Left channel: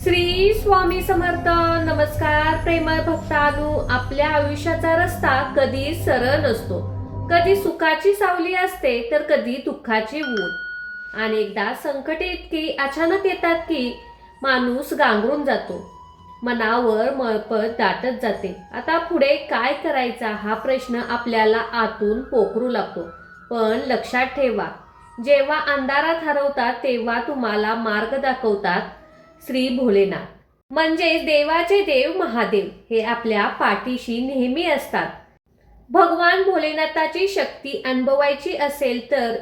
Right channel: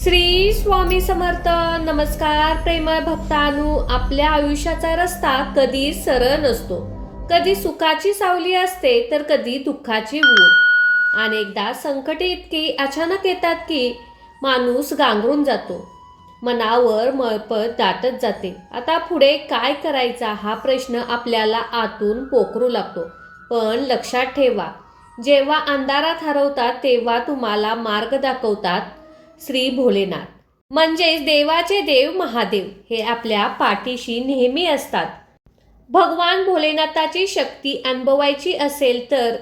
श्री स्वामी समर्थ. नमस्कार प्रेमळ भक्तांनो. आपल्या आयुष्याचा रस्ता कधी सरळ नसतो. कधी सुखाची सावली असते तर कधी दुःखाची ऊन. अनेकदा संकटे इतकी अचानक येतात की माणूस गांगरून जातो. मनावर मळपट दाटत जाते. आता पुढे काय करायचा हा प्रश्न आपल्याला आतून पोखरू लागतो. पण लक्षात ठेवा, जेव्हा अंधारात हरवतात तेव्हा तुम्हाला मार्ग दाखवतात श्री भोलेनाथ, म्हणजेच देवाचे देव महादेव. हे आपल्या पाठीशी नेहमी असतात. भगवान भोलेनाथाची शक्ती अनुभवायची असेल तर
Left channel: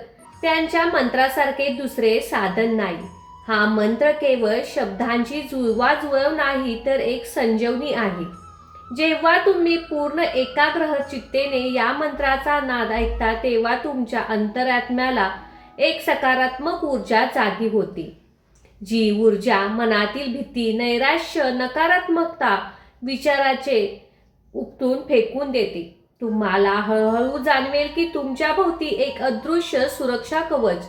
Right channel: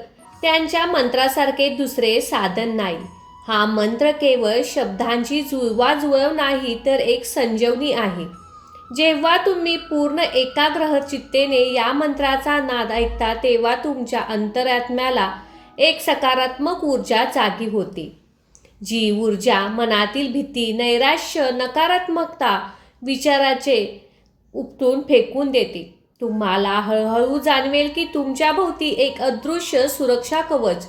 त्यांच्या मंत्रासारखे दुसरे साधन नाही. हा मंत्र केवळ शब्दांची जुळवाजुळव नाही तर एक संजीवनी आहे. जेव्हा तुम्ही पूर्ण एकाग्र चित्तेने या मंत्राचा नाद ऐकता तेव्हा तुमच्या अंतरात्म्याला एक सकारात्मक ऊर्जा जागी होते. जी ऊर्जा मनातील भीती, नैराश्य, नकारात्मकता विचाराचे उपटून फेकून देते. तुम्हाला हळूहळू जाणवेल की तुमच्या भोवती एक अदृश्य सुरक्षा कवच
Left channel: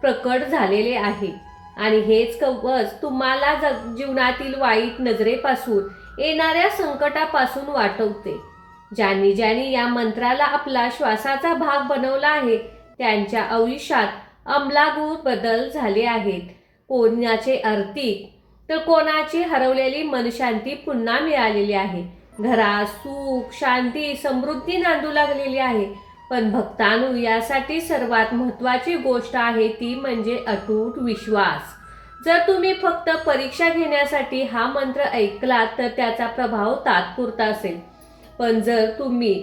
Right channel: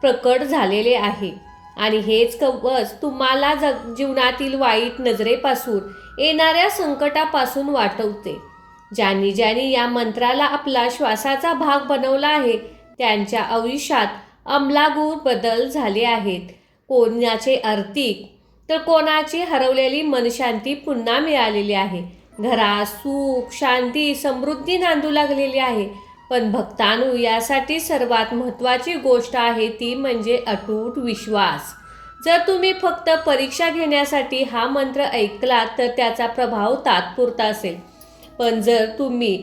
प्रकट झालेले आहे आणि हेच कवच तुम्हाला जीवनातील वाईट नजरेपासून, येणाऱ्या संकटापासून वाचवते. ज्यांनी ज्यांनी या मंत्राला आपला श्वासाचा भाग बनवला आहे त्यांच्या आयुष्यात आमूलाग्र बदल झाले आहेत. कोणाचे आर्थिक तर कोणाची हरवलेली मनशांती पुन्हा मिळालेली आहे. घरात सुख, शांती, समृद्धी नांदू लागलेली आहे. पण भक्तांनो, यासाठी सर्वात महत्त्वाची गोष्ट आहे ती म्हणजे अतूट विश्वास. जर तुम्ही फक्त परीक्षा घेण्यासाठी हा मंत्र ऐकला तर त्याचा प्रभाव तात्पुरता असेल. पण जर तुम्ही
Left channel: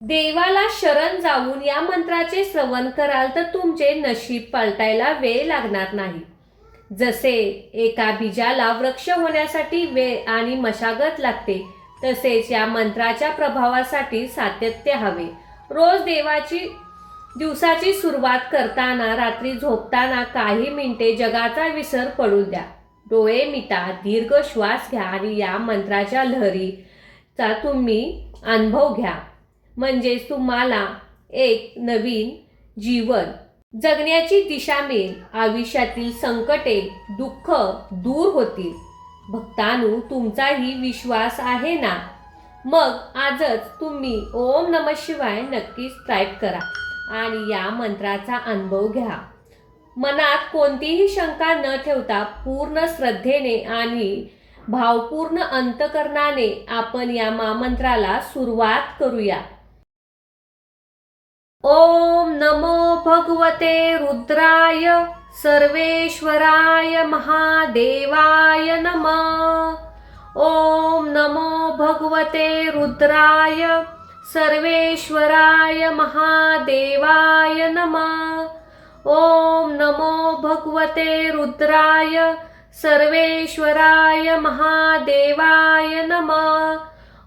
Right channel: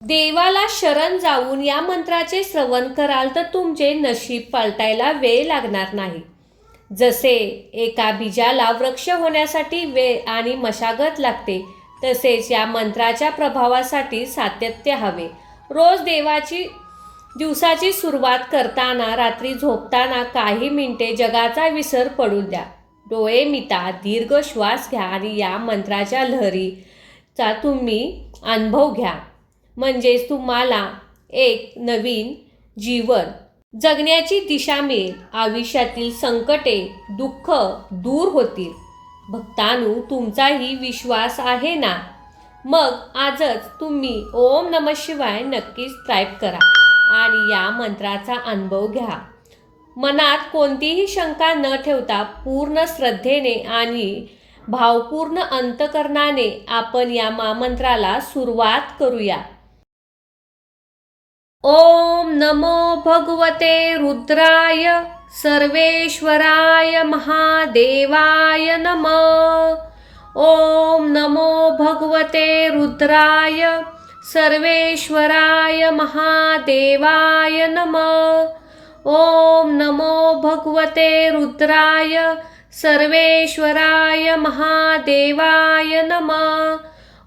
देवाला शरण जाऊन या मंत्राचे श्रवण कराल तर तुमचे नशीब पलटायला वेळ लागणार नाही. जसे एका बीजाला वृक्ष होण्यासाठी वेळ आणि मशागत लागते, तसेच या मंत्राच्या प्रभावासाठी सातत्य हवे. रोज दिवसाची सुरुवात करताना, रात्री झोपताना काही मिनिटे जगाचा विसर पडू द्या. डोळे मिटा, दीर्घ श्वास घ्या आणि या मंत्राच्या लहरीचा तुम्ही अनुभव घ्या. म्हणजेच तुम्हाला एक नवीन जीवन जगण्याची दिशा मिळेल. आयुष्यातील संकटे, दुःख दूर होतील. भक्तांनो, तुमचाही विश्वास आहे ना? मग आजच तुम्ही ओम नमः शिवाय नक्कीच टाईप करा आणि या मंत्राचा अनुभव घ्या. मनात कोणतीही शंका न ठेवता पूर्ण श्रद्धेने आणि भावपूर्ण अंतकरणाने आपण या महामंत्राला सुरुवात करूया. ओम नमो भगवते रुद्राय सर्वेश्वराय महादेवाय नमः. ओम नमो भगवते रुद्राय सर्वेश्वराय महादेवाय नमः. ओम नमो भगवते रुद्राय सर्वेश्वराय महादेवाय नमः.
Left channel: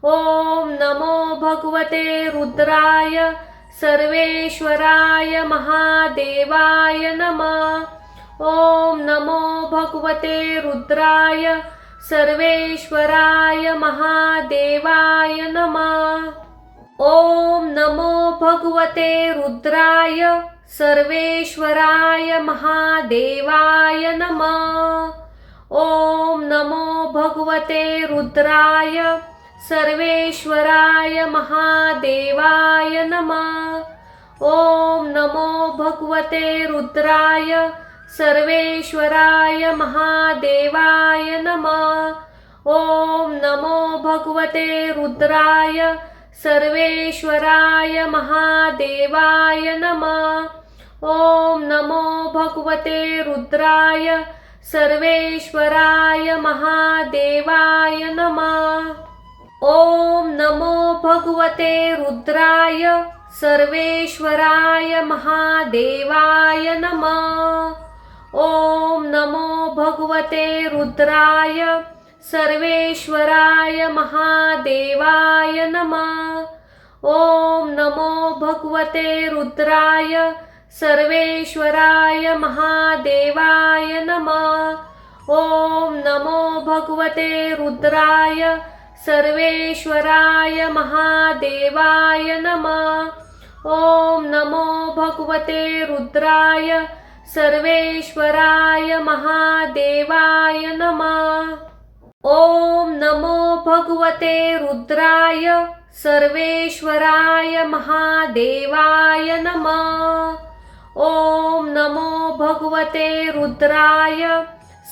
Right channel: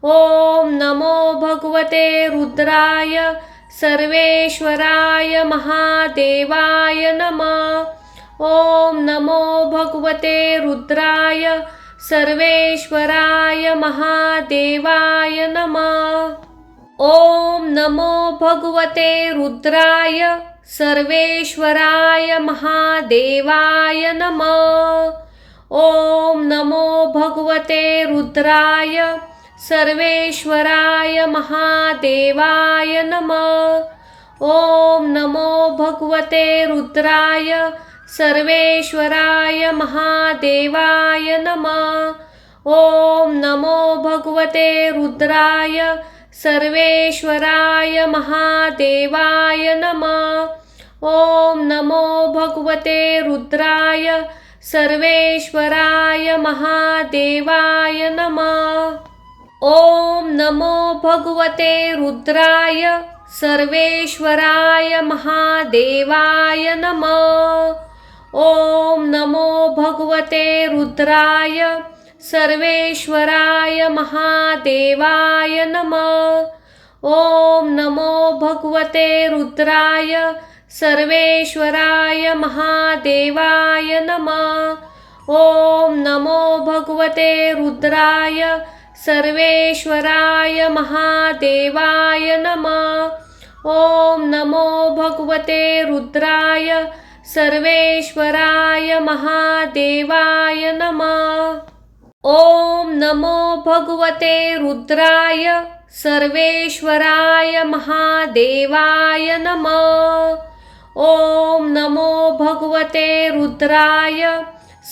ओम नमो भगवते रुद्राय सर्वेश्वराय महादेवाय नमः. ओम नमो भगवते रुद्राय सर्वेश्वराय महादेवाय नमः. ओम नमो भगवते रुद्राय सर्वेश्वराय महादेवाय नमः. ओम नमो भगवते रुद्राय सर्वेश्वराय महादेवाय नमः. ओम नमो भगवते रुद्राय सर्वेश्वराय महादेवाय नमः. ओम नमो भगवते रुद्राय सर्वेश्वराय महादेवाय नमः. ओम नमो भगवते रुद्राय सर्वेश्वराय महादेवाय नमः. ओम नमो भगवते रुद्राय सर्वेश्वराय महादेवाय नमः. ओम नमो भगवते रुद्राय सर्वेश्वराय महादेवाय नमः. ओम नमो भगवते रुद्राय सर्वेश्वराय महादेवाय नमः. ओम नमो भगवते रुद्राय सर्वेश्वराय महादेवाय नमः. ओम नमो भगवते रुद्राय सर्वेश्वराय महादेवाय नमः. ओम नमो भगवते रुद्राय सर्वेश्वराय महादेवाय नमः। ओम नमो भगवते रुद्राय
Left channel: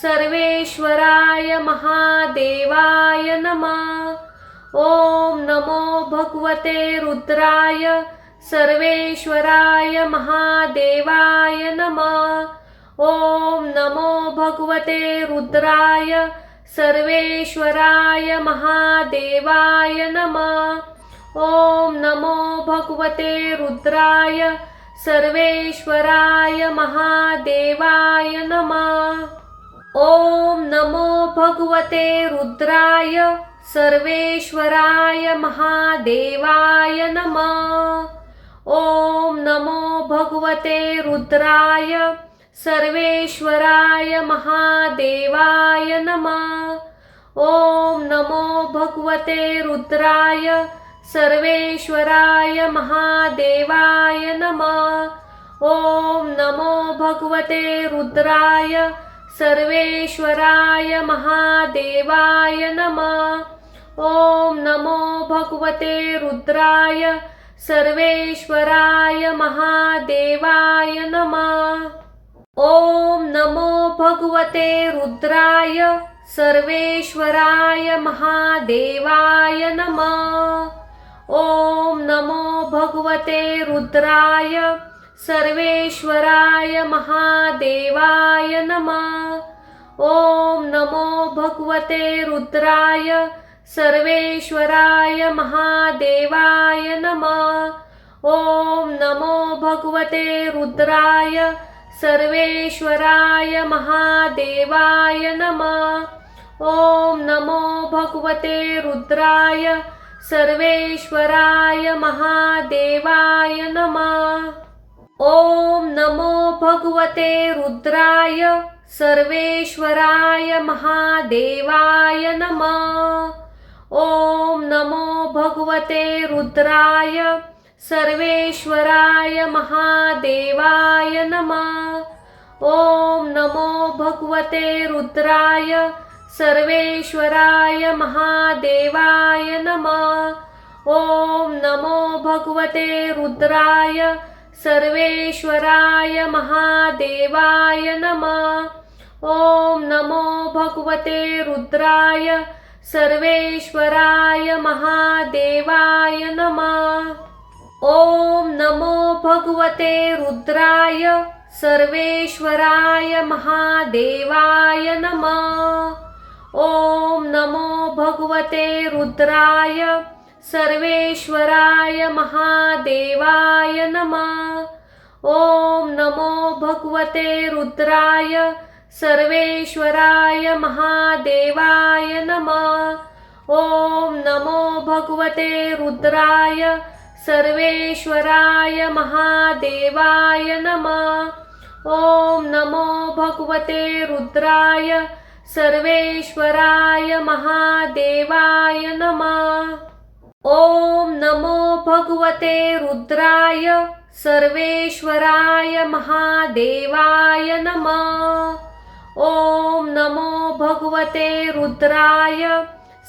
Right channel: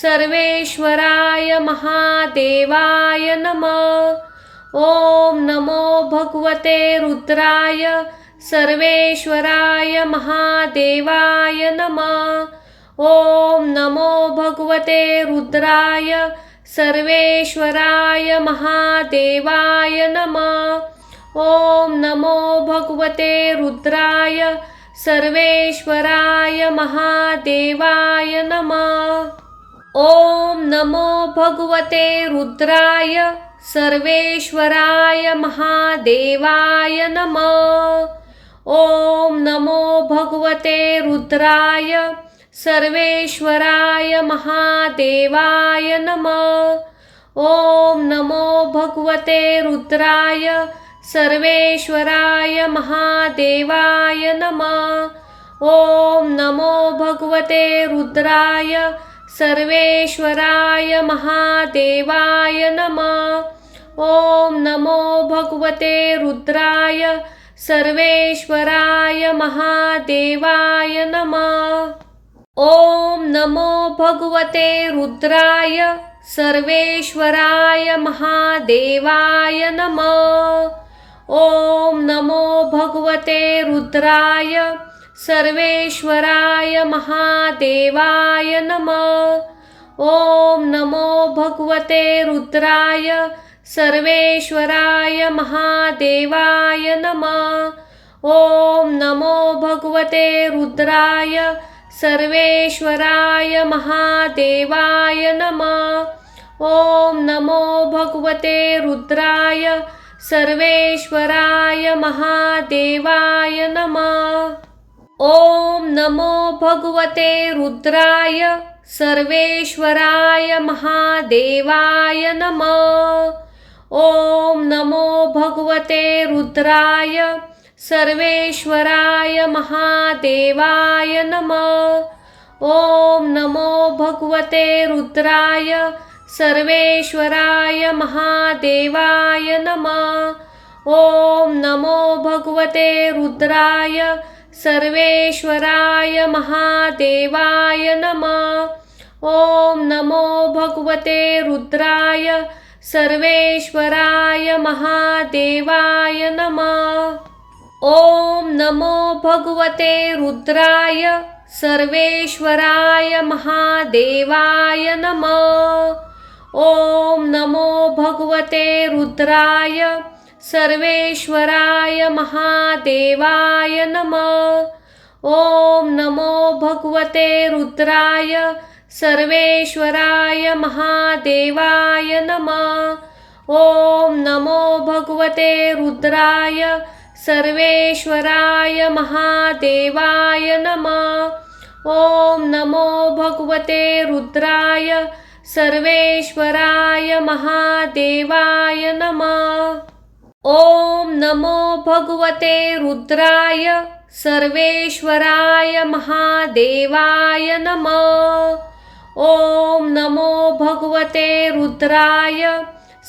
सर्वेश्वराय महादेवाय नमः। ओम नमो भगवते रुद्राय सर्वेश्वराय महादेवाय नमः। ओम नमो भगवते रुद्राय सर्वेश्वराय महादेवाय नमः। ओम नमो भगवते रुद्राय सर्वेश्वराय महादेवाय नमः। ओम नमो भगवते रुद्राय सर्वेश्वराय महादेवाय नमः। ओम नमो भगवते रुद्राय सर्वेश्वराय महादेवाय नमः। ओम नमो भगवते रुद्राय सर्वेश्वराय महादेवाय नमः। ओम नमो भगवते रुद्राय सर्वेश्वराय महादेवाय नमः। ओम नमो भगवते रुद्राय सर्वेश्वराय महादेवाय नमः। ओम नमो भगवते रुद्राय सर्वेश्वराय महादेवाय नमः। ओम नमो भगवते रुद्राय सर्वेश्वराय महादेवाय नमः। ओम नमो भगवते रुद्राय सर्वेश्वराय महादेवाय नमः। ओम नमो भगवते रुद्राय सर्वेश्वराय महादेवाय नमः। ओम नमो भगवते रुद्राय सर्वेश्वराय महादेवाय नमः। ओम नमो भगवते रुद्राय सर्वेश्वराय महादेवाय नमः। ओम नमो भगवते रुद्राय सर्वेश्वराय महादेवाय नमः। ओम नमो भगवते रुद्राय सर्वेश्वराय महादेवाय नमः। ओम नमो भगवते रुद्राय सर्वेश्वराय महादेवाय नमः। ओम नमो भगवते रुद्राय सर्वेश्वराय महादेवाय नमः। ओम नमो भगवते रुद्राय सर्वेश्वराय महादेवाय नमः। ओम नमो भगवते रुद्राय सर्वेश्वराय महादेवाय नमः। ओम नमो भगवते रुद्राय सर्वेश्वराय महादेवाय नमः। ओम नमो भगवते रुद्राय सर्वेश्वराय महादेवाय नमः। ओम नमो भगवते रुद्राय सर्वेश्वराय महादेवाय नमः। ओम नमो भगवते रुद्राय सर्वेश्वराय महादेवाय नमः। ओम नमो भगवते रुद्राय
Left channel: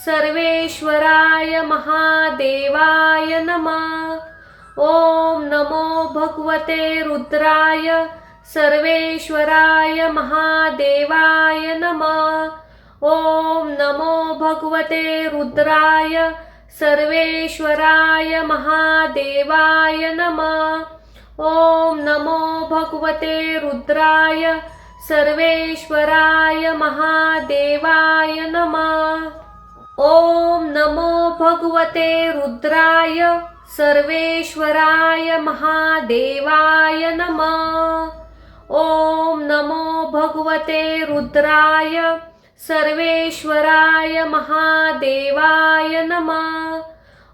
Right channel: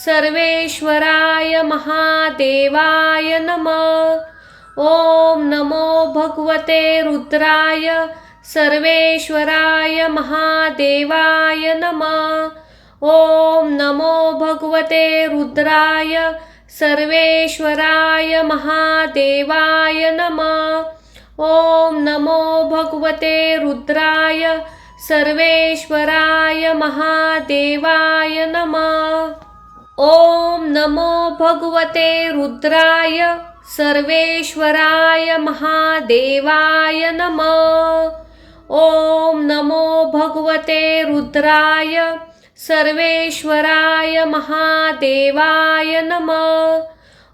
सर्वेश्वराय महादेवाय नमः। ओम नमो भगवते रुद्राय सर्वेश्वराय महादेवाय नमः। ओम नमो भगवते रुद्राय सर्वेश्वराय महादेवाय नमः। ओम नमो भगवते रुद्राय सर्वेश्वराय महादेवाय नमः। ओम नमो भगवते रुद्राय सर्वेश्वराय महादेवाय नमः। ओम नमो भगवते रुद्राय सर्वेश्वराय महादेवाय नमः।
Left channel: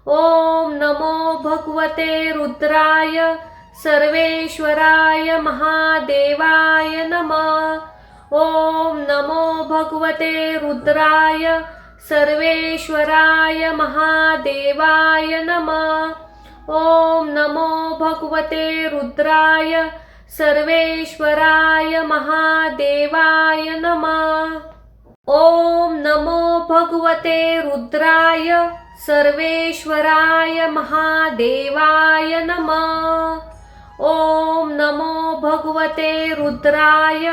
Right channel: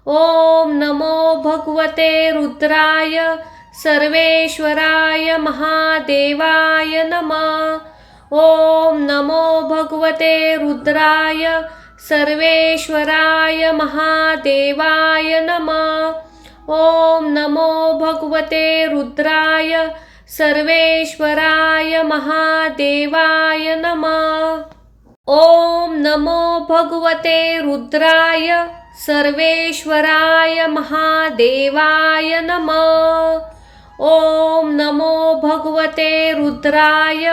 ओम नमो भगवते रुद्राय सर्वेश्वराय महादेवाय नमः। ओम नमो भगवते रुद्राय सर्वेश्वराय महादेवाय नमः। ओम नमो भगवते रुद्राय सर्वेश्वराय महादेवाय नमः। ओम नमो भगवते रुद्राय सर्वेश्वराय महादेवाय नमः। ओम नमो भगवते रुद्राय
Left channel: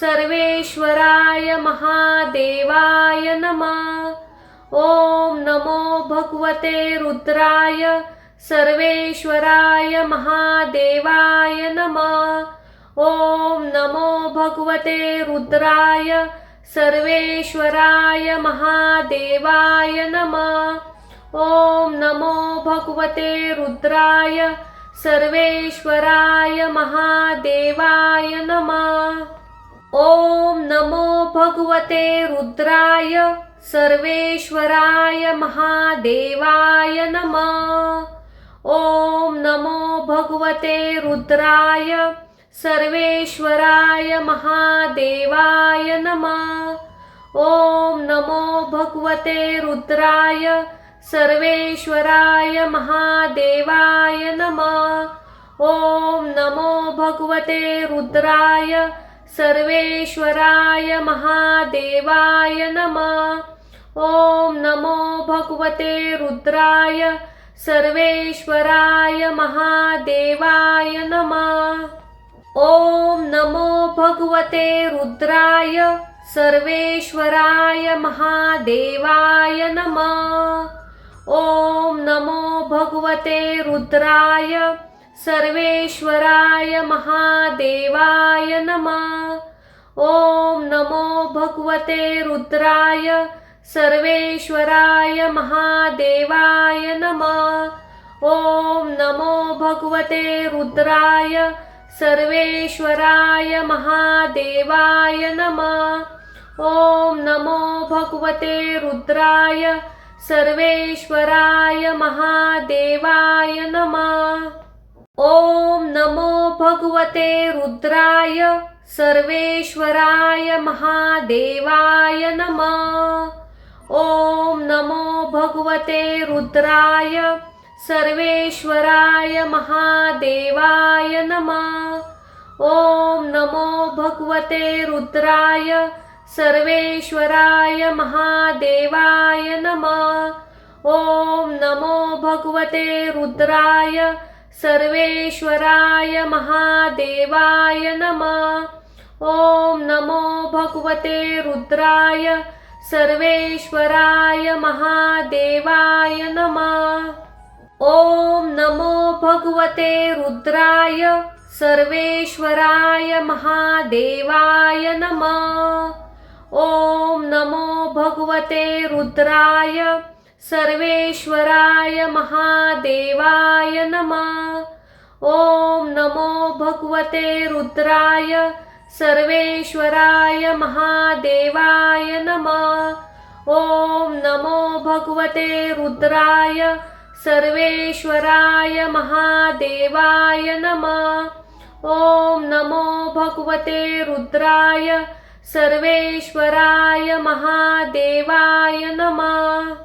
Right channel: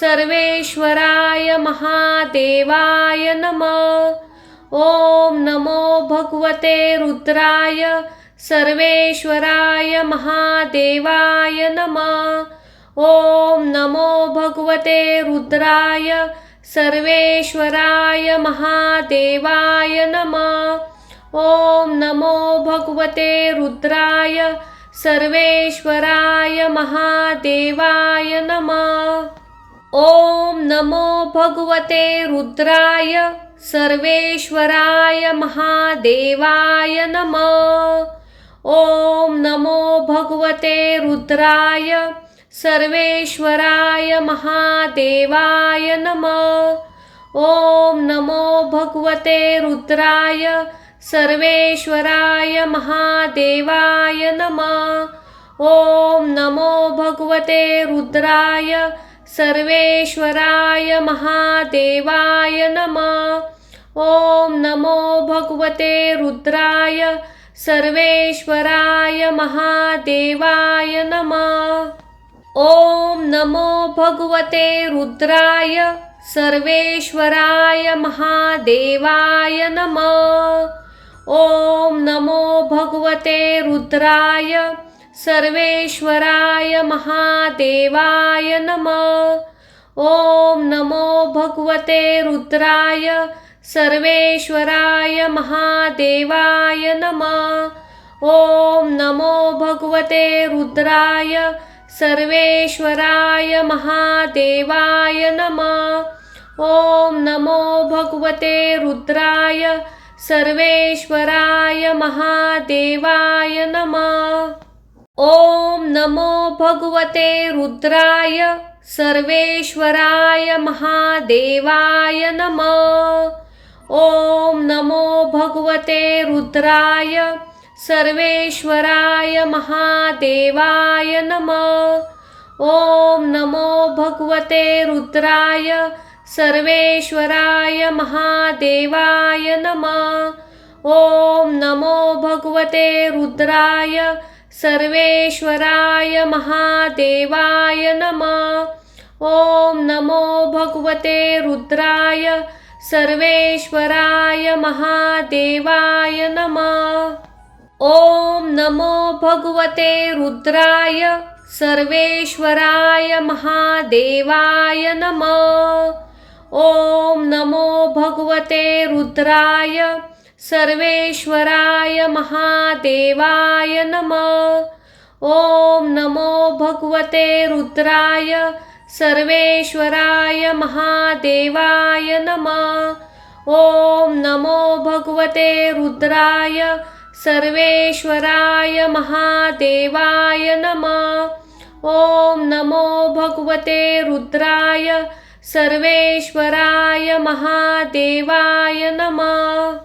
सर्वेश्वराय महादेवाय नमः। ओम नमो भगवते रुद्राय सर्वेश्वराय महादेवाय नमः। ओम नमो भगवते रुद्राय सर्वेश्वराय महादेवाय नमः। ओम नमो भगवते रुद्राय सर्वेश्वराय महादेवाय नमः। ओम नमो भगवते रुद्राय सर्वेश्वराय महादेवाय नमः। ओम नमो भगवते रुद्राय सर्वेश्वराय महादेवाय नमः। ओम नमो भगवते रुद्राय सर्वेश्वराय महादेवाय नमः। ओम नमो भगवते रुद्राय सर्वेश्वराय महादेवाय नमः। ओम नमो भगवते रुद्राय सर्वेश्वराय महादेवाय नमः। ओम नमो भगवते रुद्राय सर्वेश्वराय महादेवाय नमः। ओम नमो भगवते रुद्राय सर्वेश्वराय महादेवाय नमः। ओम नमो भगवते रुद्राय सर्वेश्वराय महादेवाय नमः। ओम नमो भगवते रुद्राय सर्वेश्वराय महादेवाय नमः। ओम नमो भगवते रुद्राय सर्वेश्वराय महादेवाय नमः। ओम नमो भगवते रुद्राय सर्वेश्वराय महादेवाय नमः। ओम नमो भगवते रुद्राय सर्वेश्वराय महादेवाय नमः। ओम नमो भगवते रुद्राय सर्वेश्वराय महादेवाय नमः। ओम नमो भगवते रुद्राय सर्वेश्वराय महादेवाय नमः। ओम नमो भगवते रुद्राय सर्वेश्वराय महादेवाय नमः। ओम नमो भगवते रुद्राय सर्वेश्वराय महादेवाय नमः। ओम नमो भगवते रुद्राय सर्वेश्वराय महादेवाय नमः। ओम नमो भगवते रुद्राय सर्वेश्वराय महादेवाय नमः। ओम नमो भगवते रुद्राय सर्वेश्वराय महादेवाय नमः। ओम नमो भगवते रुद्राय सर्वेश्वराय महादेवाय नमः।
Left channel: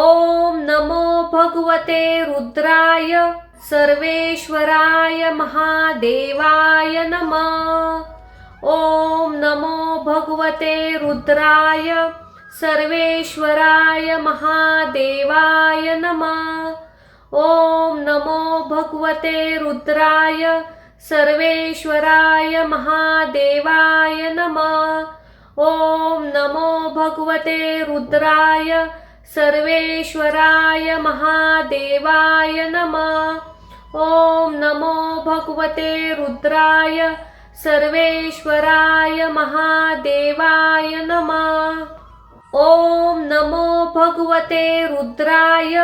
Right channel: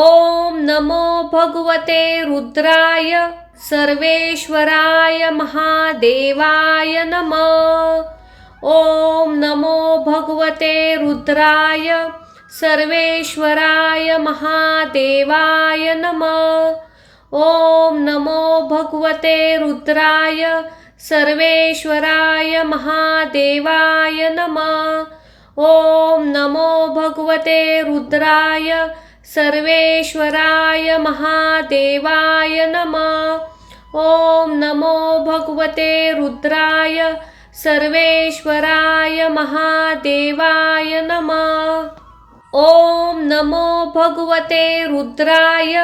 ओम नमो भगवते रुद्राय सर्वेश्वराय महादेवाय नमः। ओम नमो भगवते रुद्राय सर्वेश्वराय महादेवाय नमः। ओम नमो भगवते रुद्राय सर्वेश्वराय महादेवाय नमः। ओम नमो भगवते रुद्राय सर्वेश्वराय महादेवाय नमः। ओम नमो भगवते रुद्राय सर्वेश्वराय महादेवाय नमः। ओम नमो भगवते रुद्राय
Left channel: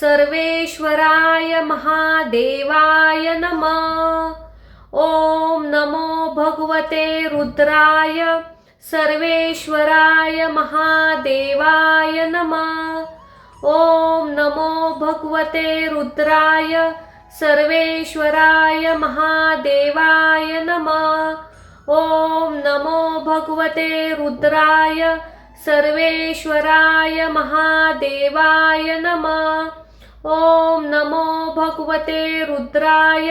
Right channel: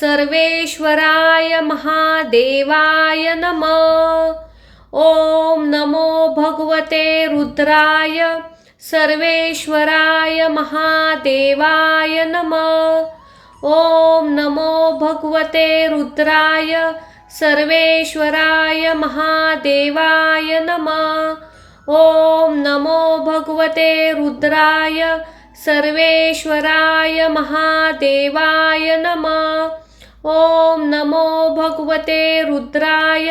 सर्वेश्वराय महादेवाय नमः। ओम नमो भगवते रुद्राय सर्वेश्वराय महादेवाय नमः। ओम नमो भगवते रुद्राय सर्वेश्वराय महादेवाय नमः। ओम नमो भगवते रुद्राय सर्वेश्वराय महादेवाय नमः। ओम नमो भगवते रुद्राय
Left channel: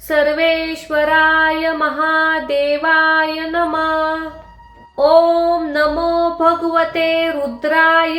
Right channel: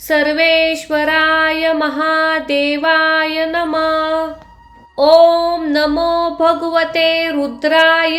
सर्वेश्वराय महादेवाय नमः। ओम नमो भगवते रुद्राय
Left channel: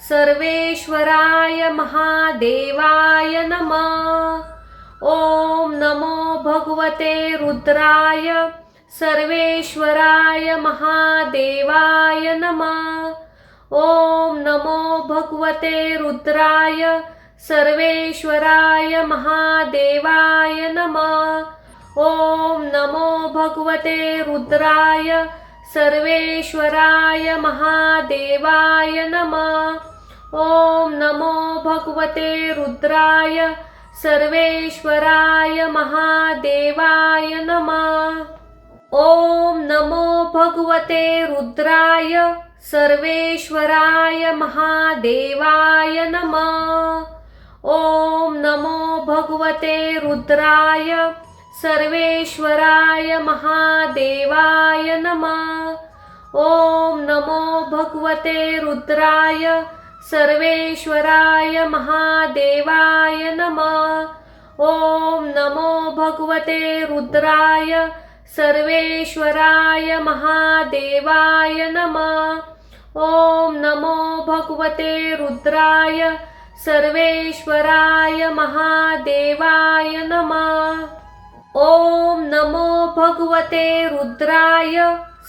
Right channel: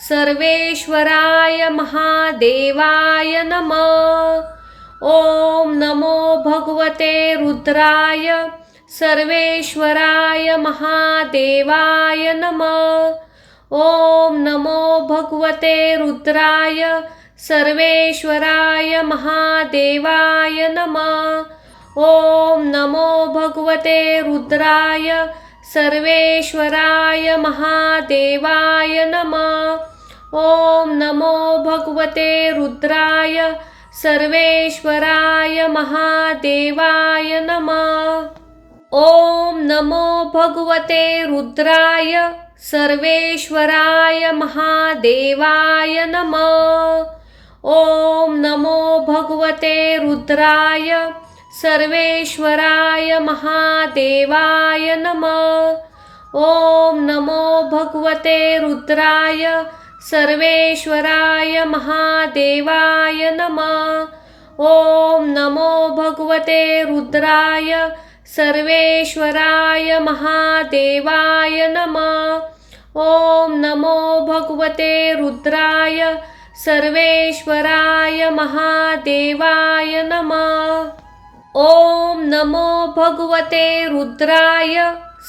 सर्वेश्वराय महादेवाय नमः। ओम नमो भगवते रुद्राय सर्वेश्वराय महादेवाय नमः। ओम नमो भगवते रुद्राय सर्वेश्वराय महादेवाय नमः। ओम नमो भगवते रुद्राय सर्वेश्वराय महादेवाय नमः। ओम नमो भगवते रुद्राय सर्वेश्वराय महादेवाय नमः। ओम नमो भगवते रुद्राय सर्वेश्वराय महादेवाय नमः। ओम नमो भगवते रुद्राय सर्वेश्वराय महादेवाय नमः। ओम नमो भगवते रुद्राय सर्वेश्वराय महादेवाय नमः। ओम नमो भगवते रुद्राय सर्वेश्वराय महादेवाय नमः। ओम नमो भगवते रुद्राय सर्वेश्वराय महादेवाय नमः। ओम नमो भगवते रुद्राय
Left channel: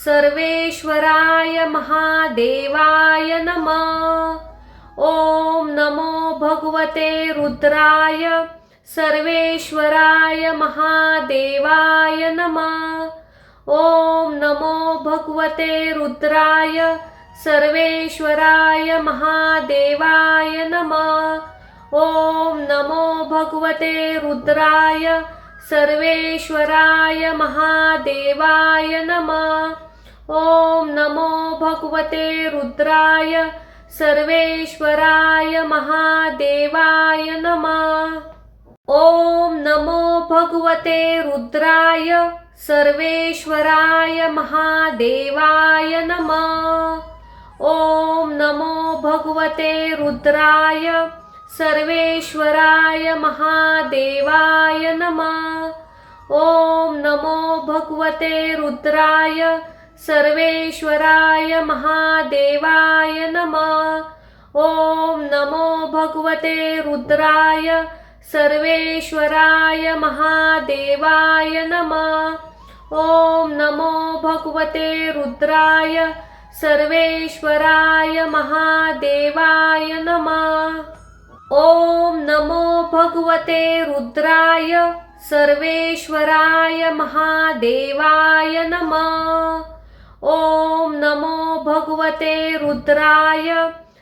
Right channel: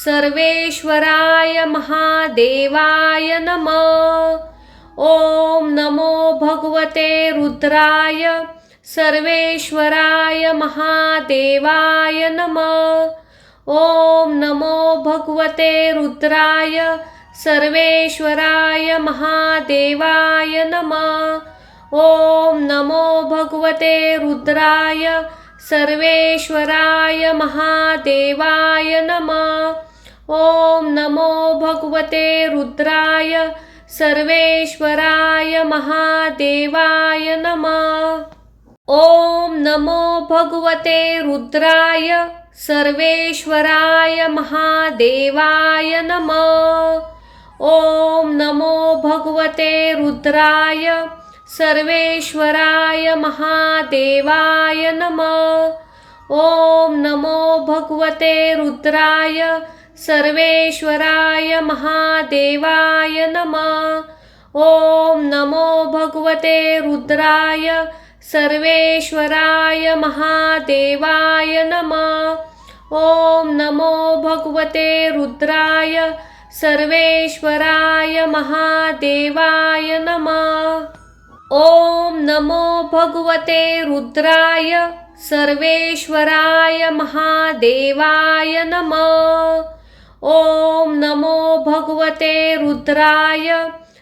सर्वेश्वराय महादेवाय नमः। ओम नमो भगवते रुद्राय सर्वेश्वराय महादेवाय नमः। ओम नमो भगवते रुद्राय सर्वेश्वराय महादेवाय नमः। ओम नमो भगवते रुद्राय सर्वेश्वराय महादेवाय नमः। ओम नमो भगवते रुद्राय सर्वेश्वराय महादेवाय नमः। ओम नमो भगवते रुद्राय सर्वेश्वराय महादेवाय नमः। ओम नमो भगवते रुद्राय सर्वेश्वराय महादेवाय नमः। ओम नमो भगवते रुद्राय सर्वेश्वराय महादेवाय नमः। ओम नमो भगवते रुद्राय सर्वेश्वराय महादेवाय नमः। ओम नमो भगवते रुद्राय सर्वेश्वराय महादेवाय नमः। ओम नमो भगवते रुद्राय सर्वेश्वराय महादेवाय नमः। ओम नमो भगवते रुद्राय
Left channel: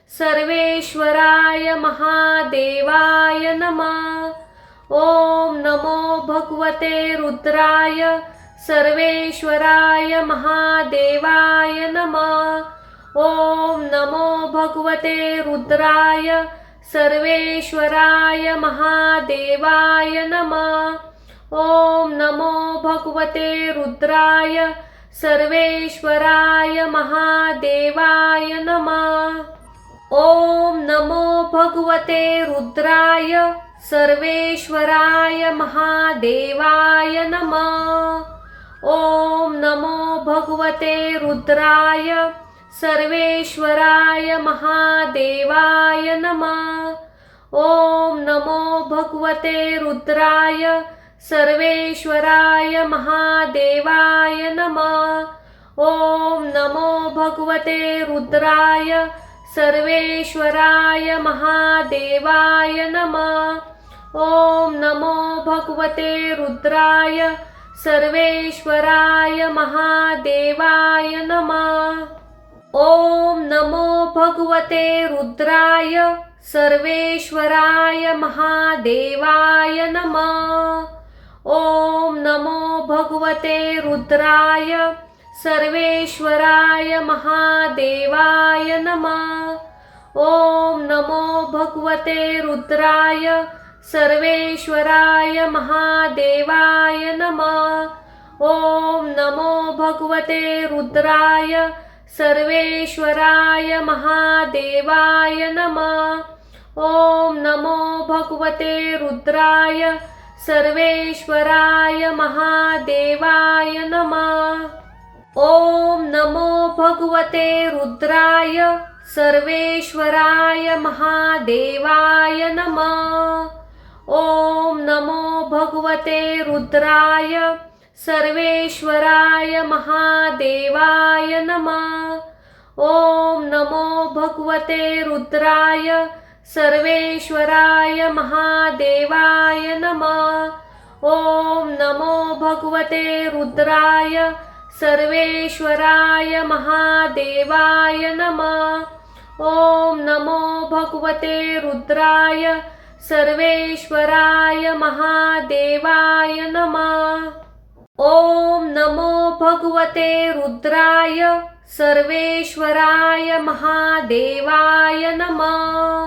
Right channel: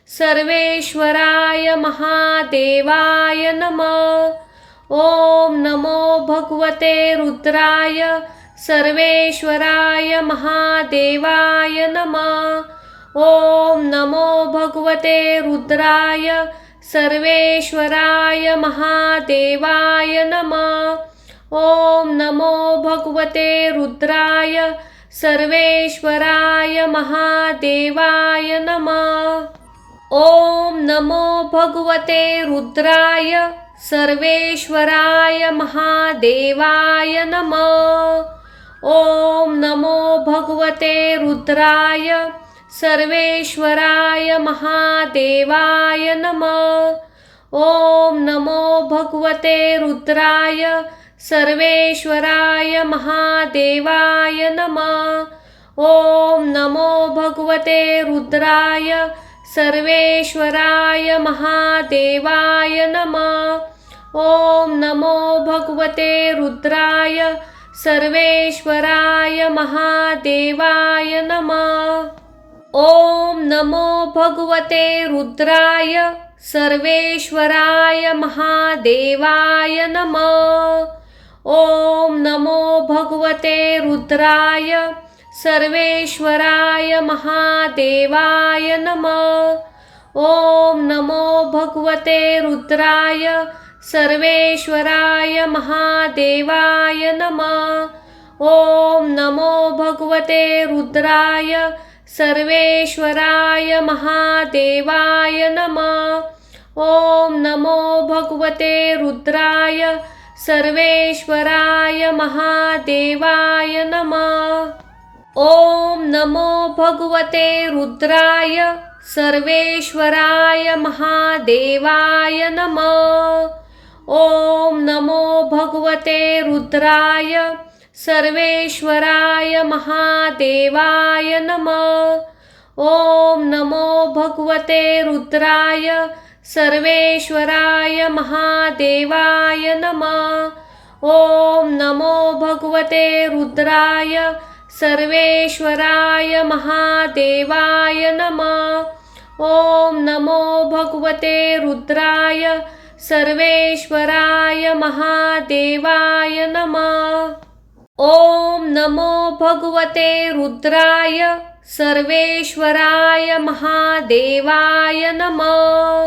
सर्वेश्वराय महादेवाय नमः। ओम नमो भगवते रुद्राय सर्वेश्वराय महादेवाय नमः। ओम नमो भगवते रुद्राय सर्वेश्वराय महादेवाय नमः। ओम नमो भगवते रुद्राय सर्वेश्वराय महादेवाय नमः। ओम नमो भगवते रुद्राय सर्वेश्वराय महादेवाय नमः। ओम नमो भगवते रुद्राय सर्वेश्वराय महादेवाय नमः। ओम नमो भगवते रुद्राय सर्वेश्वराय महादेवाय नमः। ओम नमो भगवते रुद्राय सर्वेश्वराय महादेवाय नमः। ओम नमो भगवते रुद्राय सर्वेश्वराय महादेवाय नमः। ओम नमो भगवते रुद्राय सर्वेश्वराय महादेवाय नमः। ओम नमो भगवते रुद्राय सर्वेश्वराय महादेवाय नमः। ओम नमो भगवते रुद्राय सर्वेश्वराय महादेवाय नमः। ओम नमो भगवते रुद्राय सर्वेश्वराय महादेवाय नमः। ओम नमो भगवते रुद्राय सर्वेश्वराय महादेवाय नमः। ओम नमो भगवते रुद्राय सर्वेश्वराय महादेवाय नमः। ओम नमो भगवते रुद्राय सर्वेश्वराय महादेवाय नमः। ओम नमो भगवते रुद्राय सर्वेश्वराय महादेवाय नमः। ओम नमो भगवते रुद्राय सर्वेश्वराय महादेवाय नमः। ओम नमो भगवते रुद्राय सर्वेश्वराय महादेवाय नमः। ओम नमो भगवते रुद्राय सर्वेश्वराय महादेवाय नमः।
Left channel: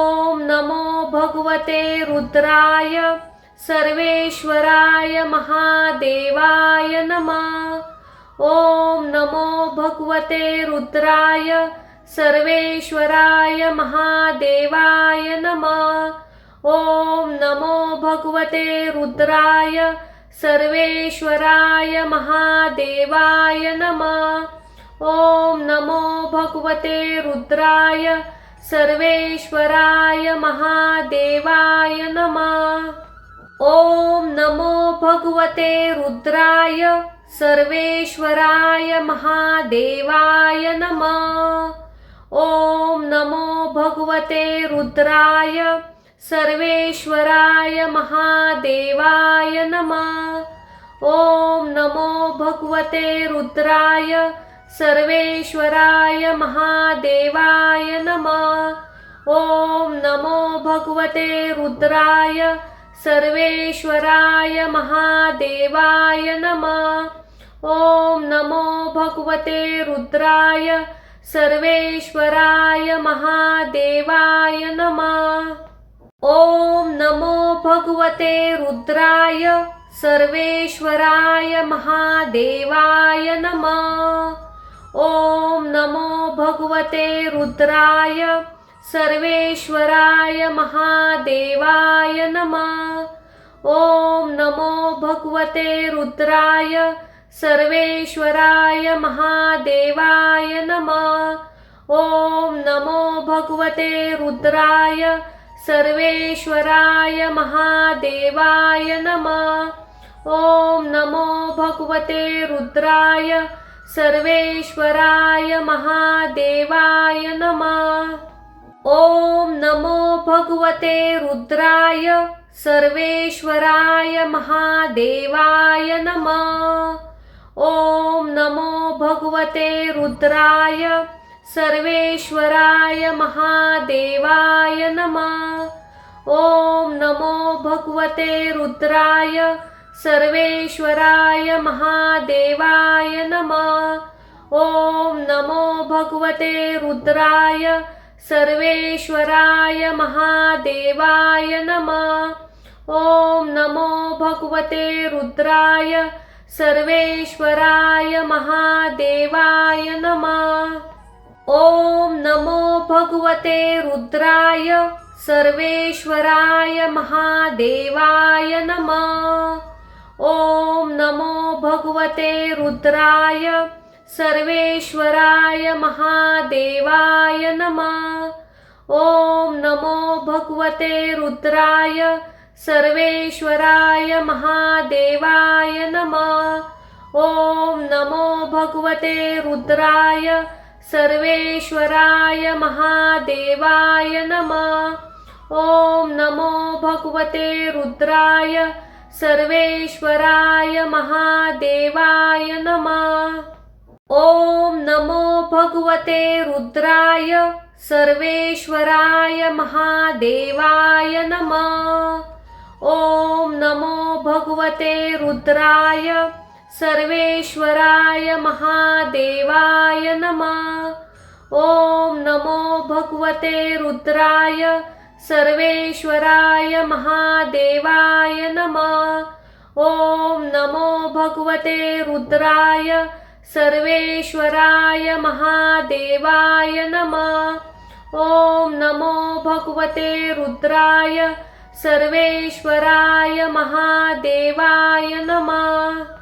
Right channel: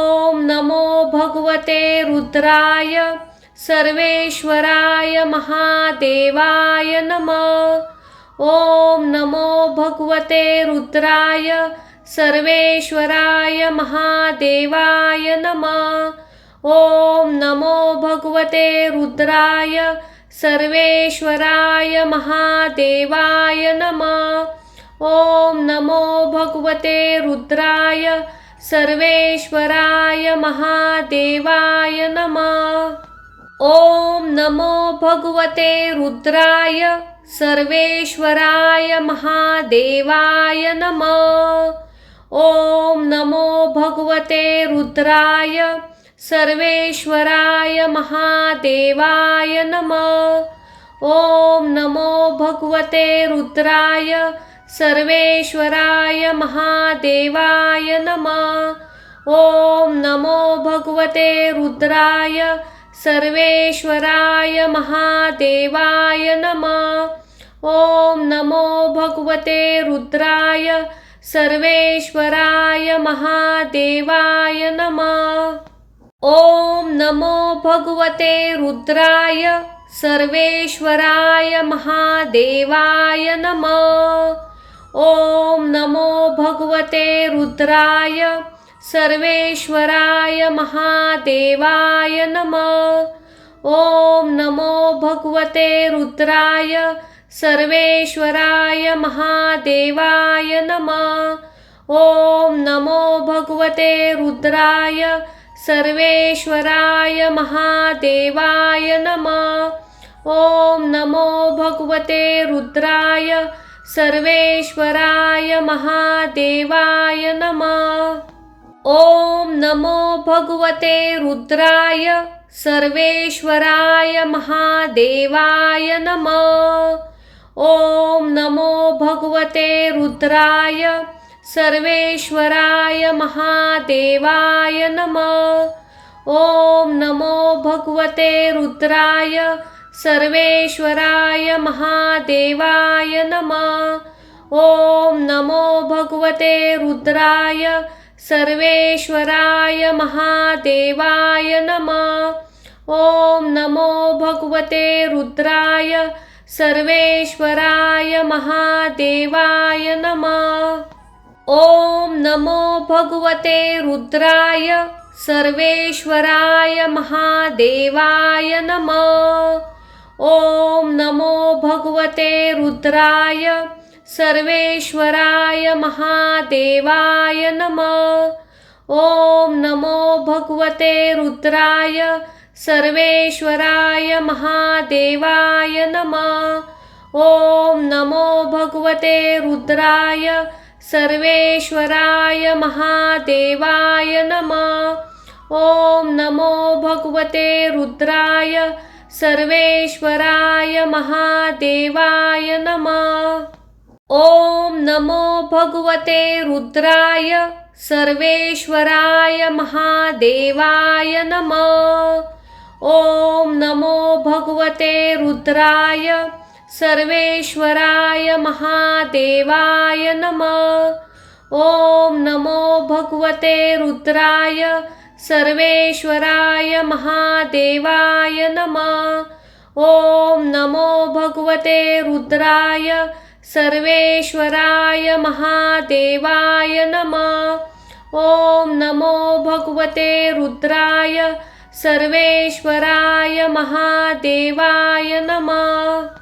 ओम नमो भगवते रुद्राय सर्वेश्वराय महादेवाय नमः। ओम नमो भगवते रुद्राय सर्वेश्वराय महादेवाय नमः। ओम नमो भगवते रुद्राय सर्वेश्वराय महादेवाय नमः। ओम नमो भगवते रुद्राय सर्वेश्वराय महादेवाय नमः। ओम नमो भगवते रुद्राय सर्वेश्वराय महादेवाय नमः। ओम नमो भगवते रुद्राय सर्वेश्वराय महादेवाय नमः। ओम नमो भगवते रुद्राय सर्वेश्वराय महादेवाय नमः। ओम नमो भगवते रुद्राय सर्वेश्वराय महादेवाय नमः। ओम नमो भगवते रुद्राय सर्वेश्वराय महादेवाय नमः। ओम नमो भगवते रुद्राय सर्वेश्वराय महादेवाय नमः। ओम नमो भगवते रुद्राय सर्वेश्वराय महादेवाय नमः। ओम नमो भगवते रुद्राय सर्वेश्वराय महादेवाय नमः। ओम नमो भगवते रुद्राय सर्वेश्वराय महादेवाय नमः। ओम नमो भगवते रुद्राय सर्वेश्वराय महादेवाय नमः। ओम नमो भगवते रुद्राय सर्वेश्वराय महादेवाय नमः। ओम नमो भगवते रुद्राय सर्वेश्वराय महादेवाय नमः। ओम नमो भगवते रुद्राय सर्वेश्वराय महादेवाय नमः। ओम नमो भगवते रुद्राय सर्वेश्वराय महादेवाय नमः। ओम नमो भगवते रुद्राय सर्वेश्वराय महादेवाय नमः। ओम नमो भगवते रुद्राय सर्वेश्वराय महादेवाय नमः। ओम नमो भगवते रुद्राय सर्वेश्वराय महादेवाय नमः। ओम नमो भगवते रुद्राय सर्वेश्वराय महादेवाय नमः। ओम नमो भगवते रुद्राय सर्वेश्वराय महादेवाय नमः। ओम नमो भगवते रुद्राय सर्वेश्वराय महादेवाय नमः। ओम नमो भगवते रुद्राय सर्वेश्वराय महादेवाय नमः। ओम नमो भगवते रुद्राय सर्वेश्वराय महादेवाय नमः। ओम नमो भगवते रुद्राय सर्वेश्वराय महादेवाय नमः। ओम नमो भगवते रुद्राय सर्वेश्वराय महादेवाय नमः। ओम नमो भगवते रुद्राय सर्वेश्वराय महादेवाय नमः।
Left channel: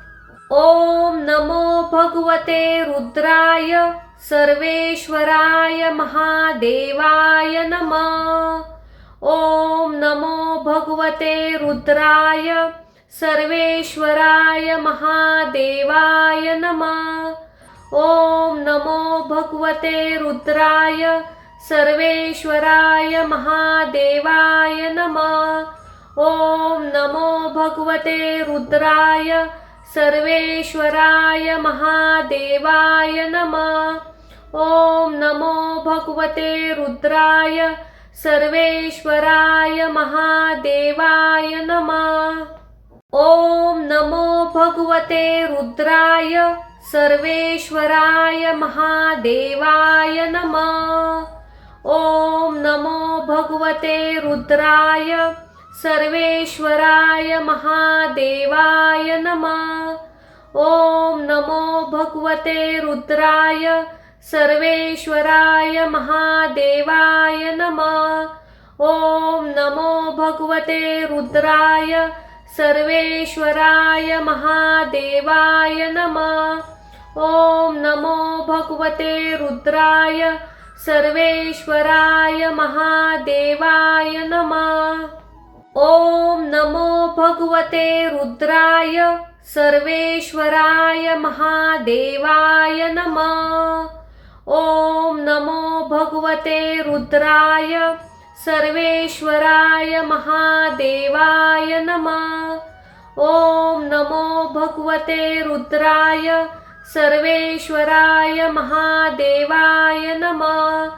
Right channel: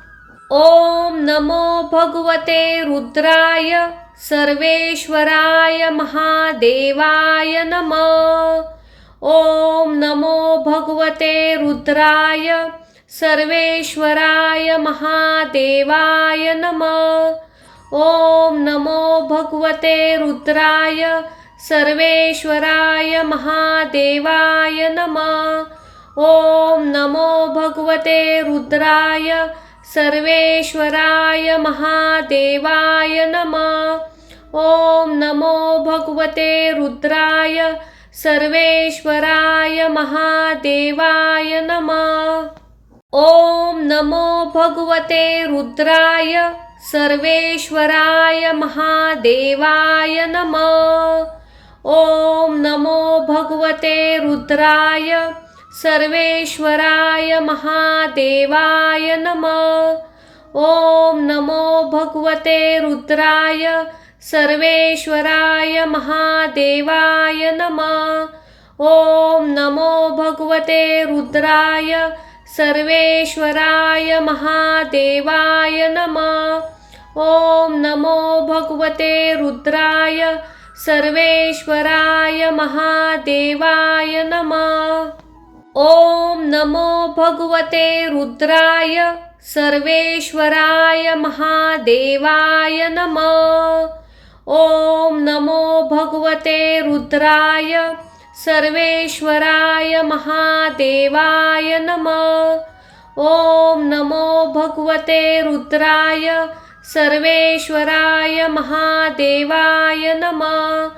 ओम नमो भगवते रुद्राय सर्वेश्वराय महादेवाय नमः। ओम नमो भगवते रुद्राय सर्वेश्वराय महादेवाय नमः। ओम नमो भगवते रुद्राय सर्वेश्वराय महादेवाय नमः। ओम नमो भगवते रुद्राय सर्वेश्वराय महादेवाय नमः। ओम नमो भगवते रुद्राय सर्वेश्वराय महादेवाय नमः। ओम नमो भगवते रुद्राय सर्वेश्वराय महादेवाय नमः। ओम नमो भगवते रुद्राय सर्वेश्वराय महादेवाय नमः। ओम नमो भगवते रुद्राय सर्वेश्वराय महादेवाय नमः। ओम नमो भगवते रुद्राय सर्वेश्वराय महादेवाय नमः। ओम नमो भगवते रुद्राय सर्वेश्वराय महादेवाय नमः। ओम नमो भगवते रुद्राय सर्वेश्वराय महादेवाय नमः। ओम नमो भगवते रुद्राय सर्वेश्वराय महादेवाय नमः। ओम नमो भगवते रुद्राय सर्वेश्वराय महादेवाय नमः।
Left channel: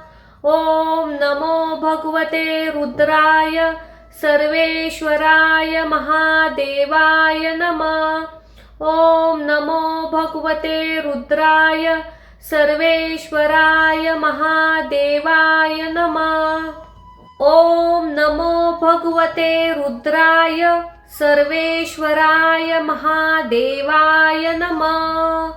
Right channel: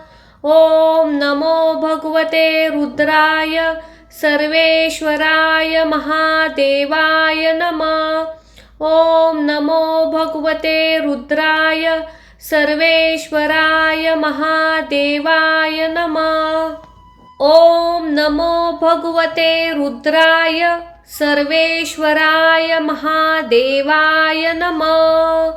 ओम नमो भगवते रुद्राय सर्वेश्वराय महादेवाय नमः। ओम नमो भगवते रुद्राय सर्वेश्वराय महादेवाय नमः। ओम नमो भगवते रुद्राय सर्वेश्वराय महादेवाय नमः।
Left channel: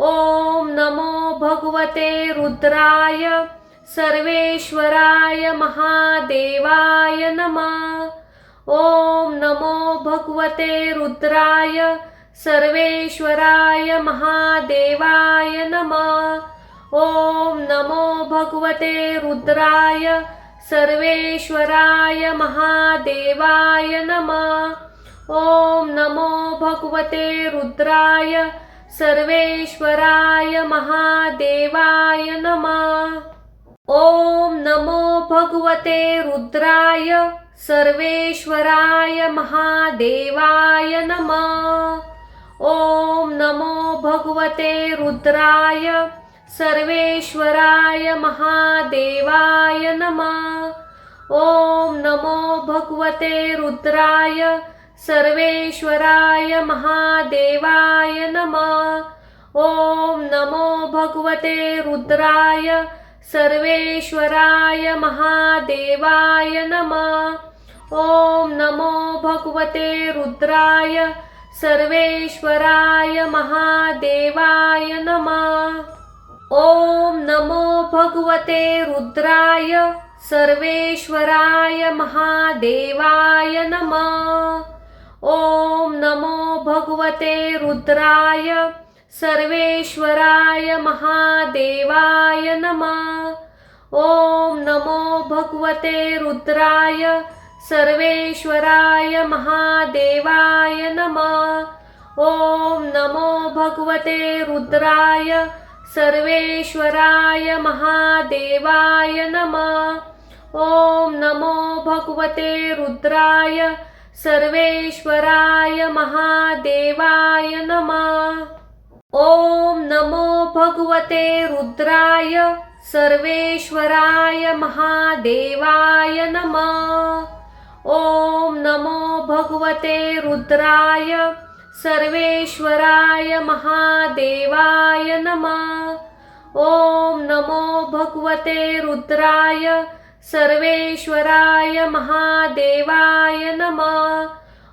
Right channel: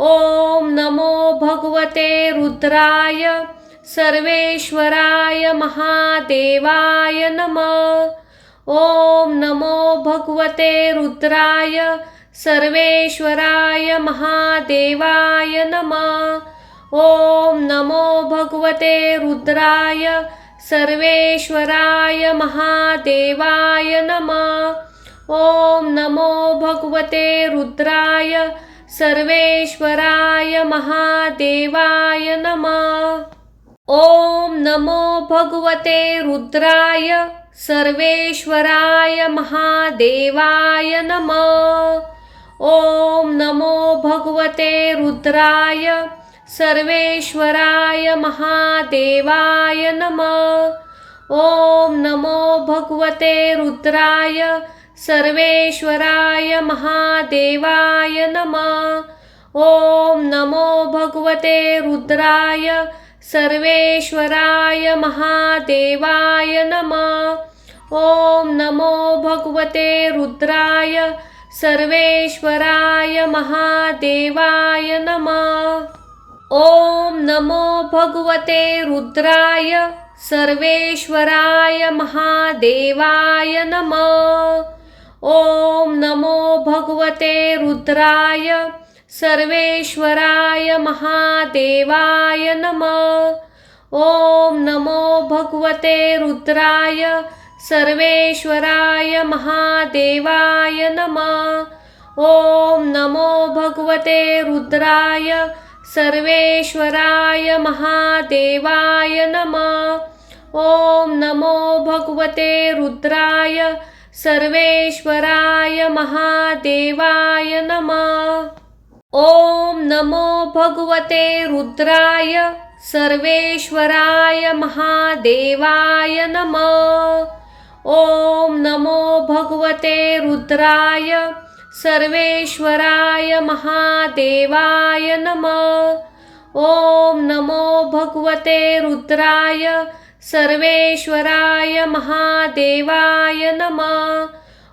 ओम नमो भगवते रुद्राय सर्वेश्वराय महादेवाय नमः। ओम नमो भगवते रुद्राय सर्वेश्वराय महादेवाय नमः। ओम नमो भगवते रुद्राय सर्वेश्वराय महादेवाय नमः। ओम नमो भगवते रुद्राय सर्वेश्वराय महादेवाय नमः। ओम नमो भगवते रुद्राय सर्वेश्वराय महादेवाय नमः। ओम नमो भगवते रुद्राय सर्वेश्वराय महादेवाय नमः। ओम नमो भगवते रुद्राय सर्वेश्वराय महादेवाय नमः। ओम नमो भगवते रुद्राय सर्वेश्वराय महादेवाय नमः। ओम नमो भगवते रुद्राय सर्वेश्वराय महादेवाय नमः। ओम नमो भगवते रुद्राय सर्वेश्वराय महादेवाय नमः। ओम नमो भगवते रुद्राय सर्वेश्वराय महादेवाय नमः। ओम नमो भगवते रुद्राय सर्वेश्वराय महादेवाय नमः। ओम नमो भगवते रुद्राय सर्वेश्वराय महादेवाय नमः। ओम नमो भगवते रुद्राय सर्वेश्वराय महादेवाय नमः। ओम नमो भगवते रुद्राय सर्वेश्वराय महादेवाय नमः। ओम नमो भगवते रुद्राय सर्वेश्वराय महादेवाय नमः। ओम नमो भगवते रुद्राय सर्वेश्वराय महादेवाय नमः।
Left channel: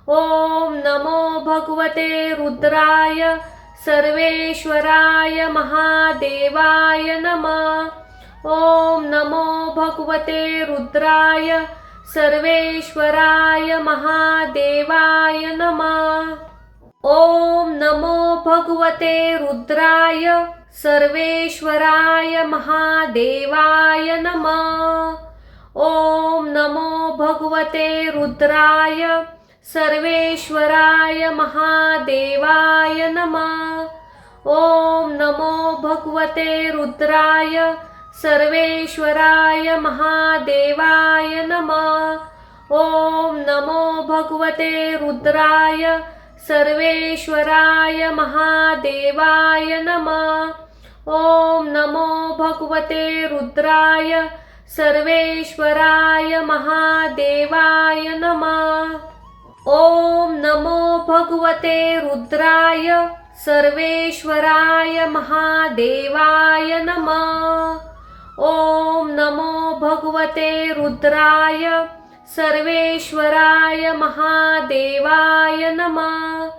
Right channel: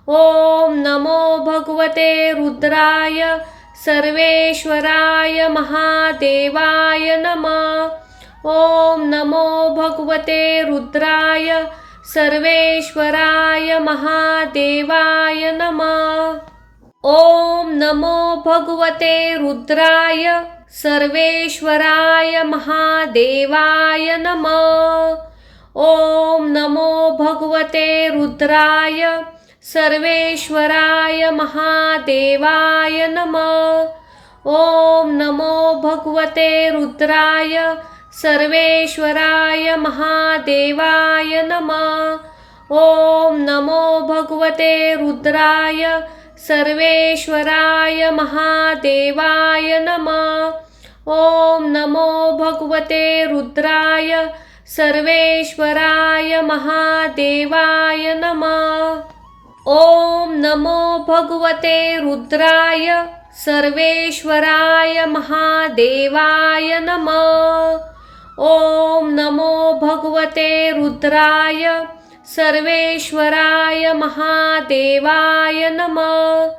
ओम नमो भगवते रुद्राय सर्वेश्वराय महादेवाय नमः। ओम नमो भगवते रुद्राय सर्वेश्वराय महादेवाय नमः। ओम नमो भगवते रुद्राय सर्वेश्वराय महादेवाय नमः। ओम नमो भगवते रुद्राय सर्वेश्वराय महादेवाय नमः। ओम नमो भगवते रुद्राय सर्वेश्वराय महादेवाय नमः। ओम नमो भगवते रुद्राय सर्वेश्वराय महादेवाय नमः। ओम नमो भगवते रुद्राय सर्वेश्वराय महादेवाय नमः। ओम नमो भगवते रुद्राय सर्वेश्वराय महादेवाय नमः। ओम नमो भगवते रुद्राय सर्वेश्वराय महादेवाय नमः।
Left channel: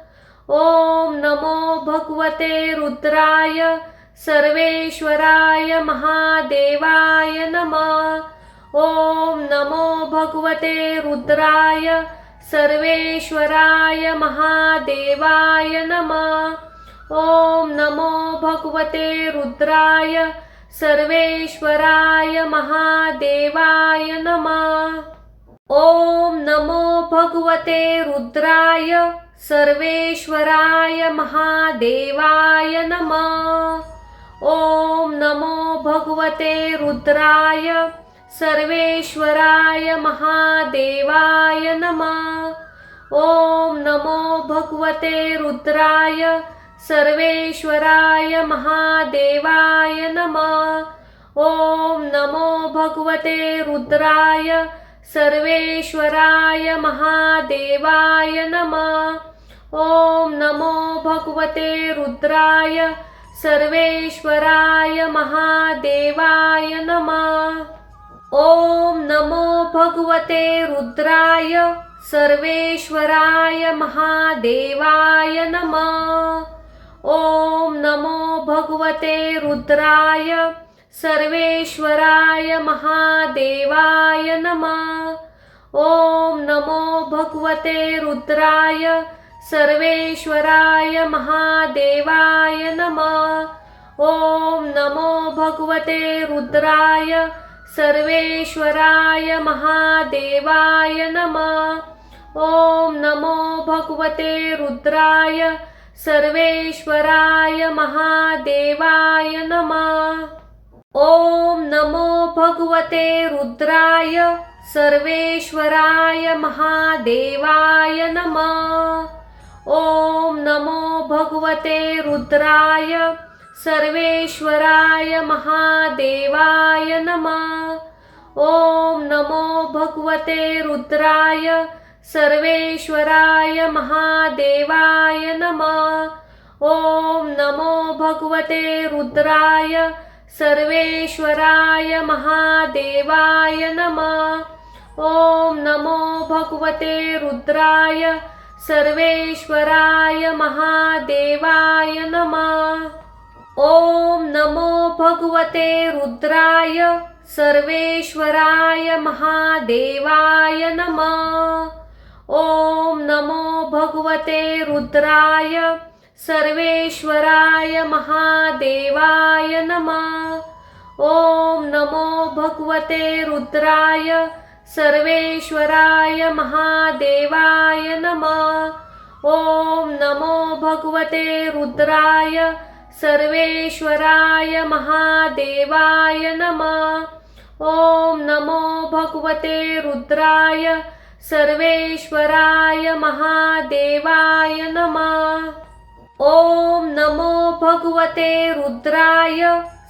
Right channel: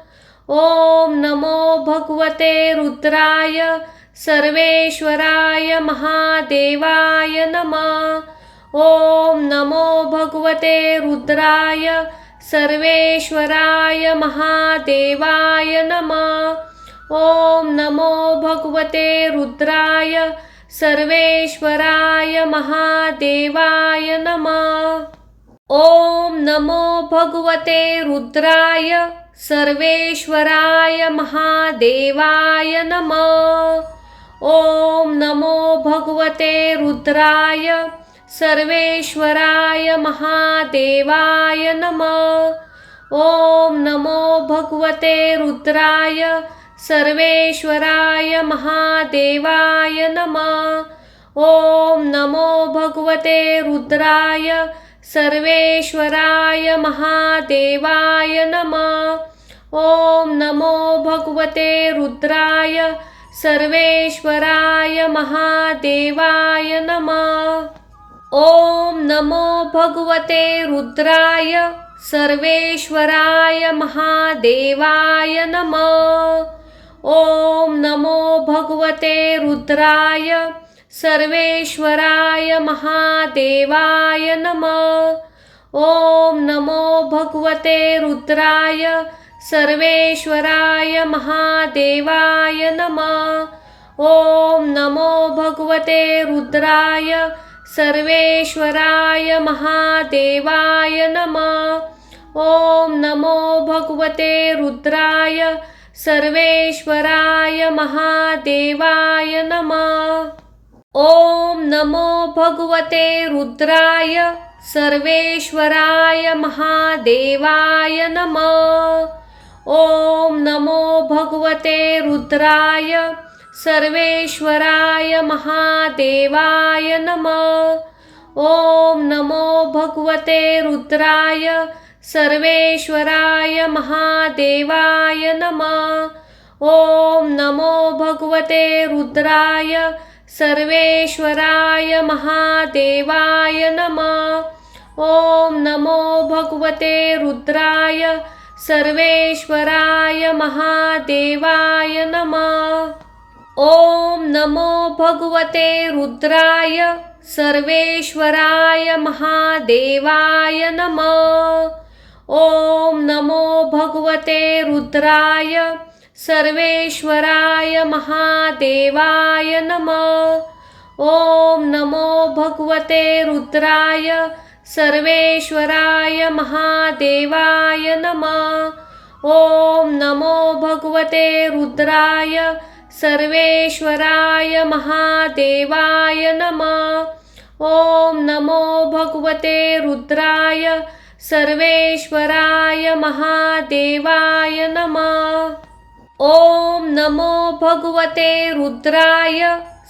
ओम नमो भगवते रुद्राय सर्वेश्वराय महादेवाय नमः। ओम नमो भगवते रुद्राय सर्वेश्वराय महादेवाय नमः। ओम नमो भगवते रुद्राय सर्वेश्वराय महादेवाय नमः। ओम नमो भगवते रुद्राय सर्वेश्वराय महादेवाय नमः। ओम नमो भगवते रुद्राय सर्वेश्वराय महादेवाय नमः। ओम नमो भगवते रुद्राय सर्वेश्वराय महादेवाय नमः। ओम नमो भगवते रुद्राय सर्वेश्वराय महादेवाय नमः। ओम नमो भगवते रुद्राय सर्वेश्वराय महादेवाय नमः। ओम नमो भगवते रुद्राय सर्वेश्वराय महादेवाय नमः। ओम नमो भगवते रुद्राय सर्वेश्वराय महादेवाय नमः। ओम नमो भगवते रुद्राय सर्वेश्वराय महादेवाय नमः। ओम नमो भगवते रुद्राय सर्वेश्वराय महादेवाय नमः। ओम नमो भगवते रुद्राय सर्वेश्वराय महादेवाय नमः। ओम नमो भगवते रुद्राय सर्वेश्वराय महादेवाय नमः। ओम नमो भगवते रुद्राय सर्वेश्वराय महादेवाय नमः। ओम नमो भगवते रुद्राय सर्वेश्वराय महादेवाय नमः। ओम नमो भगवते रुद्राय सर्वेश्वराय महादेवाय नमः। ओम नमो भगवते रुद्राय सर्वेश्वराय महादेवाय नमः। ओम नमो भगवते रुद्राय सर्वेश्वराय महादेवाय नमः। ओम नमो भगवते रुद्राय सर्वेश्वराय महादेवाय नमः। ओम नमो भगवते रुद्राय सर्वेश्वराय महादेवाय नमः। ओम नमो भगवते रुद्राय सर्वेश्वराय महादेवाय नमः। ओम नमो भगवते रुद्राय सर्वेश्वराय महादेवाय नमः। ओम नमो भगवते रुद्राय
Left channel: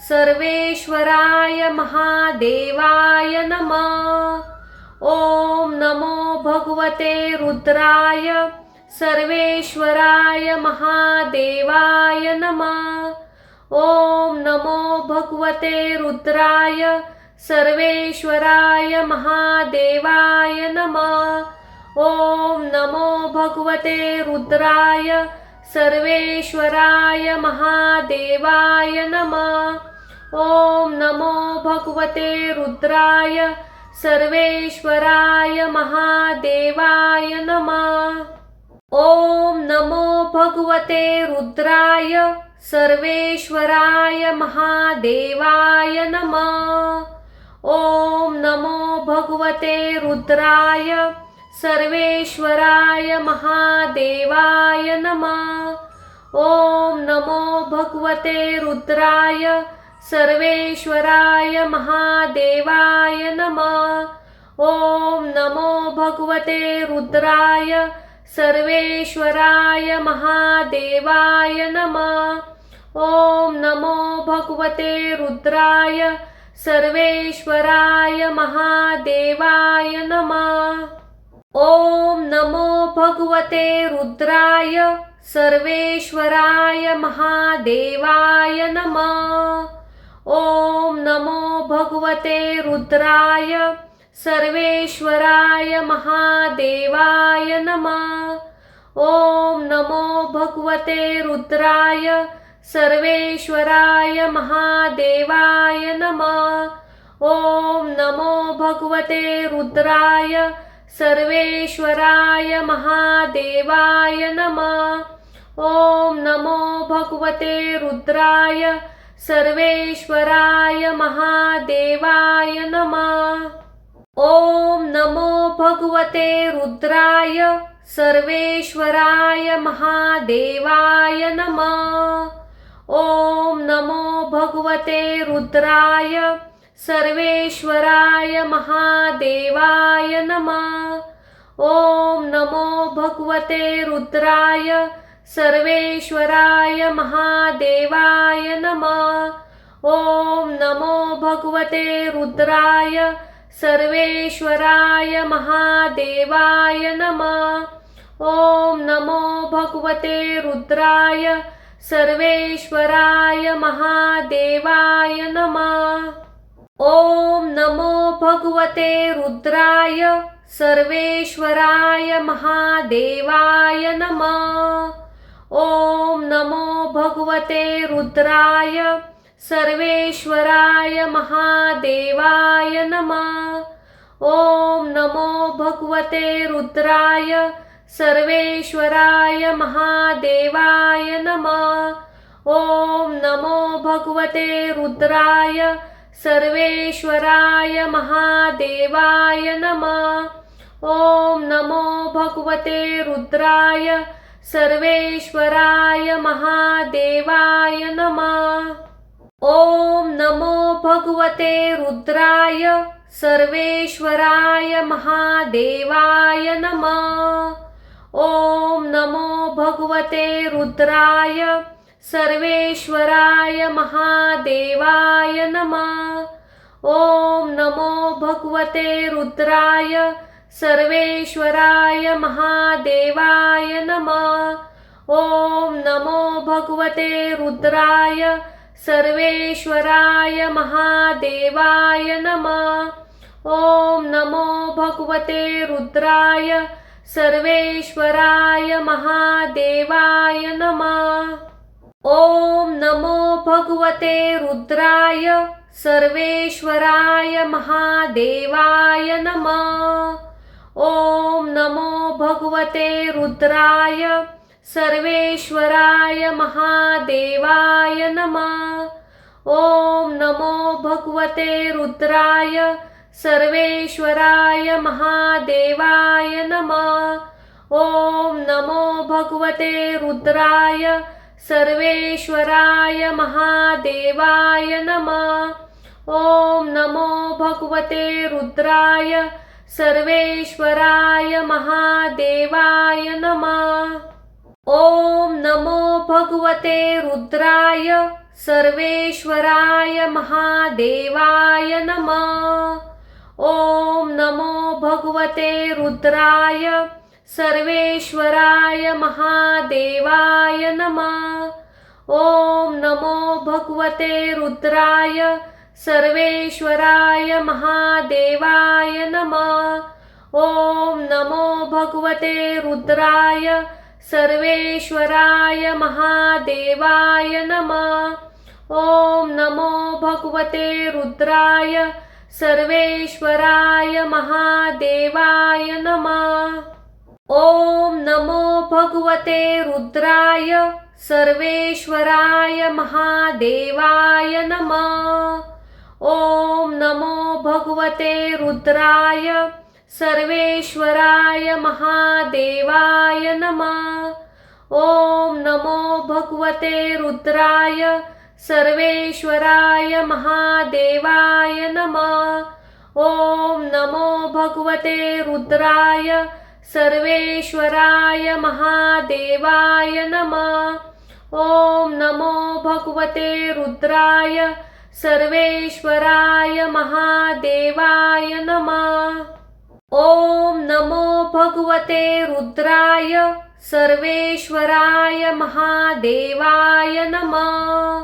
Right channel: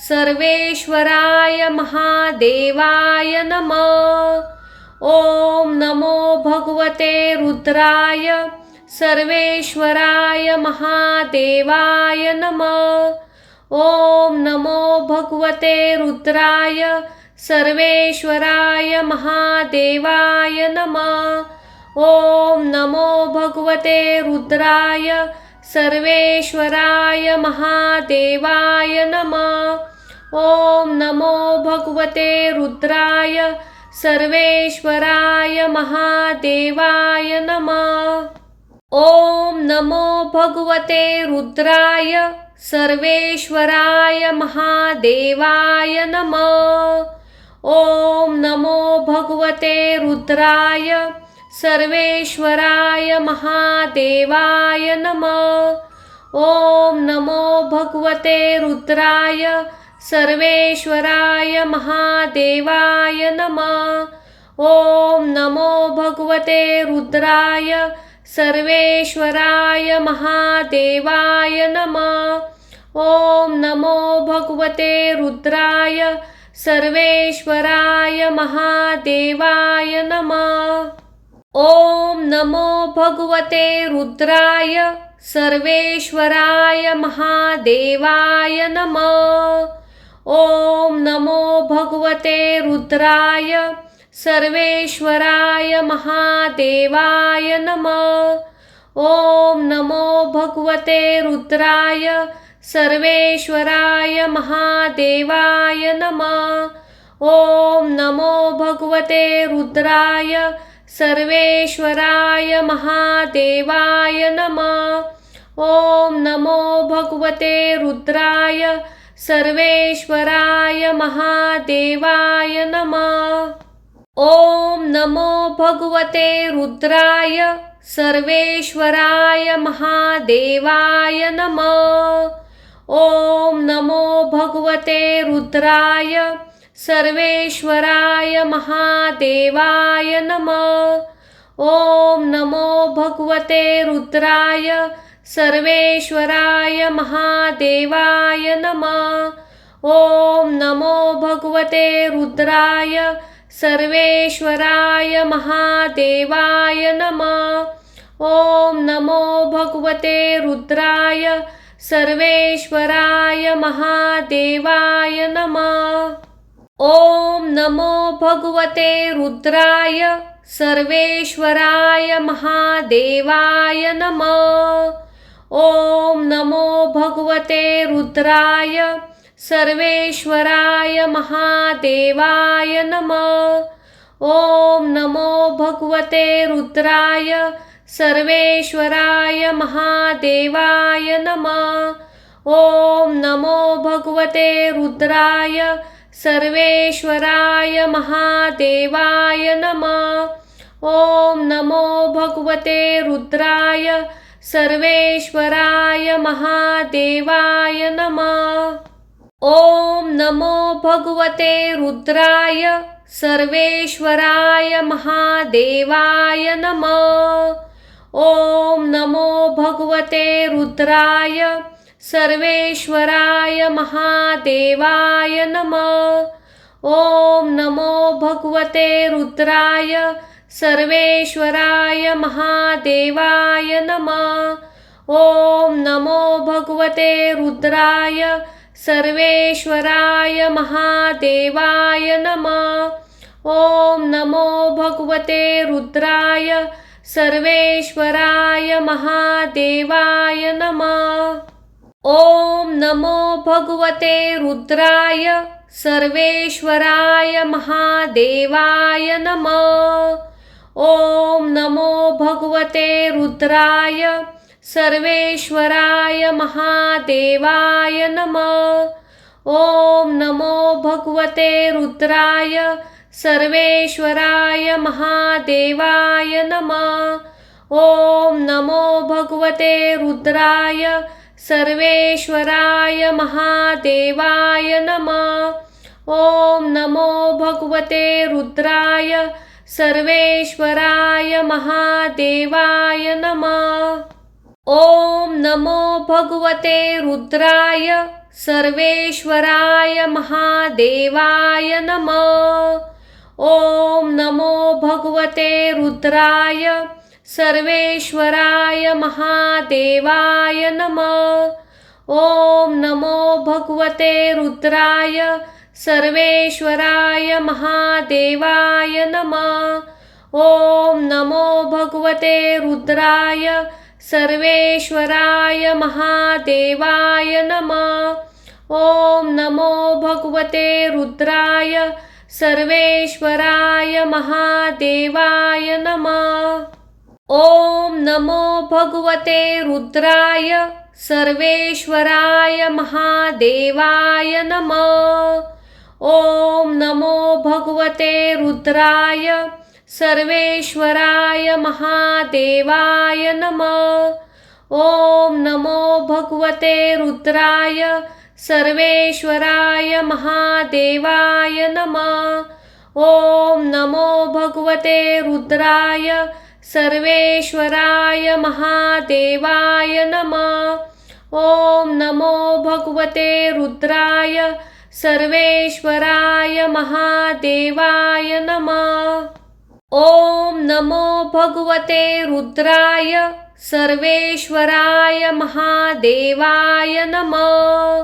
सर्वेश्वराय महादेवाय नमः। ओम नमो भगवते रुद्राय सर्वेश्वराय महादेवाय नमः। ओम नमो भगवते रुद्राय सर्वेश्वराय महादेवाय नमः। ओम नमो भगवते रुद्राय सर्वेश्वराय महादेवाय नमः। ओम नमो भगवते रुद्राय सर्वेश्वराय महादेवाय नमः। ओम नमो भगवते रुद्राय सर्वेश्वराय महादेवाय नमः। ओम नमो भगवते रुद्राय सर्वेश्वराय महादेवाय नमः। ओम नमो भगवते रुद्राय सर्वेश्वराय महादेवाय नमः। ओम नमो भगवते रुद्राय सर्वेश्वराय महादेवाय नमः। ओम नमो भगवते रुद्राय सर्वेश्वराय महादेवाय नमः। ओम नमो भगवते रुद्राय सर्वेश्वराय महादेवाय नमः। ओम नमो भगवते रुद्राय सर्वेश्वराय महादेवाय नमः। ओम नमो भगवते रुद्राय सर्वेश्वराय महादेवाय नमः। ओम नमो भगवते रुद्राय सर्वेश्वराय महादेवाय नमः। ओम नमो भगवते रुद्राय सर्वेश्वराय महादेवाय नमः। ओम नमो भगवते रुद्राय सर्वेश्वराय महादेवाय नमः। ओम नमो भगवते रुद्राय सर्वेश्वराय महादेवाय नमः। ओम नमो भगवते रुद्राय सर्वेश्वराय महादेवाय नमः। ओम नमो भगवते रुद्राय सर्वेश्वराय महादेवाय नमः। ओम नमो भगवते रुद्राय सर्वेश्वराय महादेवाय नमः। ओम नमो भगवते रुद्राय सर्वेश्वराय महादेवाय नमः। ओम नमो भगवते रुद्राय सर्वेश्वराय महादेवाय नमः। ओम नमो भगवते रुद्राय सर्वेश्वराय महादेवाय नमः। ओम नमो भगवते रुद्राय सर्वेश्वराय महादेवाय नमः। ओम नमो भगवते रुद्राय सर्वेश्वराय महादेवाय नमः। ओम नमो भगवते रुद्राय सर्वेश्वराय महादेवाय नमः। ओम नमो भगवते रुद्राय सर्वेश्वराय महादेवाय नमः। ओम नमो भगवते रुद्राय सर्वेश्वराय महादेवाय नमः। ओम नमो भगवते रुद्राय सर्वेश्वराय महादेवाय नमः। ओम नमो भगवते रुद्राय सर्वेश्वराय महादेवाय नमः। ओम नमो भगवते रुद्राय सर्वेश्वराय महादेवाय नमः। ओम नमो भगवते रुद्राय सर्वेश्वराय महादेवाय नमः। ओम नमो भगवते रुद्राय सर्वेश्वराय महादेवाय नमः। ओम नमो भगवते रुद्राय सर्वेश्वराय महादेवाय नमः। ओम नमो भगवते रुद्राय सर्वेश्वराय महादेवाय नमः। ओम नमो भगवते रुद्राय सर्वेश्वराय महादेवाय नमः। ओम नमो भगवते रुद्राय सर्वेश्वराय महादेवाय नमः। ओम नमो भगवते रुद्राय सर्वेश्वराय महादेवाय नमः। ओम नमो भगवते रुद्राय सर्वेश्वराय महादेवाय नमः। ओम नमो भगवते रुद्राय सर्वेश्वराय महादेवाय नमः। ओम नमो भगवते रुद्राय सर्वेश्वराय महादेवाय नमः। ओम नमो भगवते रुद्राय सर्वेश्वराय महादेवाय नमः। ओम नमो भगवते रुद्राय सर्वेश्वराय महादेवाय नमः। ओम नमो भगवते रुद्राय सर्वेश्वराय महादेवाय नमः। ओम नमो भगवते रुद्राय सर्वेश्वराय महादेवाय नमः। ओम नमो भगवते रुद्राय सर्वेश्वराय महादेवाय नमः।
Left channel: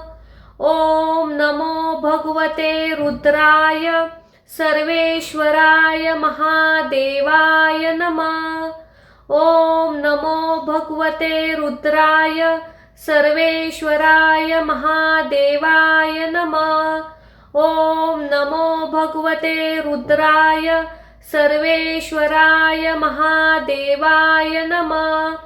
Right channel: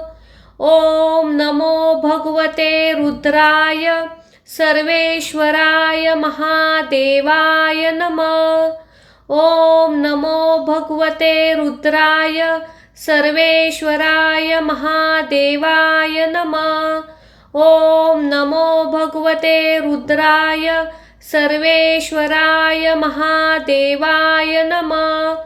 ओम नमो भगवते रुद्राय सर्वेश्वराय महादेवाय नमः। ओम नमो भगवते रुद्राय सर्वेश्वराय महादेवाय नमः। ओम नमो भगवते रुद्राय सर्वेश्वराय महादेवाय नमः।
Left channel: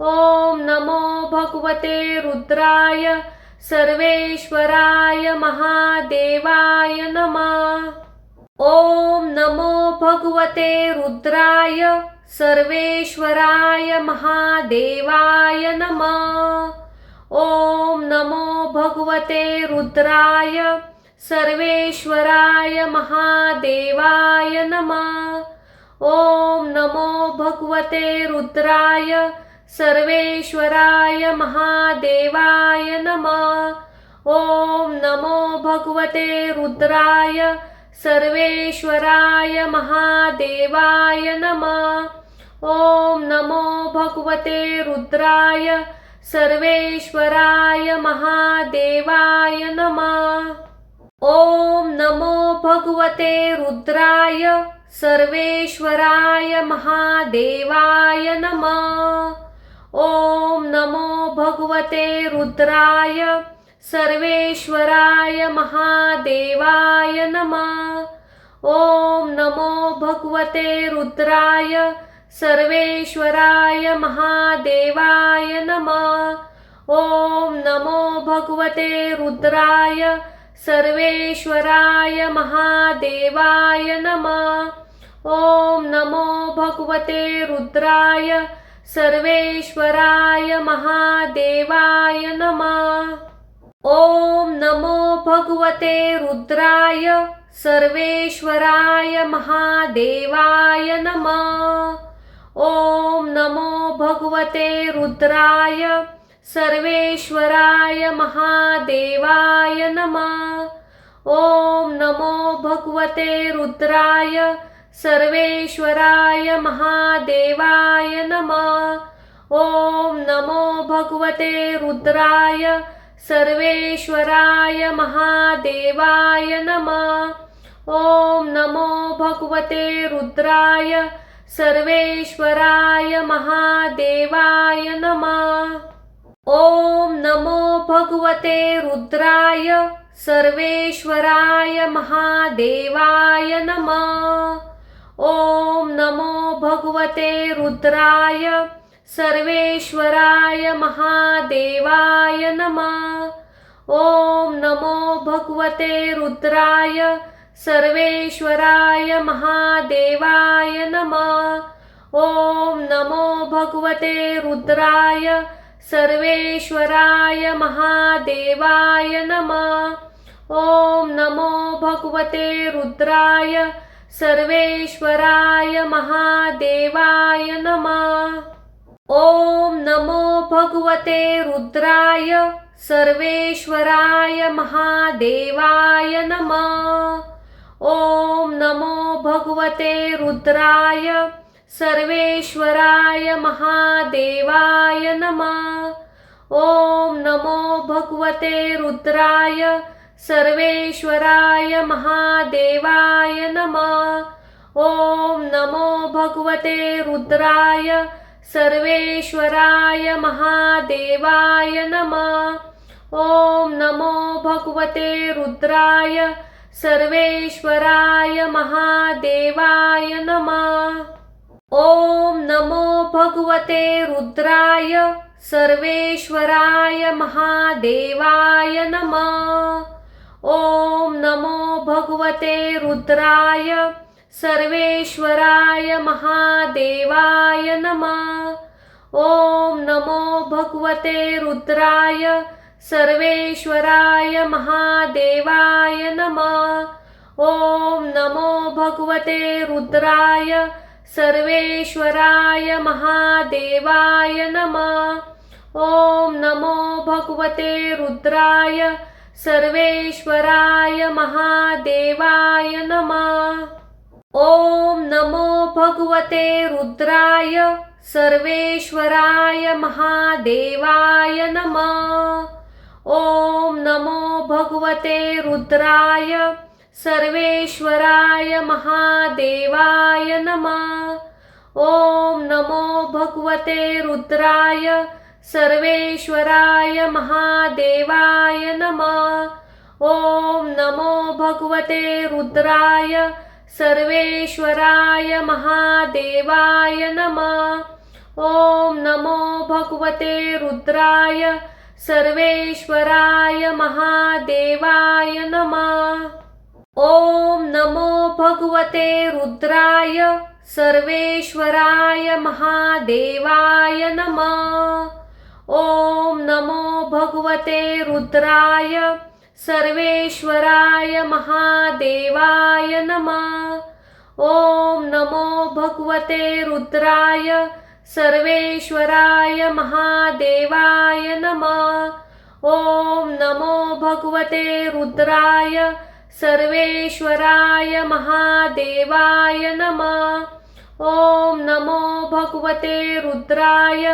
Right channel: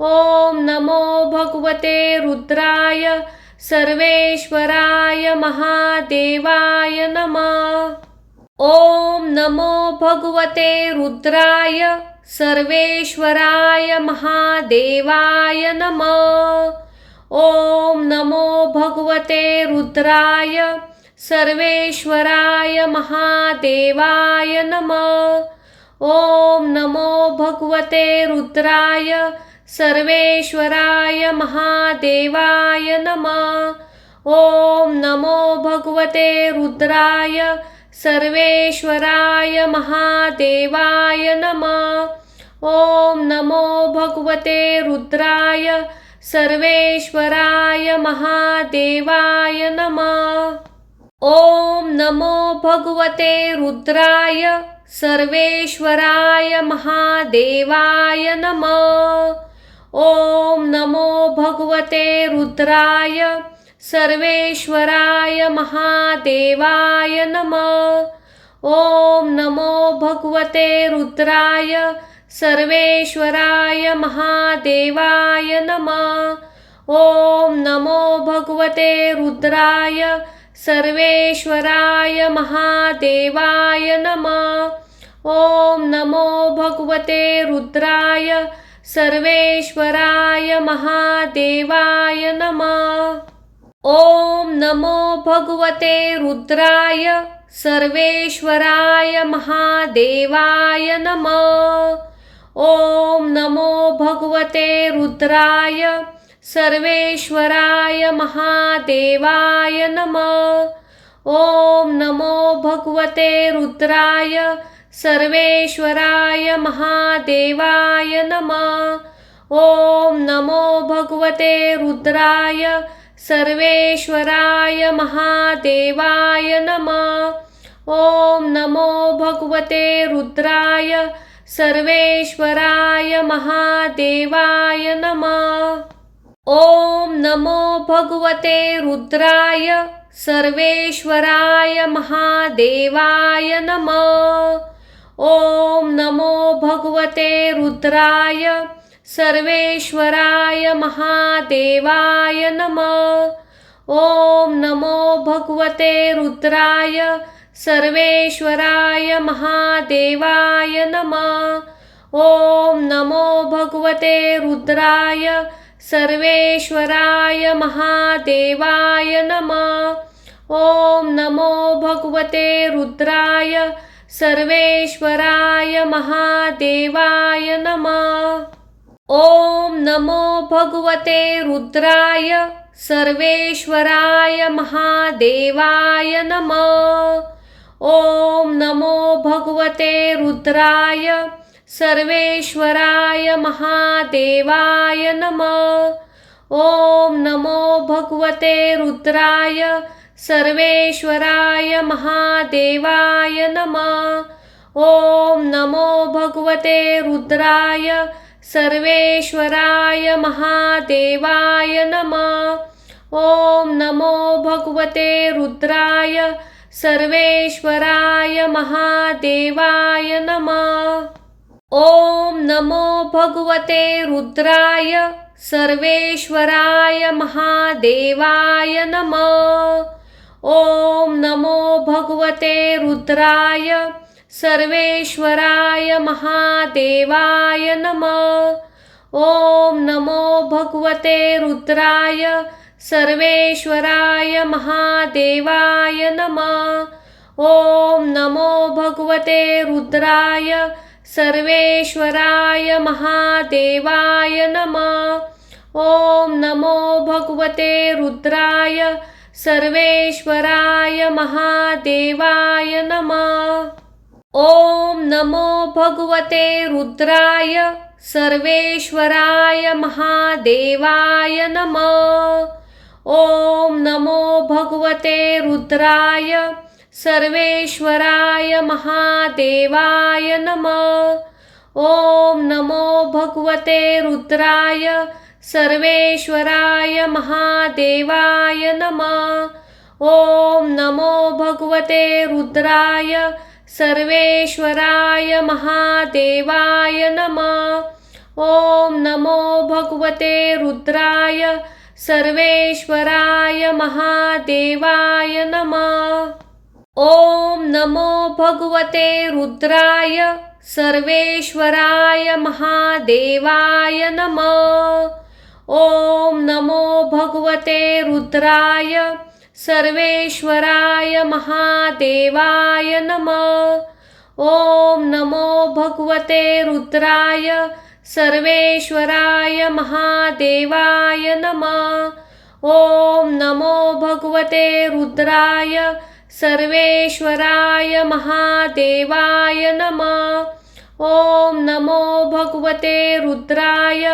ओम नमो भगवते रुद्राय सर्वेश्वराय महादेवाय नमः। ओम नमो भगवते रुद्राय सर्वेश्वराय महादेवाय नमः। ओम नमो भगवते रुद्राय सर्वेश्वराय महादेवाय नमः। ओम नमो भगवते रुद्राय सर्वेश्वराय महादेवाय नमः। ओम नमो भगवते रुद्राय सर्वेश्वराय महादेवाय नमः। ओम नमो भगवते रुद्राय सर्वेश्वराय महादेवाय नमः। ओम नमो भगवते रुद्राय सर्वेश्वराय महादेवाय नमः। ओम नमो भगवते रुद्राय सर्वेश्वराय महादेवाय नमः। ओम नमो भगवते रुद्राय सर्वेश्वराय महादेवाय नमः। ओम नमो भगवते रुद्राय सर्वेश्वराय महादेवाय नमः। ओम नमो भगवते रुद्राय सर्वेश्वराय महादेवाय नमः। ओम नमो भगवते रुद्राय सर्वेश्वराय महादेवाय नमः। ओम नमो भगवते रुद्राय सर्वेश्वराय महादेवाय नमः। ओम नमो भगवते रुद्राय सर्वेश्वराय महादेवाय नमः। ओम नमो भगवते रुद्राय सर्वेश्वराय महादेवाय नमः। ओम नमो भगवते रुद्राय सर्वेश्वराय महादेवाय नमः। ओम नमो भगवते रुद्राय सर्वेश्वराय महादेवाय नमः। ओम नमो भगवते रुद्राय सर्वेश्वराय महादेवाय नमः। ओम नमो भगवते रुद्राय सर्वेश्वराय महादेवाय नमः। ओम नमो भगवते रुद्राय सर्वेश्वराय महादेवाय नमः। ओम नमो भगवते रुद्राय सर्वेश्वराय महादेवाय नमः। ओम नमो भगवते रुद्राय सर्वेश्वराय महादेवाय नमः। ओम नमो भगवते रुद्राय सर्वेश्वराय महादेवाय नमः। ओम नमो भगवते रुद्राय सर्वेश्वराय महादेवाय नमः। ओम नमो भगवते रुद्राय सर्वेश्वराय महादेवाय नमः। ओम नमो भगवते रुद्राय सर्वेश्वराय महादेवाय नमः। ओम नमो भगवते रुद्राय सर्वेश्वराय महादेवाय नमः। ओम नमो भगवते रुद्राय सर्वेश्वराय महादेवाय नमः। ओम नमो भगवते रुद्राय सर्वेश्वराय महादेवाय नमः। ओम नमो भगवते रुद्राय सर्वेश्वराय महादेवाय नमः। ओम नमो भगवते रुद्राय सर्वेश्वराय महादेवाय नमः। ओम नमो भगवते रुद्राय सर्वेश्वराय महादेवाय नमः। ओम नमो भगवते रुद्राय सर्वेश्वराय महादेवाय नमः। ओम नमो भगवते रुद्राय सर्वेश्वराय महादेवाय नमः। ओम नमो भगवते रुद्राय सर्वेश्वराय महादेवाय नमः। ओम नमो भगवते रुद्राय सर्वेश्वराय महादेवाय नमः। ओम नमो भगवते रुद्राय सर्वेश्वराय महादेवाय नमः। ओम नमो भगवते रुद्राय सर्वेश्वराय महादेवाय नमः। ओम नमो भगवते रुद्राय सर्वेश्वराय महादेवाय नमः। ओम नमो भगवते रुद्राय सर्वेश्वराय महादेवाय नमः। ओम नमो भगवते रुद्राय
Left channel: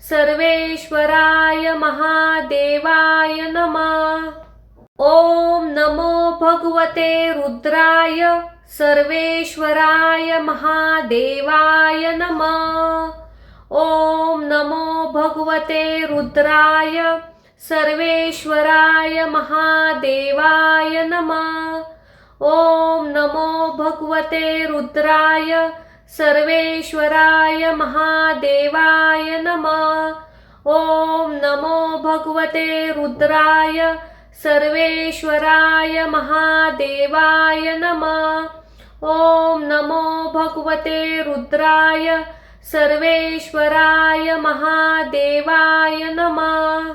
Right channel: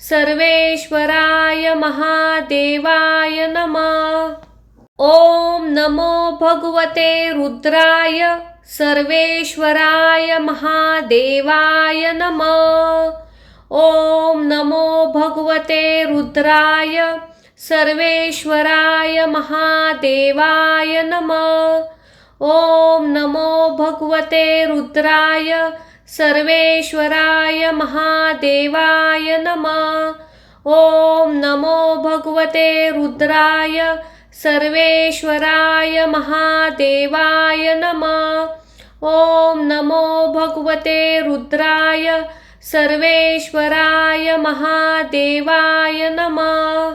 सर्वेश्वराय महादेवाय नमः। ओम नमो भगवते रुद्राय सर्वेश्वराय महादेवाय नमः। ओम नमो भगवते रुद्राय सर्वेश्वराय महादेवाय नमः। ओम नमो भगवते रुद्राय सर्वेश्वराय महादेवाय नमः। ओम नमो भगवते रुद्राय सर्वेश्वराय महादेवाय नमः। ओम नमो भगवते रुद्राय सर्वेश्वराय महादेवाय नमः।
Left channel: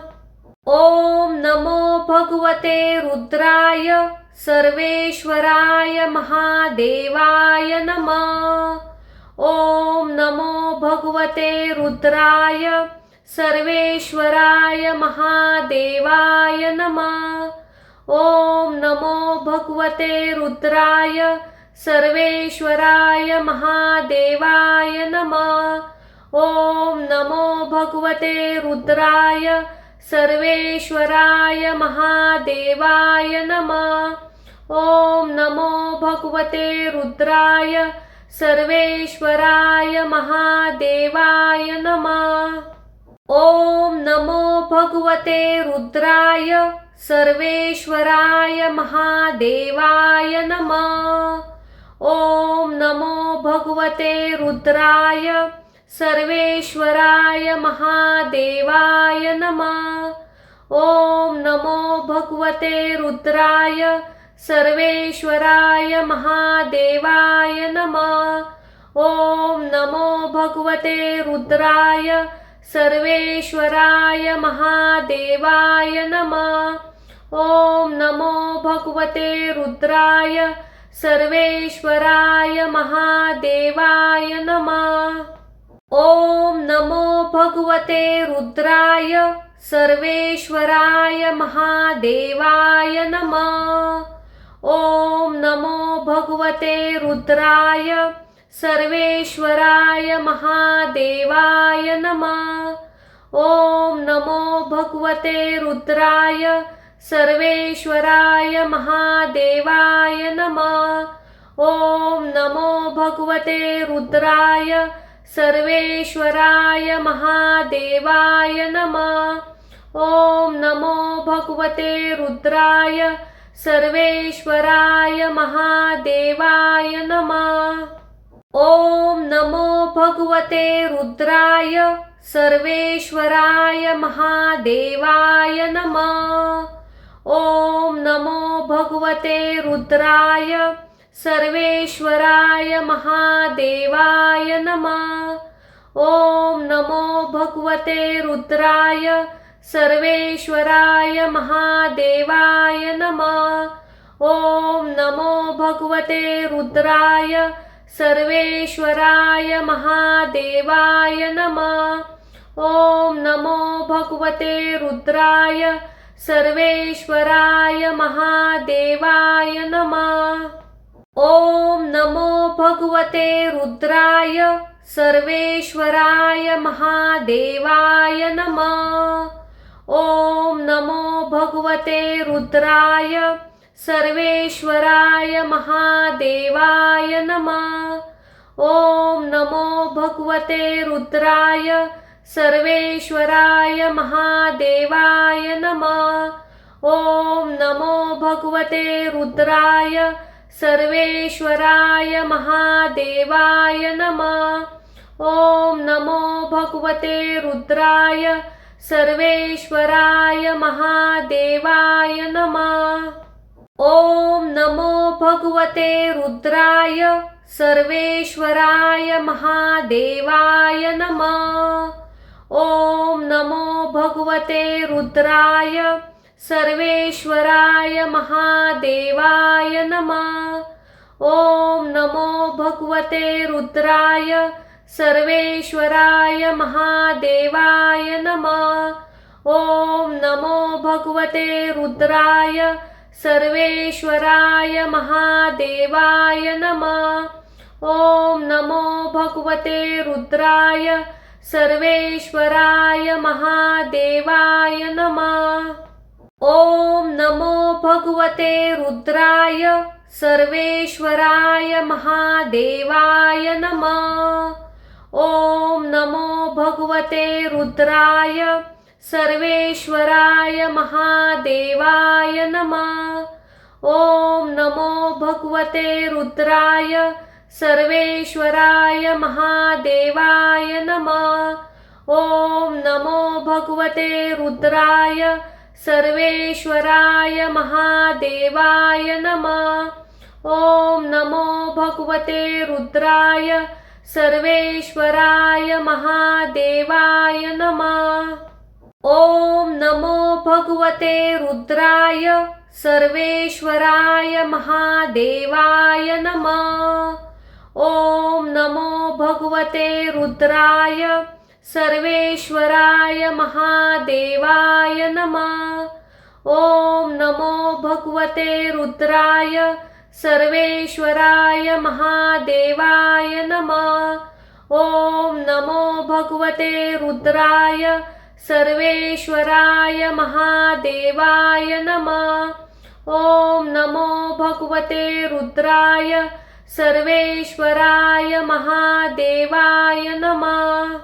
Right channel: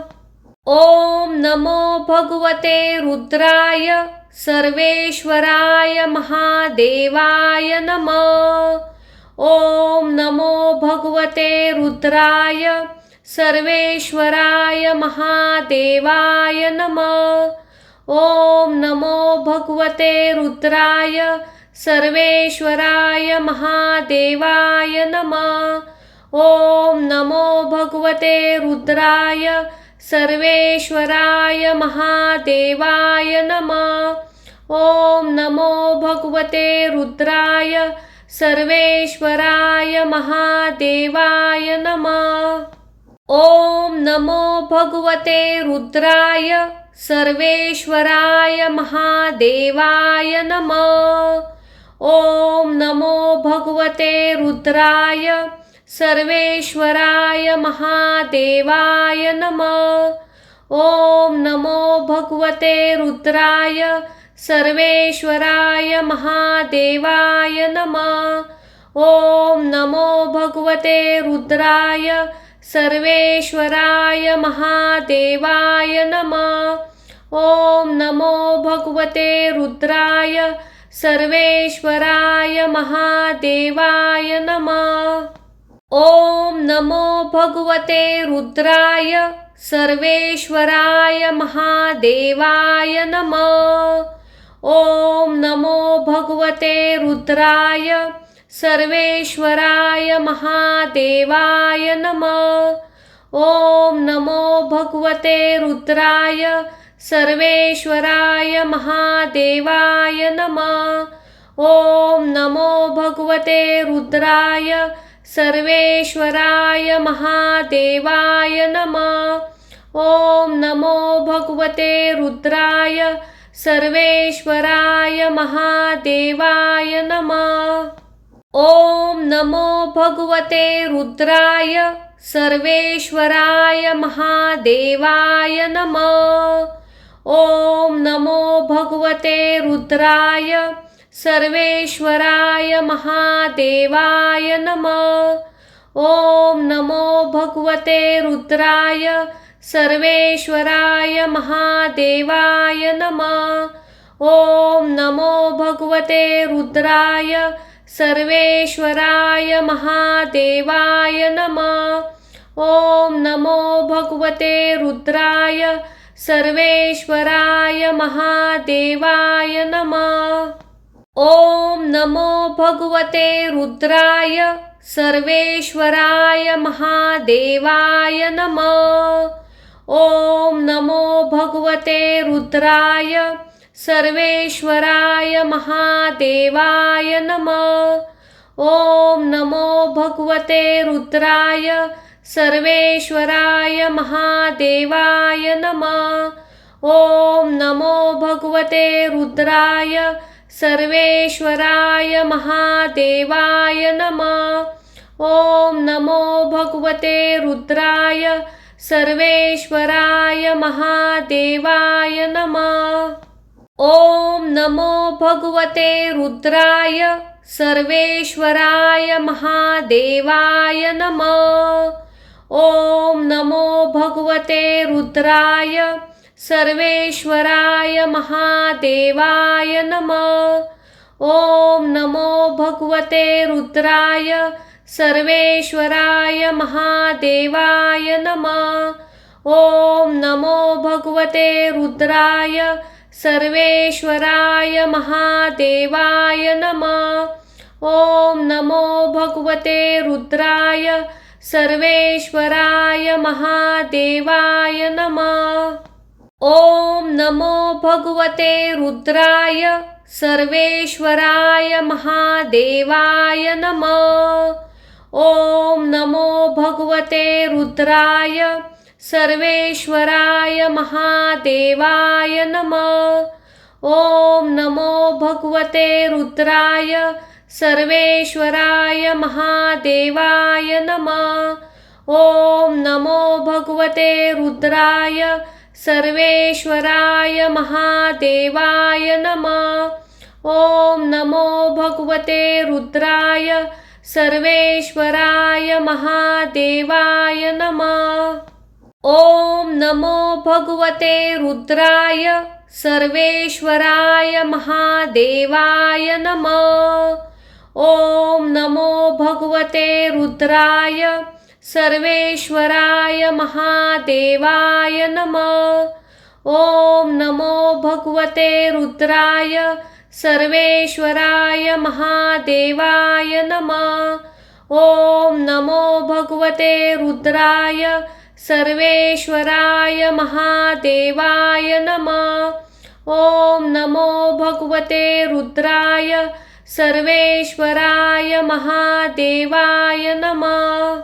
ओम नमो भगवते रुद्राय सर्वेश्वराय महादेवाय नमः। ओम नमो भगवते रुद्राय सर्वेश्वराय महादेवाय नमः। ओम नमो भगवते रुद्राय सर्वेश्वराय महादेवाय नमः। ओम नमो भगवते रुद्राय सर्वेश्वराय महादेवाय नमः। ओम नमो भगवते रुद्राय सर्वेश्वराय महादेवाय नमः। ओम नमो भगवते रुद्राय सर्वेश्वराय महादेवाय नमः। ओम नमो भगवते रुद्राय सर्वेश्वराय महादेवाय नमः। ओम नमो भगवते रुद्राय सर्वेश्वराय महादेवाय नमः। ओम नमो भगवते रुद्राय सर्वेश्वराय महादेवाय नमः। ओम नमो भगवते रुद्राय सर्वेश्वराय महादेवाय नमः। ओम नमो भगवते रुद्राय सर्वेश्वराय महादेवाय नमः। ओम नमो भगवते रुद्राय सर्वेश्वराय महादेवाय नमः। ओम नमो भगवते रुद्राय सर्वेश्वराय महादेवाय नमः। ओम नमो भगवते रुद्राय सर्वेश्वराय महादेवाय नमः। ओम नमो भगवते रुद्राय सर्वेश्वराय महादेवाय नमः। ओम नमो भगवते रुद्राय सर्वेश्वराय महादेवाय नमः। ओम नमो भगवते रुद्राय सर्वेश्वराय महादेवाय नमः। ओम नमो भगवते रुद्राय सर्वेश्वराय महादेवाय नमः। ओम नमो भगवते रुद्राय सर्वेश्वराय महादेवाय नमः। ओम नमो भगवते रुद्राय सर्वेश्वराय महादेवाय नमः। ओम नमो भगवते रुद्राय सर्वेश्वराय महादेवाय नमः। ओम नमो भगवते रुद्राय सर्वेश्वराय महादेवाय नमः। ओम नमो भगवते रुद्राय सर्वेश्वराय महादेवाय नमः। ओम नमो भगवते रुद्राय सर्वेश्वराय महादेवाय नमः। ओम नमो भगवते रुद्राय सर्वेश्वराय महादेवाय नमः। ओम नमो भगवते रुद्राय सर्वेश्वराय महादेवाय नमः। ओम नमो भगवते रुद्राय सर्वेश्वराय महादेवाय नमः। ओम नमो भगवते रुद्राय सर्वेश्वराय महादेवाय नमः। ओम नमो भगवते रुद्राय सर्वेश्वराय महादेवाय नमः। ओम नमो भगवते रुद्राय सर्वेश्वराय महादेवाय नमः। ओम नमो भगवते रुद्राय सर्वेश्वराय महादेवाय नमः। ओम नमो भगवते रुद्राय सर्वेश्वराय महादेवाय नमः। ओम नमो भगवते रुद्राय सर्वेश्वराय महादेवाय नमः। ओम नमो भगवते रुद्राय सर्वेश्वराय महादेवाय नमः। ओम नमो भगवते रुद्राय सर्वेश्वराय महादेवाय नमः। ओम नमो भगवते रुद्राय सर्वेश्वराय महादेवाय नमः। ओम नमो भगवते रुद्राय सर्वेश्वराय महादेवाय नमः। ओम नमो भगवते रुद्राय सर्वेश्वराय महादेवाय नमः। ओम नमो भगवते रुद्राय सर्वेश्वराय महादेवाय नमः। ओम नमो भगवते रुद्राय सर्वेश्वराय महादेवाय नमः।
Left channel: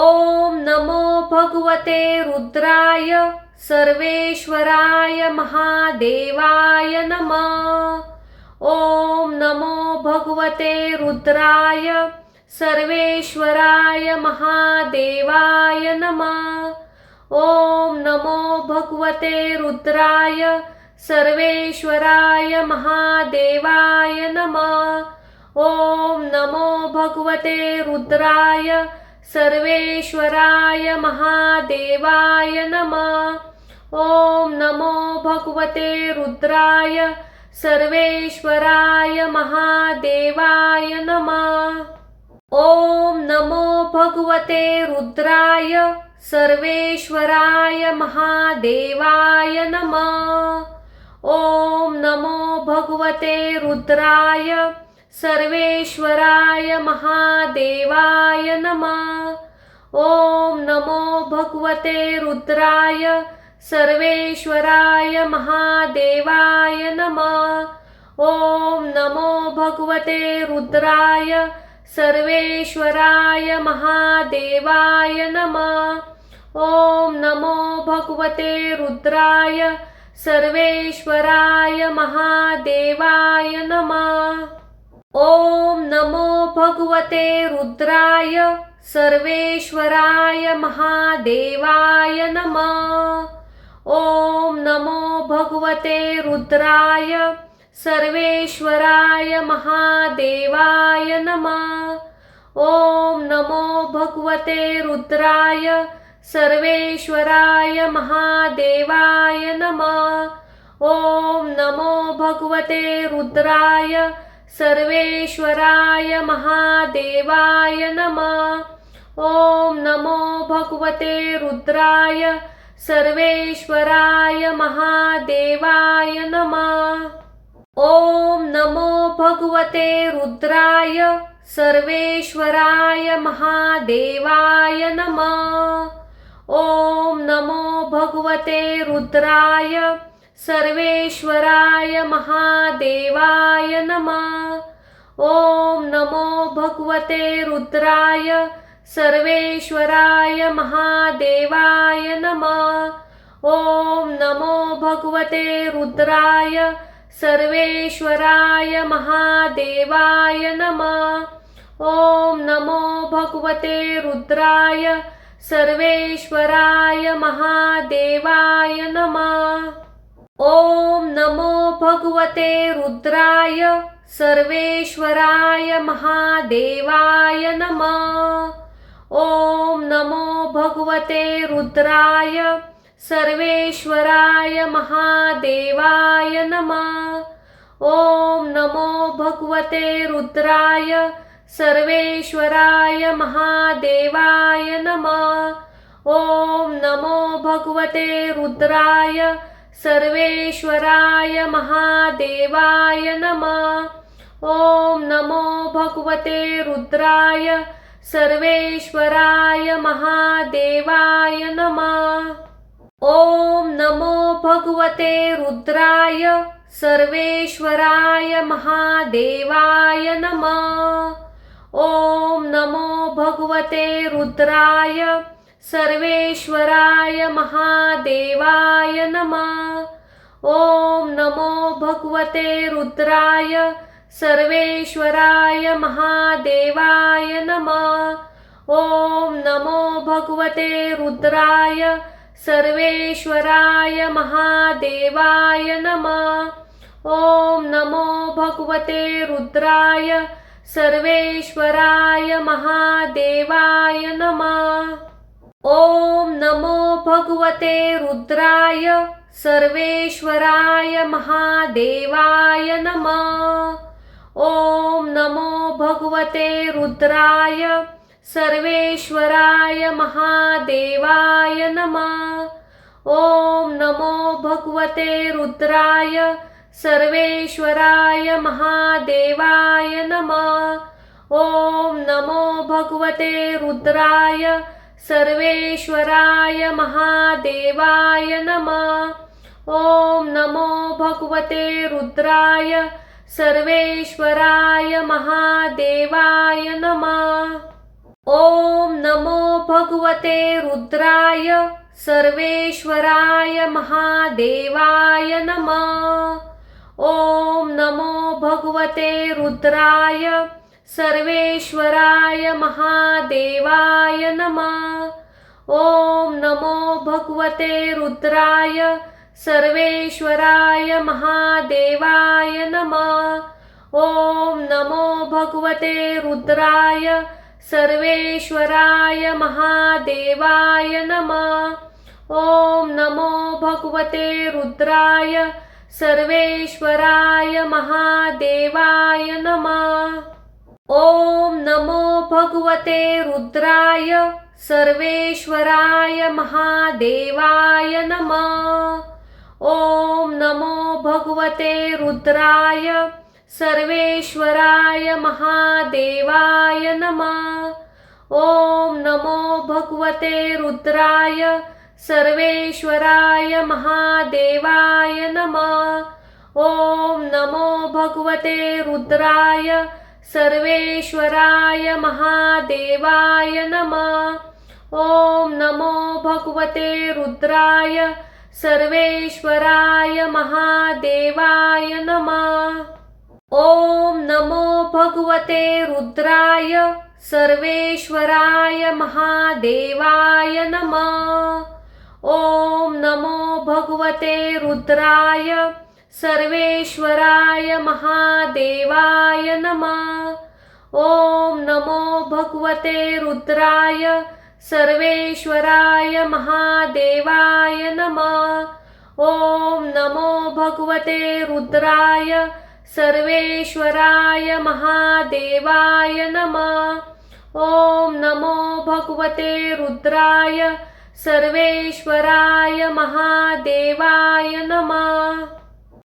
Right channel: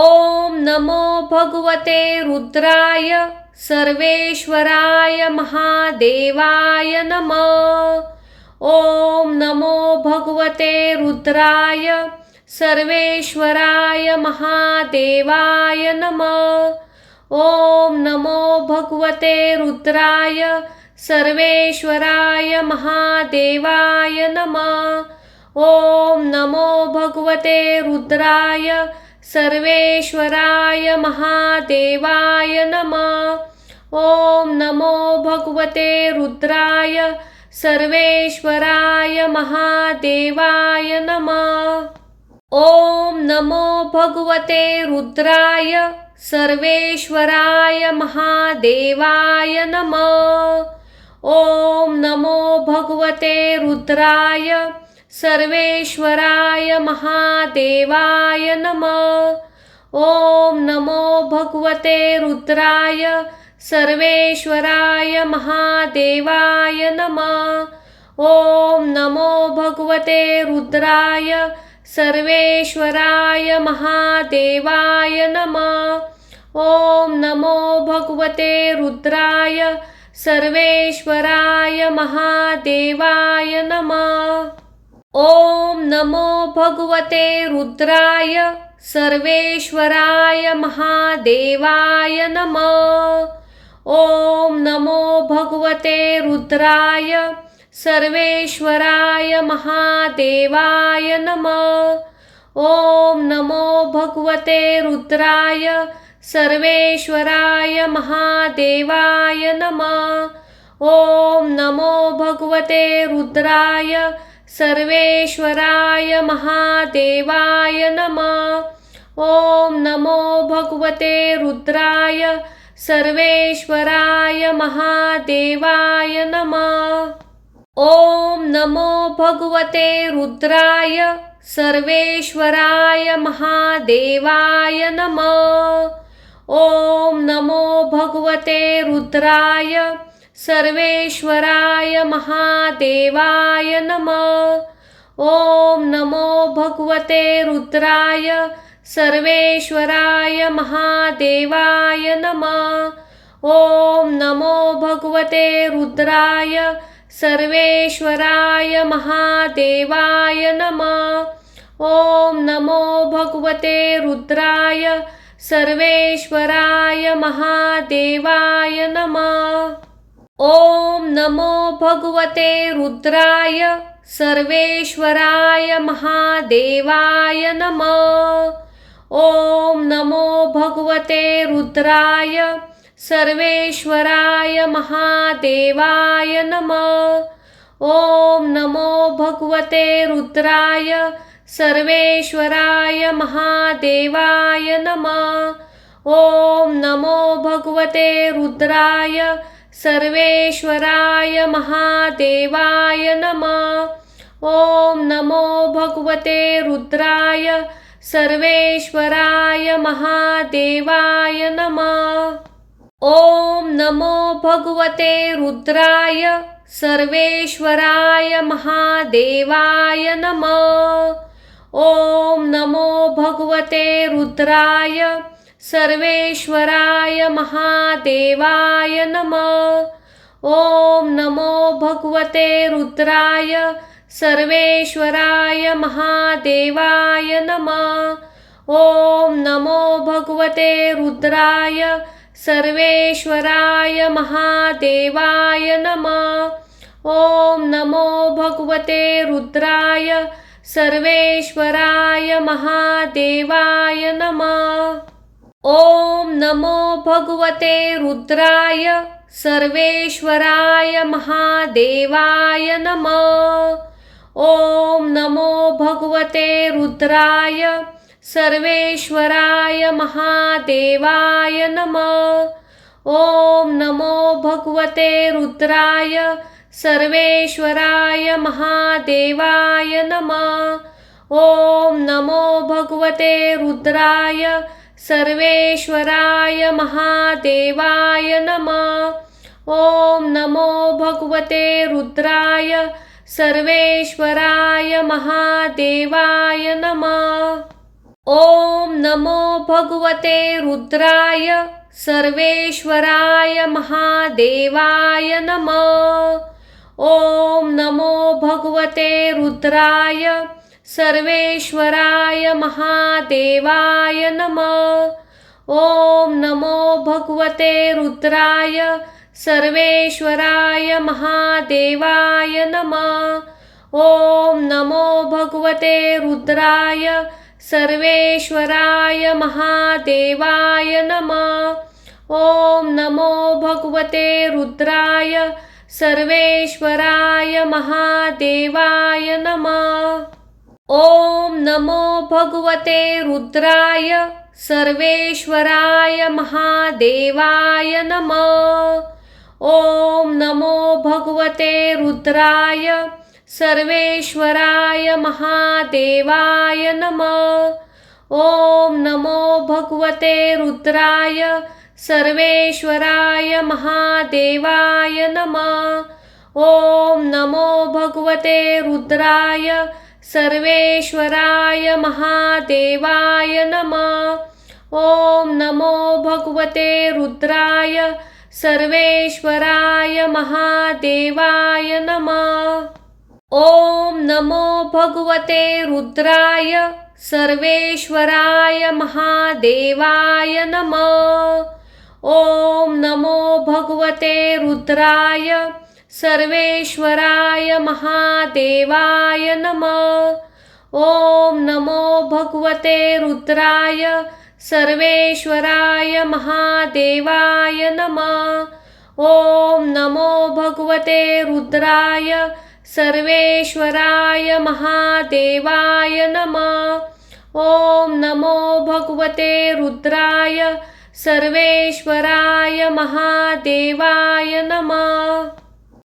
ओम नमो भगवते रुद्राय सर्वेश्वराय महादेवाय नमः। ओम नमो भगवते रुद्राय सर्वेश्वराय महादेवाय नमः। ओम नमो भगवते रुद्राय सर्वेश्वराय महादेवाय नमः। ओम नमो भगवते रुद्राय सर्वेश्वराय महादेवाय नमः। ओम नमो भगवते रुद्राय सर्वेश्वराय महादेवाय नमः। ओम नमो भगवते रुद्राय सर्वेश्वराय महादेवाय नमः। ओम नमो भगवते रुद्राय सर्वेश्वराय महादेवाय नमः। ओम नमो भगवते रुद्राय सर्वेश्वराय महादेवाय नमः। ओम नमो भगवते रुद्राय सर्वेश्वराय महादेवाय नमः। ओम नमो भगवते रुद्राय सर्वेश्वराय महादेवाय नमः। ओम नमो भगवते रुद्राय सर्वेश्वराय महादेवाय नमः। ओम नमो भगवते रुद्राय सर्वेश्वराय महादेवाय नमः। ओम नमो भगवते रुद्राय सर्वेश्वराय महादेवाय नमः। ओम नमो भगवते रुद्राय सर्वेश्वराय महादेवाय नमः। ओम नमो भगवते रुद्राय सर्वेश्वराय महादेवाय नमः। ओम नमो भगवते रुद्राय सर्वेश्वराय महादेवाय नमः। ओम नमो भगवते रुद्राय सर्वेश्वराय महादेवाय नमः। ओम नमो भगवते रुद्राय सर्वेश्वराय महादेवाय नमः। ओम नमो भगवते रुद्राय सर्वेश्वराय महादेवाय नमः। ओम नमो भगवते रुद्राय सर्वेश्वराय महादेवाय नमः। ओम नमो भगवते रुद्राय सर्वेश्वराय महादेवाय नमः। ओम नमो भगवते रुद्राय सर्वेश्वराय महादेवाय नमः। ओम नमो भगवते रुद्राय सर्वेश्वराय महादेवाय नमः। ओम नमो भगवते रुद्राय सर्वेश्वराय महादेवाय नमः। ओम नमो भगवते रुद्राय सर्वेश्वराय महादेवाय नमः। ओम नमो भगवते रुद्राय सर्वेश्वराय महादेवाय नमः। ओम नमो भगवते रुद्राय सर्वेश्वराय महादेवाय नमः। ओम नमो भगवते रुद्राय सर्वेश्वराय महादेवाय नमः। ओम नमो भगवते रुद्राय सर्वेश्वराय महादेवाय नमः। ओम नमो भगवते रुद्राय सर्वेश्वराय महादेवाय नमः। ओम नमो भगवते रुद्राय सर्वेश्वराय महादेवाय नमः। ओम नमो भगवते रुद्राय सर्वेश्वराय महादेवाय नमः। ओम नमो भगवते रुद्राय सर्वेश्वराय महादेवाय नमः। ओम नमो भगवते रुद्राय सर्वेश्वराय महादेवाय नमः। ओम नमो भगवते रुद्राय सर्वेश्वराय महादेवाय नमः। ओम नमो भगवते रुद्राय सर्वेश्वराय महादेवाय नमः। ओम नमो भगवते रुद्राय सर्वेश्वराय महादेवाय नमः। ओम नमो भगवते रुद्राय सर्वेश्वराय महादेवाय नमः। ओम नमो भगवते रुद्राय सर्वेश्वराय महादेवाय नमः। ओम नमो भगवते रुद्राय सर्वेश्वराय महादेवाय नमः। ओम नमो भगवते रुद्राय सर्वेश्वराय महादेवाय नमः। ओम नमो भगवते रुद्राय सर्वेश्वराय महादेवाय नमः। ओम नमो भगवते रुद्राय सर्वेश्वराय महादेवाय नमः। ओम नमो भगवते रुद्राय सर्वेश्वराय महादेवाय नमः। ओम नमो भगवते रुद्राय सर्वेश्वराय महादेवाय नमः। ओम नमो भगवते रुद्राय सर्वेश्वराय महादेवाय नमः। ओम नमो भगवते रुद्राय सर्वेश्वराय महादेवाय नमः। ओम नमो भगवते रुद्राय सर्वेश्वराय महादेवाय नमः। ओम नमो भगवते रुद्राय सर्वेश्वराय महादेवाय नमः। ओम नमो भगवते रुद्राय सर्वेश्वराय महादेवाय नमः।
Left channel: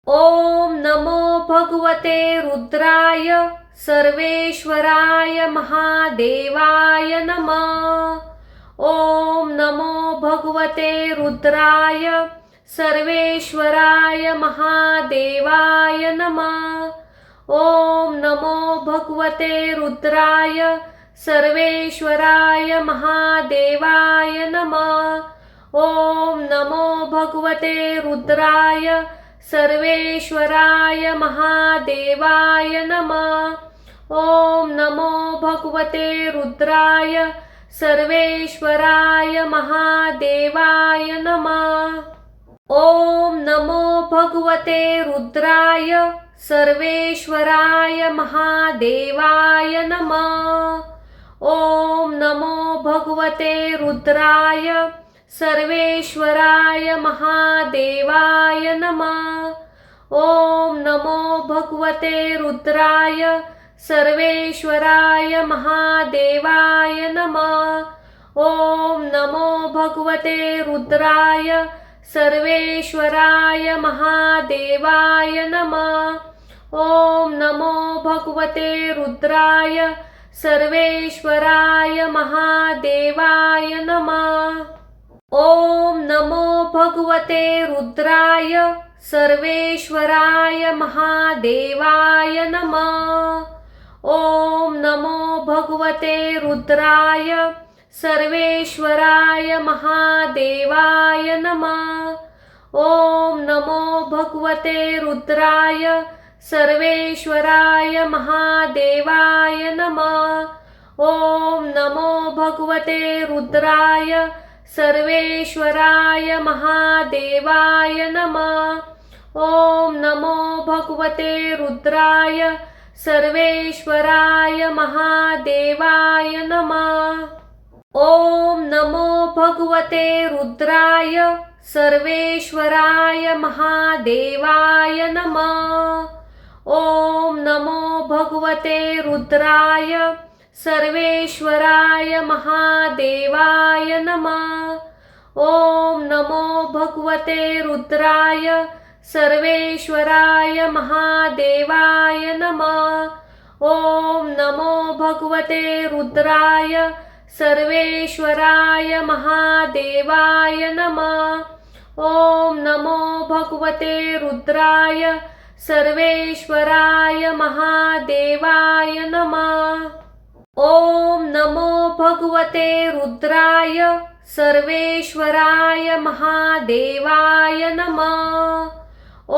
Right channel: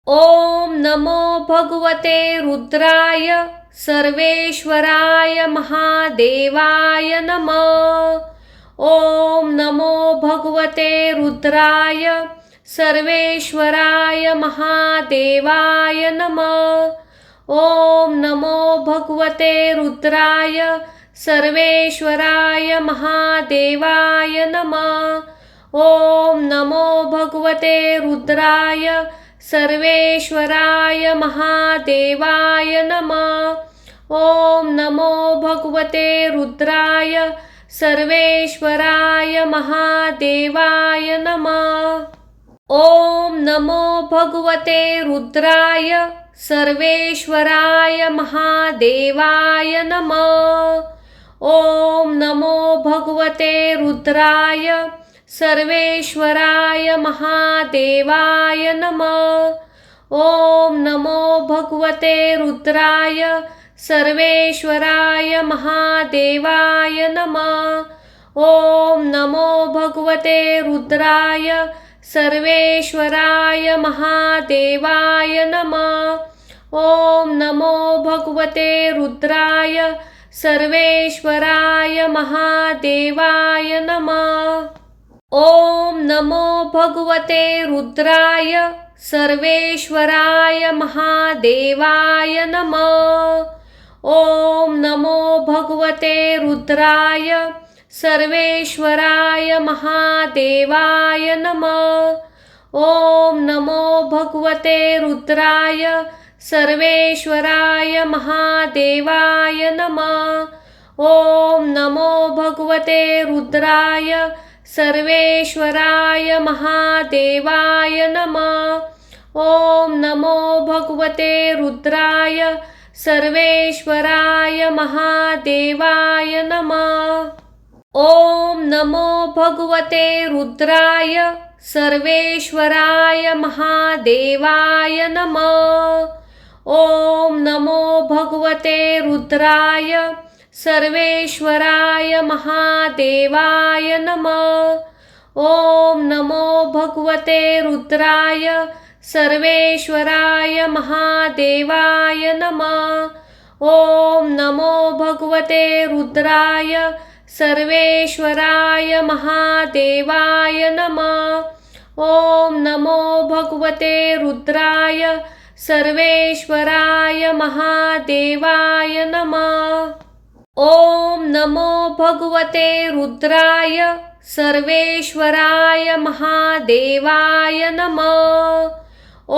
ओम नमो भगवते रुद्राय सर्वेश्वराय महादेवाय नमः। ओम नमो भगवते रुद्राय सर्वेश्वराय महादेवाय नमः। ओम नमो भगवते रुद्राय सर्वेश्वराय महादेवाय नमः। ओम नमो भगवते रुद्राय सर्वेश्वराय महादेवाय नमः। ओम नमो भगवते रुद्राय सर्वेश्वराय महादेवाय नमः। ओम नमो भगवते रुद्राय सर्वेश्वराय महादेवाय नमः। ओम नमो भगवते रुद्राय सर्वेश्वराय महादेवाय नमः। ओम नमो भगवते रुद्राय सर्वेश्वराय महादेवाय नमः। ओम नमो भगवते रुद्राय सर्वेश्वराय महादेवाय नमः। ओम नमो भगवते रुद्राय सर्वेश्वराय महादेवाय नमः। ओम नमो भगवते रुद्राय सर्वेश्वराय महादेवाय नमः। ओम नमो भगवते रुद्राय सर्वेश्वराय महादेवाय नमः। ओम नमो भगवते रुद्राय सर्वेश्वराय महादेवाय नमः। ओम नमो भगवते रुद्राय सर्वेश्वराय महादेवाय नमः। ओम नमो भगवते रुद्राय सर्वेश्वराय महादेवाय नमः। ओम नमो भगवते रुद्राय सर्वेश्वराय महादेवाय नमः। ओम नमो भगवते रुद्राय सर्वेश्वराय महादेवाय नमः। ओम नमो भगवते रुद्राय सर्वेश्वराय महादेवाय नमः। ओम नमो भगवते रुद्राय सर्वेश्वराय महादेवाय नमः। ओम नमो भगवते रुद्राय सर्वेश्वराय महादेवाय नमः। ओम नमो भगवते रुद्राय सर्वेश्वराय महादेवाय नमः।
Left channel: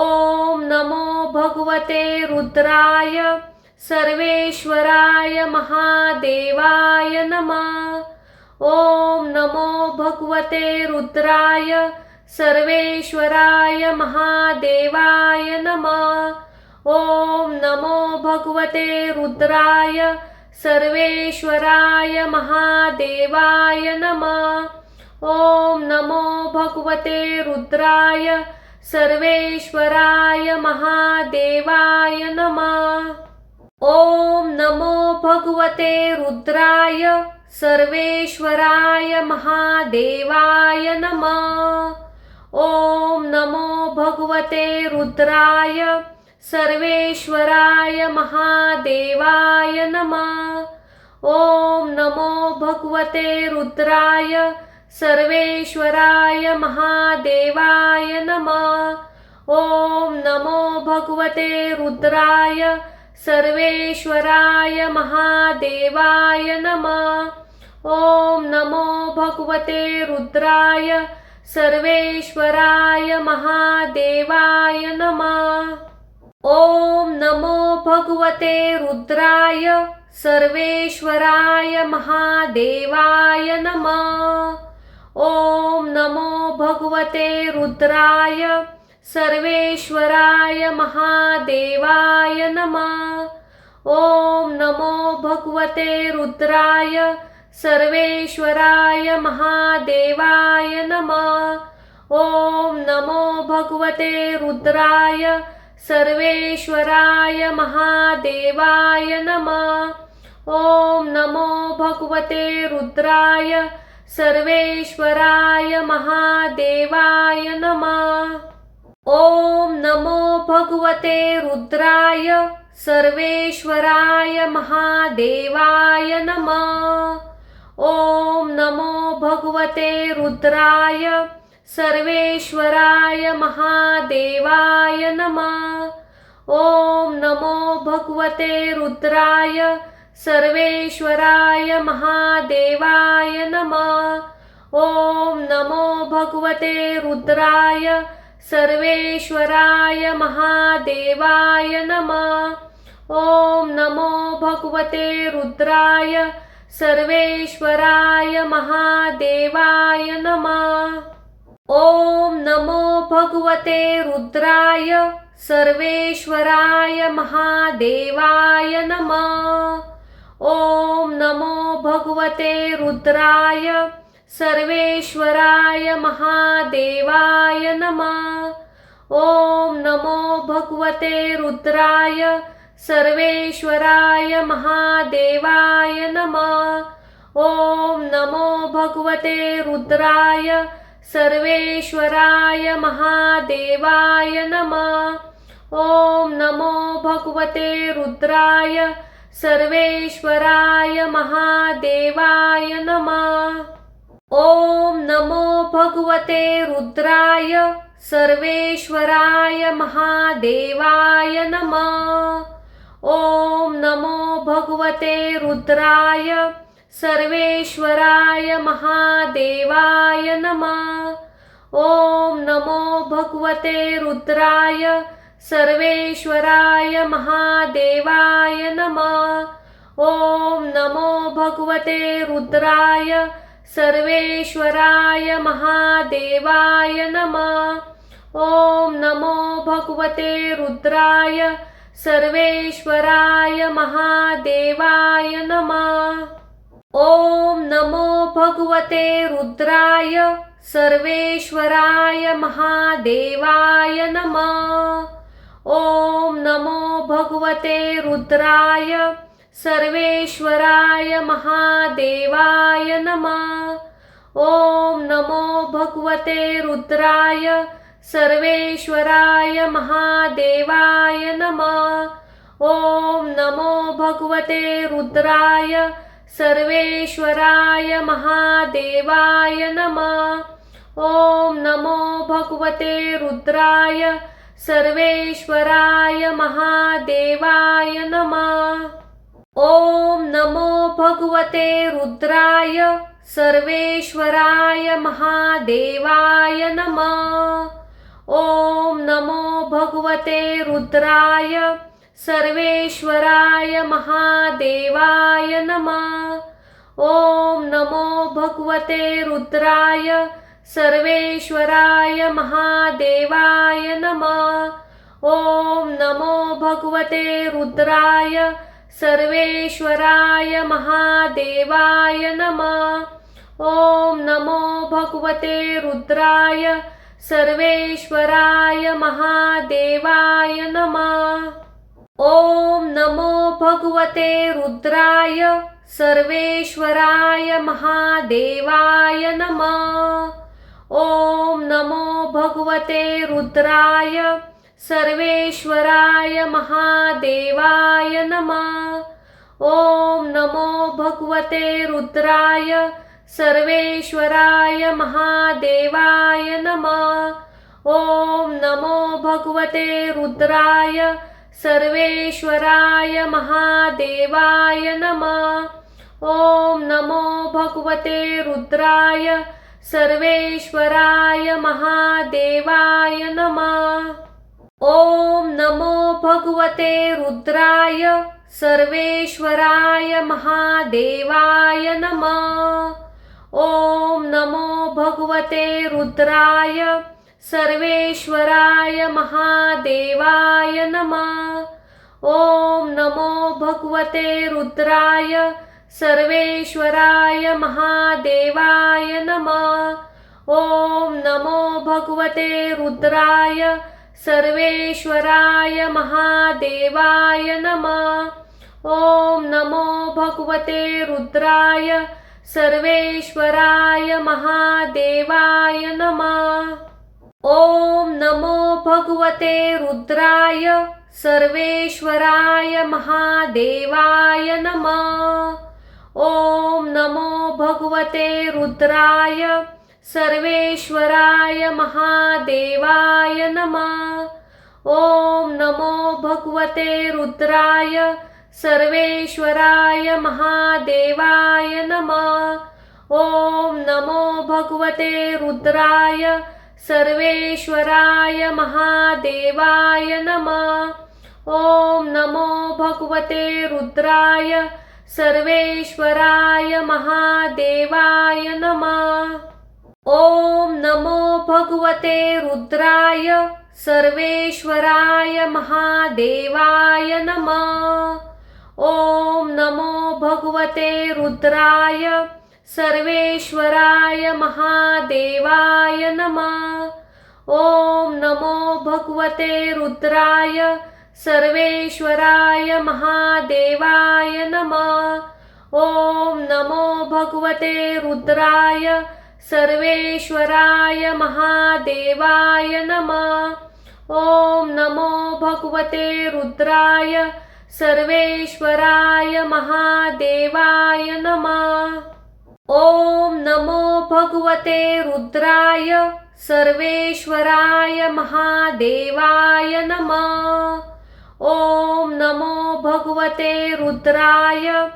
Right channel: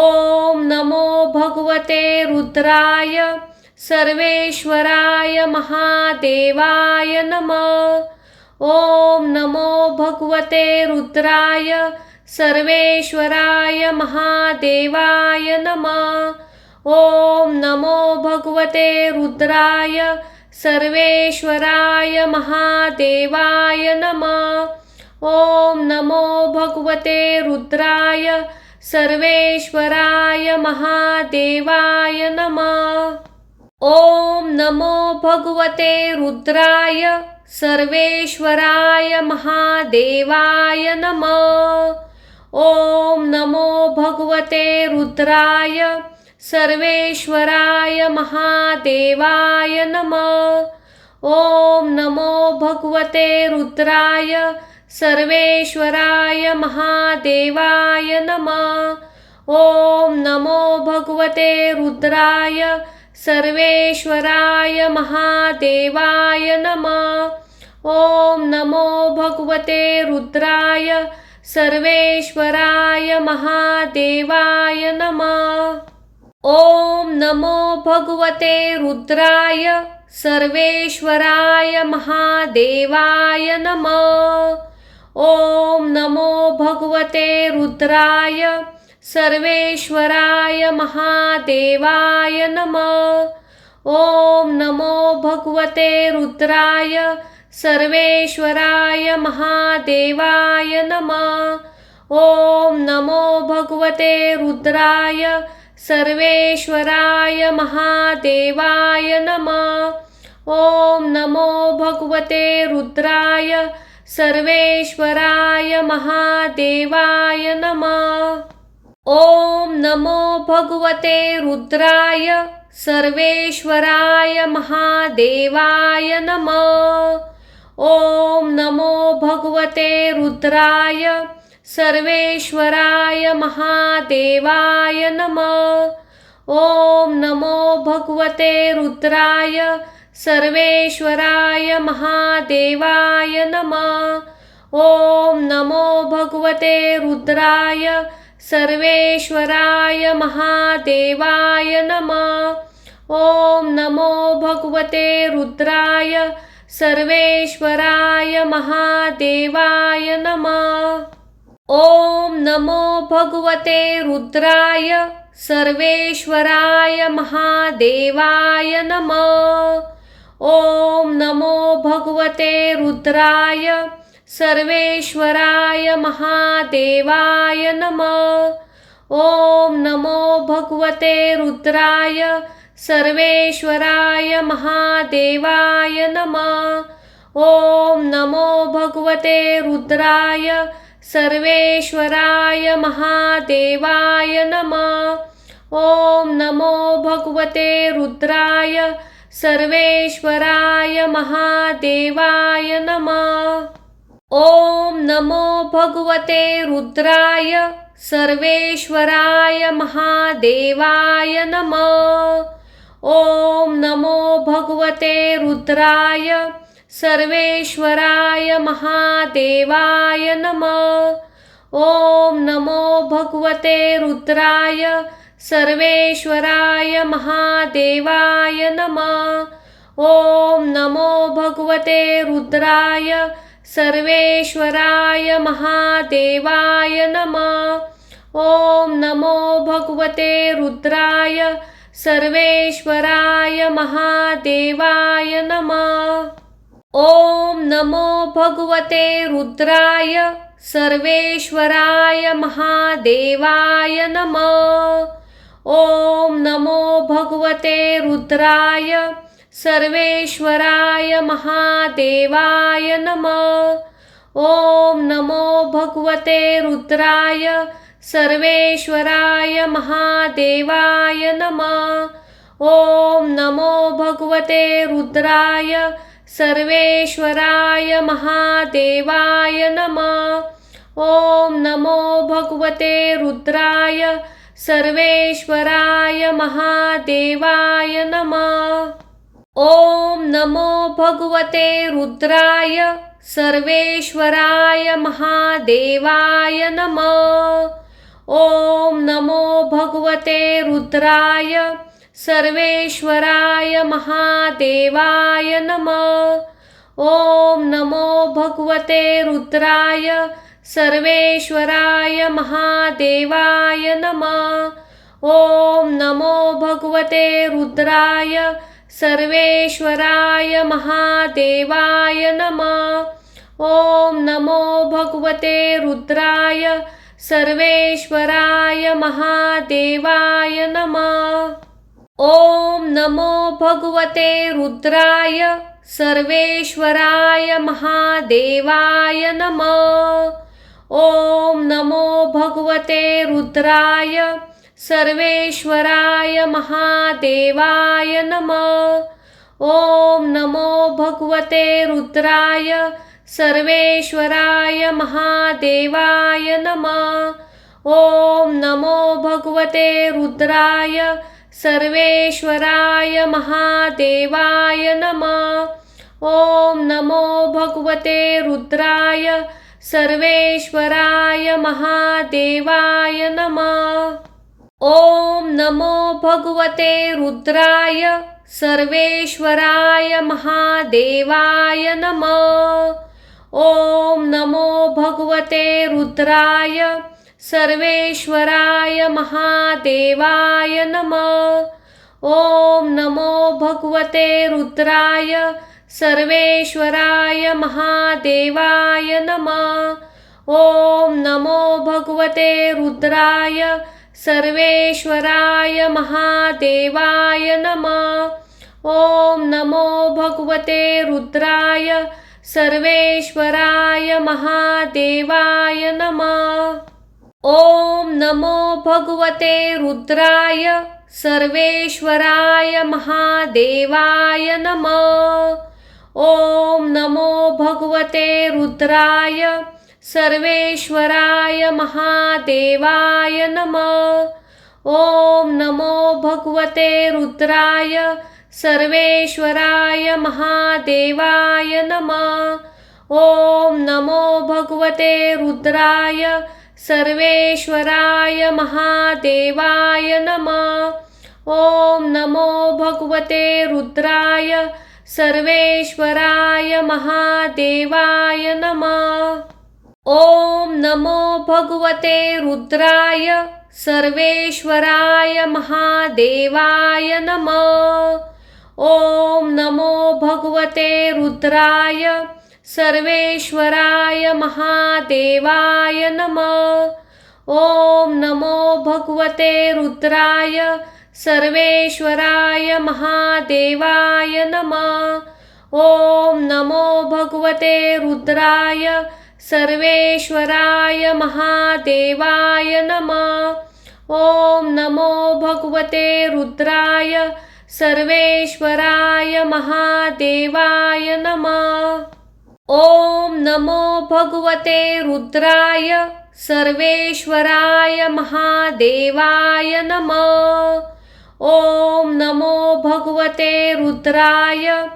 ओम नमो भगवते रुद्राय सर्वेश्वराय महादेवाय नमः। ओम नमो भगवते रुद्राय सर्वेश्वराय महादेवाय नमः। ओम नमो भगवते रुद्राय सर्वेश्वराय महादेवाय नमः। ओम नमो भगवते रुद्राय सर्वेश्वराय महादेवाय नमः। ओम नमो भगवते रुद्राय सर्वेश्वराय महादेवाय नमः। ओम नमो भगवते रुद्राय सर्वेश्वराय महादेवाय नमः। ओम नमो भगवते रुद्राय सर्वेश्वराय महादेवाय नमः। ओम नमो भगवते रुद्राय सर्वेश्वराय महादेवाय नमः। ओम नमो भगवते रुद्राय सर्वेश्वराय महादेवाय नमः। ओम नमो भगवते रुद्राय सर्वेश्वराय महादेवाय नमः। ओम नमो भगवते रुद्राय सर्वेश्वराय महादेवाय नमः। ओम नमो भगवते रुद्राय सर्वेश्वराय महादेवाय नमः। ओम नमो भगवते रुद्राय सर्वेश्वराय महादेवाय नमः। ओम नमो भगवते रुद्राय सर्वेश्वराय महादेवाय नमः। ओम नमो भगवते रुद्राय सर्वेश्वराय महादेवाय नमः। ओम नमो भगवते रुद्राय सर्वेश्वराय महादेवाय नमः। ओम नमो भगवते रुद्राय सर्वेश्वराय महादेवाय नमः। ओम नमो भगवते रुद्राय सर्वेश्वराय महादेवाय नमः। ओम नमो भगवते रुद्राय सर्वेश्वराय महादेवाय नमः। ओम नमो भगवते रुद्राय सर्वेश्वराय महादेवाय नमः। ओम नमो भगवते रुद्राय सर्वेश्वराय महादेवाय नमः। ओम नमो भगवते रुद्राय सर्वेश्वराय महादेवाय नमः। ओम नमो भगवते रुद्राय सर्वेश्वराय महादेवाय नमः। ओम नमो भगवते रुद्राय सर्वेश्वराय महादेवाय नमः। ओम नमो भगवते रुद्राय सर्वेश्वराय महादेवाय नमः। ओम नमो भगवते रुद्राय सर्वेश्वराय महादेवाय नमः। ओम नमो भगवते रुद्राय सर्वेश्वराय महादेवाय नमः। ओम नमो भगवते रुद्राय सर्वेश्वराय महादेवाय नमः। ओम नमो भगवते रुद्राय सर्वेश्वराय महादेवाय नमः। ओम नमो भगवते रुद्राय सर्वेश्वराय महादेवाय नमः। ओम नमो भगवते रुद्राय सर्वेश्वराय महादेवाय नमः। ओम नमो भगवते रुद्राय सर्वेश्वराय महादेवाय नमः। ओम नमो भगवते रुद्राय सर्वेश्वराय महादेवाय नमः। ओम नमो भगवते रुद्राय सर्वेश्वराय महादेवाय नमः। ओम नमो भगवते रुद्राय सर्वेश्वराय महादेवाय नमः। ओम नमो भगवते रुद्राय सर्वेश्वराय महादेवाय नमः। ओम नमो भगवते रुद्राय सर्वेश्वराय महादेवाय नमः। ओम नमो भगवते रुद्राय सर्वेश्वराय महादेवाय नमः। ओम नमो भगवते रुद्राय सर्वेश्वराय महादेवाय नमः। ओम नमो भगवते रुद्राय सर्वेश्वराय महादेवाय नमः। ओम नमो भगवते रुद्राय सर्वेश्वराय महादेवाय नमः। ओम नमो भगवते रुद्राय सर्वेश्वराय महादेवाय नमः। ओम नमो भगवते रुद्राय सर्वेश्वराय महादेवाय नमः। ओम नमो भगवते रुद्राय सर्वेश्वराय महादेवाय नमः। ओम नमो भगवते रुद्राय सर्वेश्वराय महादेवाय नमः। ओम नमो भगवते रुद्राय सर्वेश्वराय महादेवाय नमः। ओम नमो भगवते रुद्राय सर्वेश्वराय महादेवाय नमः। ओम नमो भगवते रुद्राय सर्वेश्वराय महादेवाय नमः। ओम नमो भगवते रुद्राय सर्वेश्वराय महादेवाय नमः। ओम नमो भगवते रुद्राय सर्वेश्वराय महादेवाय नमः। ओम नमो भगवते रुद्राय सर्वेश्वराय महादेवाय नमः। ओम नमो भगवते रुद्राय सर्वेश्वराय महादेवाय नमः। ओम नमो भगवते रुद्राय सर्वेश्वराय महादेवाय नमः। ओम नमो भगवते रुद्राय सर्वेश्वराय महादेवाय नमः। ओम नमो भगवते रुद्राय सर्वेश्वराय महादेवाय नमः। ओम नमो भगवते रुद्राय सर्वेश्वराय महादेवाय नमः। ओम नमो भगवते रुद्राय सर्वेश्वराय महादेवाय नमः। ओम नमो भगवते रुद्राय सर्वेश्वराय महादेवाय नमः। ओम नमो भगवते रुद्राय सर्वेश्वराय महादेवाय नमः। ओम नमो भगवते रुद्राय सर्वेश्वराय महादेवाय नमः। ओम नमो भगवते रुद्राय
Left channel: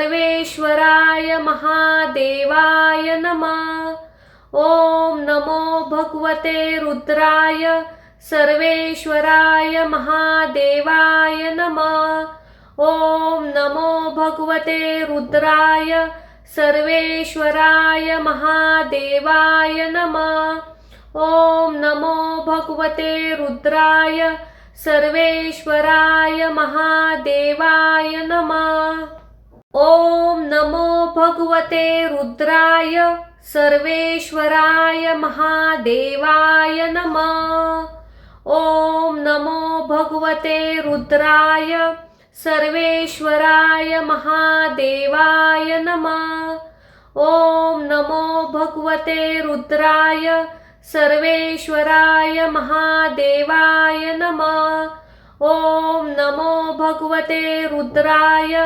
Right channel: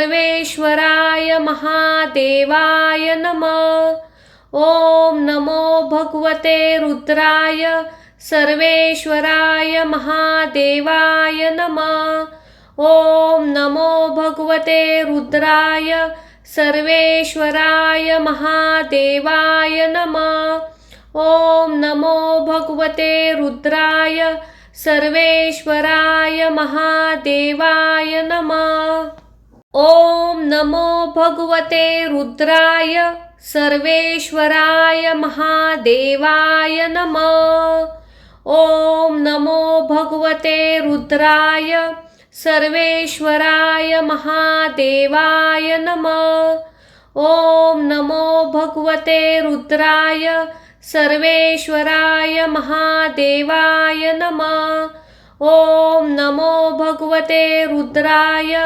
सर्वेश्वराय महादेवाय नमः। ओम नमो भगवते रुद्राय सर्वेश्वराय महादेवाय नमः। ओम नमो भगवते रुद्राय सर्वेश्वराय महादेवाय नमः। ओम नमो भगवते रुद्राय सर्वेश्वराय महादेवाय नमः। ओम नमो भगवते रुद्राय सर्वेश्वराय महादेवाय नमः। ओम नमो भगवते रुद्राय सर्वेश्वराय महादेवाय नमः। ओम नमो भगवते रुद्राय सर्वेश्वराय महादेवाय नमः। ओम नमो भगवते रुद्राय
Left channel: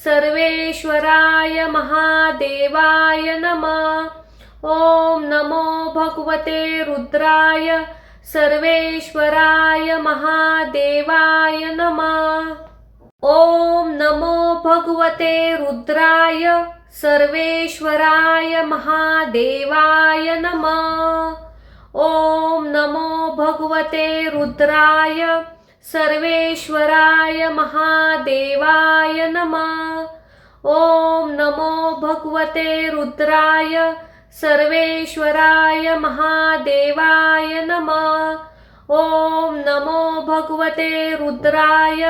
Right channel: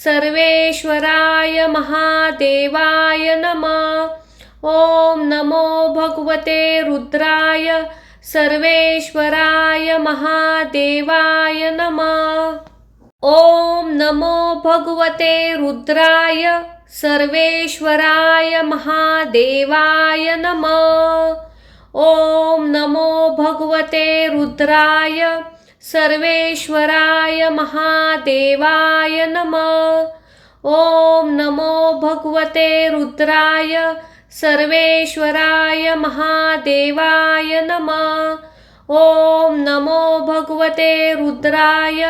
सर्वेश्वराय महादेवाय नमः। ओम नमो भगवते रुद्राय सर्वेश्वराय महादेवाय नमः। ओम नमो भगवते रुद्राय सर्वेश्वराय महादेवाय नमः। ओम नमो भगवते रुद्राय सर्वेश्वराय महादेवाय नमः। ओम नमो भगवते रुद्राय सर्वेश्वराय महादेवाय नमः। ओम नमो भगवते रुद्राय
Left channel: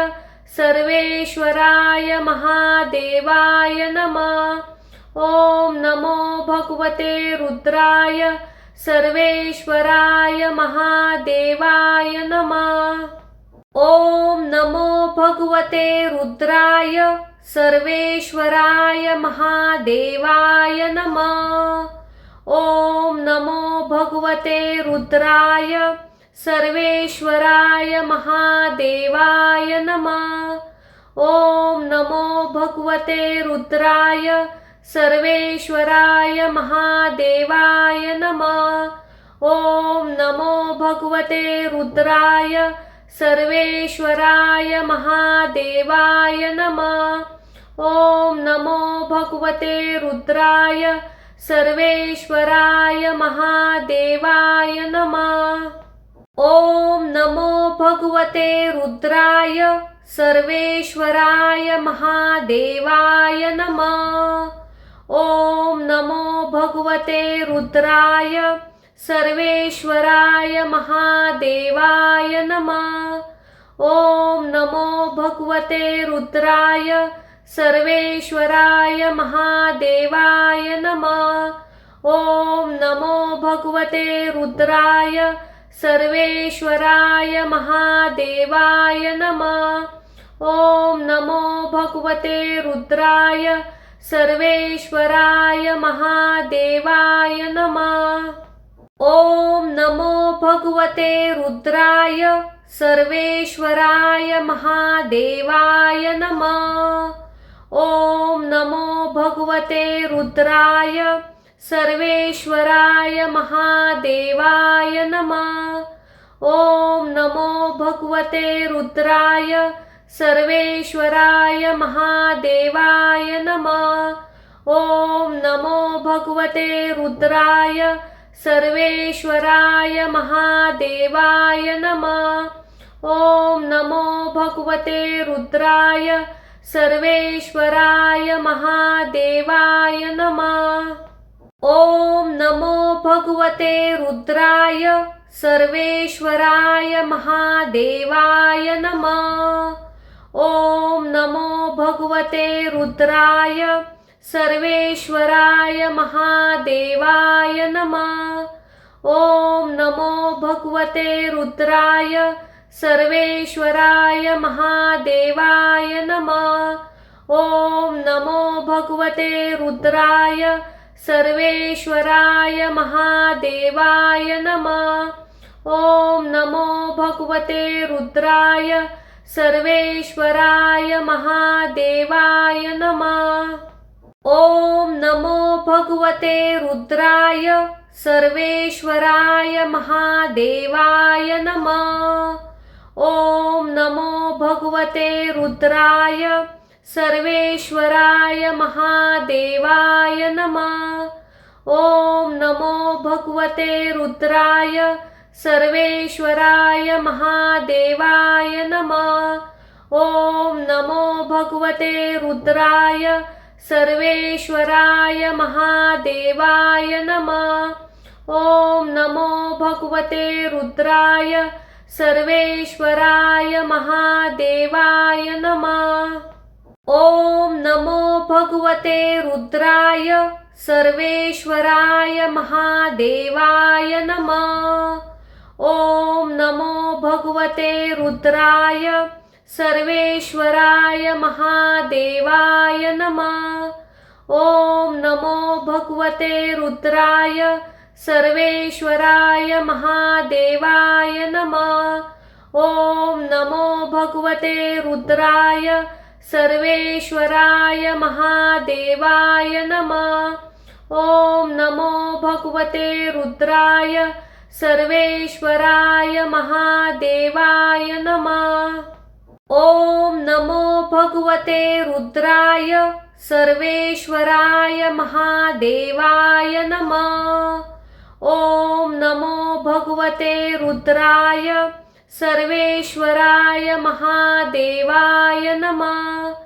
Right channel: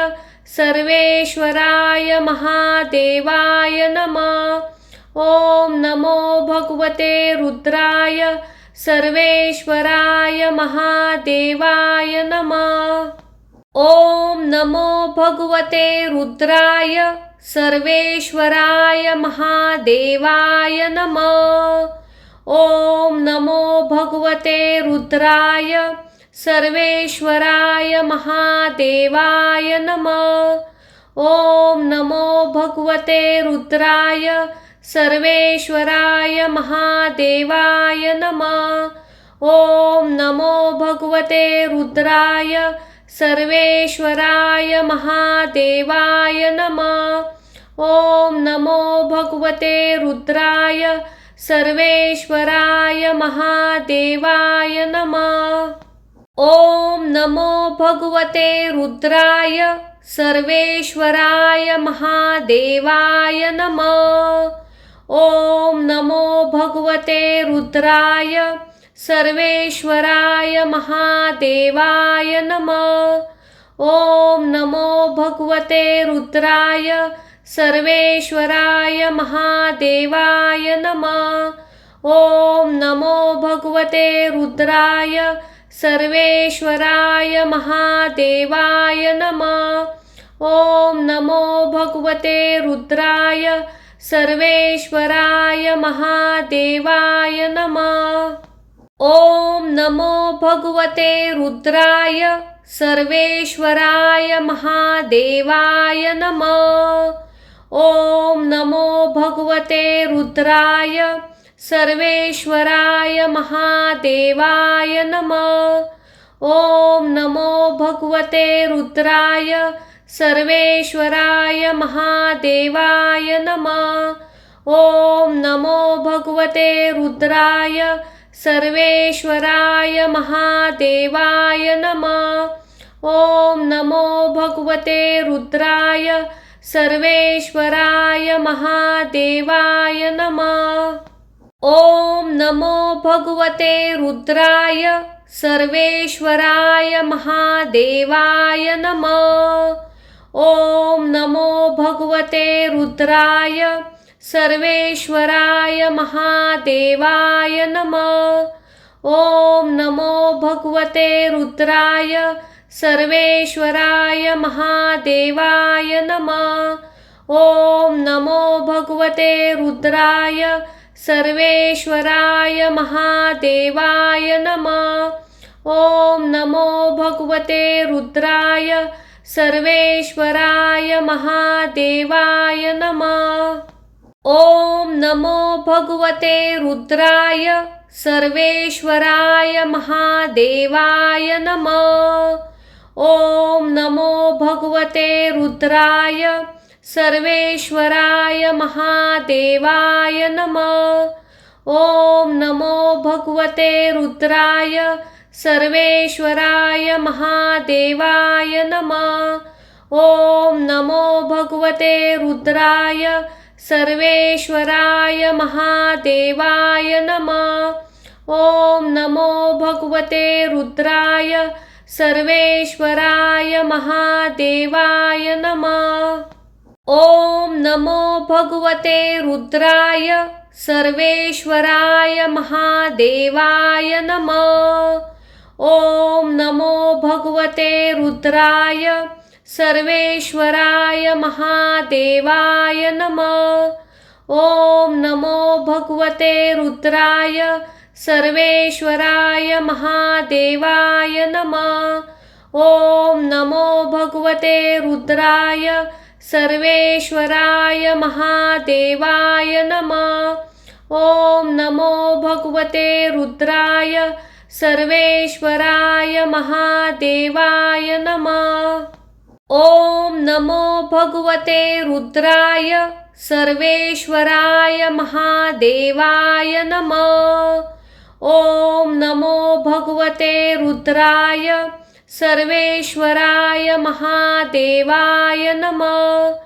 सर्वेश्वराय महादेवाय नमः। ओम नमो भगवते रुद्राय सर्वेश्वराय महादेवाय नमः। ओम नमो भगवते रुद्राय सर्वेश्वराय महादेवाय नमः। ओम नमो भगवते रुद्राय सर्वेश्वराय महादेवाय नमः। ओम नमो भगवते रुद्राय सर्वेश्वराय महादेवाय नमः। ओम नमो भगवते रुद्राय सर्वेश्वराय महादेवाय नमः। ओम नमो भगवते रुद्राय सर्वेश्वराय महादेवाय नमः। ओम नमो भगवते रुद्राय सर्वेश्वराय महादेवाय नमः। ओम नमो भगवते रुद्राय सर्वेश्वराय महादेवाय नमः। ओम नमो भगवते रुद्राय सर्वेश्वराय महादेवाय नमः। ओम नमो भगवते रुद्राय सर्वेश्वराय महादेवाय नमः। ओम नमो भगवते रुद्राय सर्वेश्वराय महादेवाय नमः। ओम नमो भगवते रुद्राय सर्वेश्वराय महादेवाय नमः। ओम नमो भगवते रुद्राय सर्वेश्वराय महादेवाय नमः। ओम नमो भगवते रुद्राय सर्वेश्वराय महादेवाय नमः। ओम नमो भगवते रुद्राय सर्वेश्वराय महादेवाय नमः। ओम नमो भगवते रुद्राय सर्वेश्वराय महादेवाय नमः। ओम नमो भगवते रुद्राय सर्वेश्वराय महादेवाय नमः। ओम नमो भगवते रुद्राय सर्वेश्वराय महादेवाय नमः। ओम नमो भगवते रुद्राय सर्वेश्वराय महादेवाय नमः। ओम नमो भगवते रुद्राय सर्वेश्वराय महादेवाय नमः। ओम नमो भगवते रुद्राय सर्वेश्वराय महादेवाय नमः। ओम नमो भगवते रुद्राय सर्वेश्वराय महादेवाय नमः। ओम नमो भगवते रुद्राय सर्वेश्वराय महादेवाय नमः। ओम नमो भगवते रुद्राय सर्वेश्वराय महादेवाय नमः। ओम नमो भगवते रुद्राय सर्वेश्वराय महादेवाय नमः। ओम नमो भगवते रुद्राय सर्वेश्वराय महादेवाय नमः। ओम नमो भगवते रुद्राय सर्वेश्वराय महादेवाय नमः। ओम नमो भगवते रुद्राय सर्वेश्वराय महादेवाय नमः। ओम नमो भगवते रुद्राय सर्वेश्वराय महादेवाय नमः। ओम नमो भगवते रुद्राय सर्वेश्वराय महादेवाय नमः। ओम नमो भगवते रुद्राय सर्वेश्वराय महादेवाय नमः। ओम नमो भगवते रुद्राय सर्वेश्वराय महादेवाय नमः। ओम नमो भगवते रुद्राय सर्वेश्वराय महादेवाय नमः।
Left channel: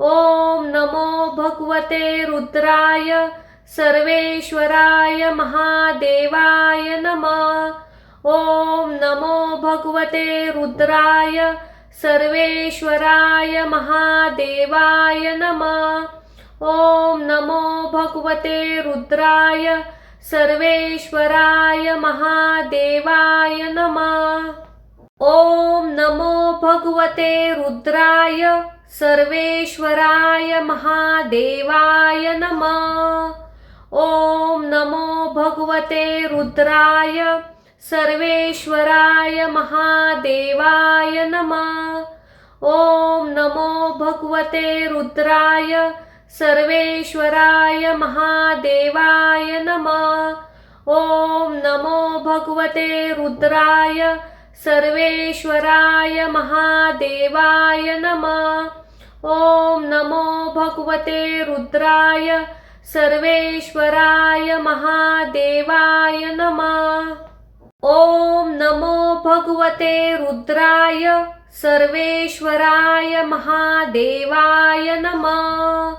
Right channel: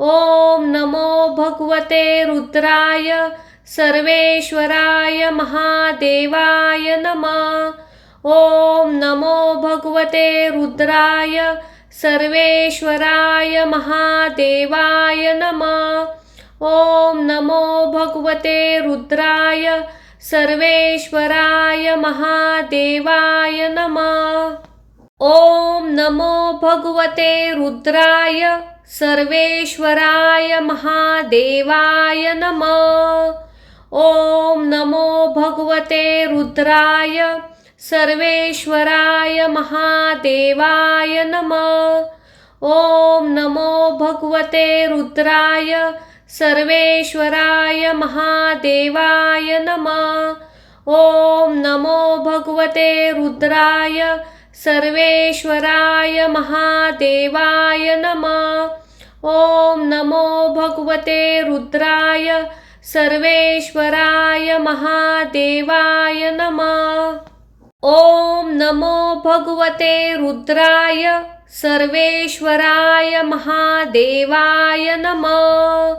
ओम नमो भगवते रुद्राय सर्वेश्वराय महादेवाय नमः। ओम नमो भगवते रुद्राय सर्वेश्वराय महादेवाय नमः। ओम नमो भगवते रुद्राय सर्वेश्वराय महादेवाय नमः। ओम नमो भगवते रुद्राय सर्वेश्वराय महादेवाय नमः। ओम नमो भगवते रुद्राय सर्वेश्वराय महादेवाय नमः। ओम नमो भगवते रुद्राय सर्वेश्वराय महादेवाय नमः। ओम नमो भगवते रुद्राय सर्वेश्वराय महादेवाय नमः। ओम नमो भगवते रुद्राय सर्वेश्वराय महादेवाय नमः। ओम नमो भगवते रुद्राय सर्वेश्वराय महादेवाय नमः।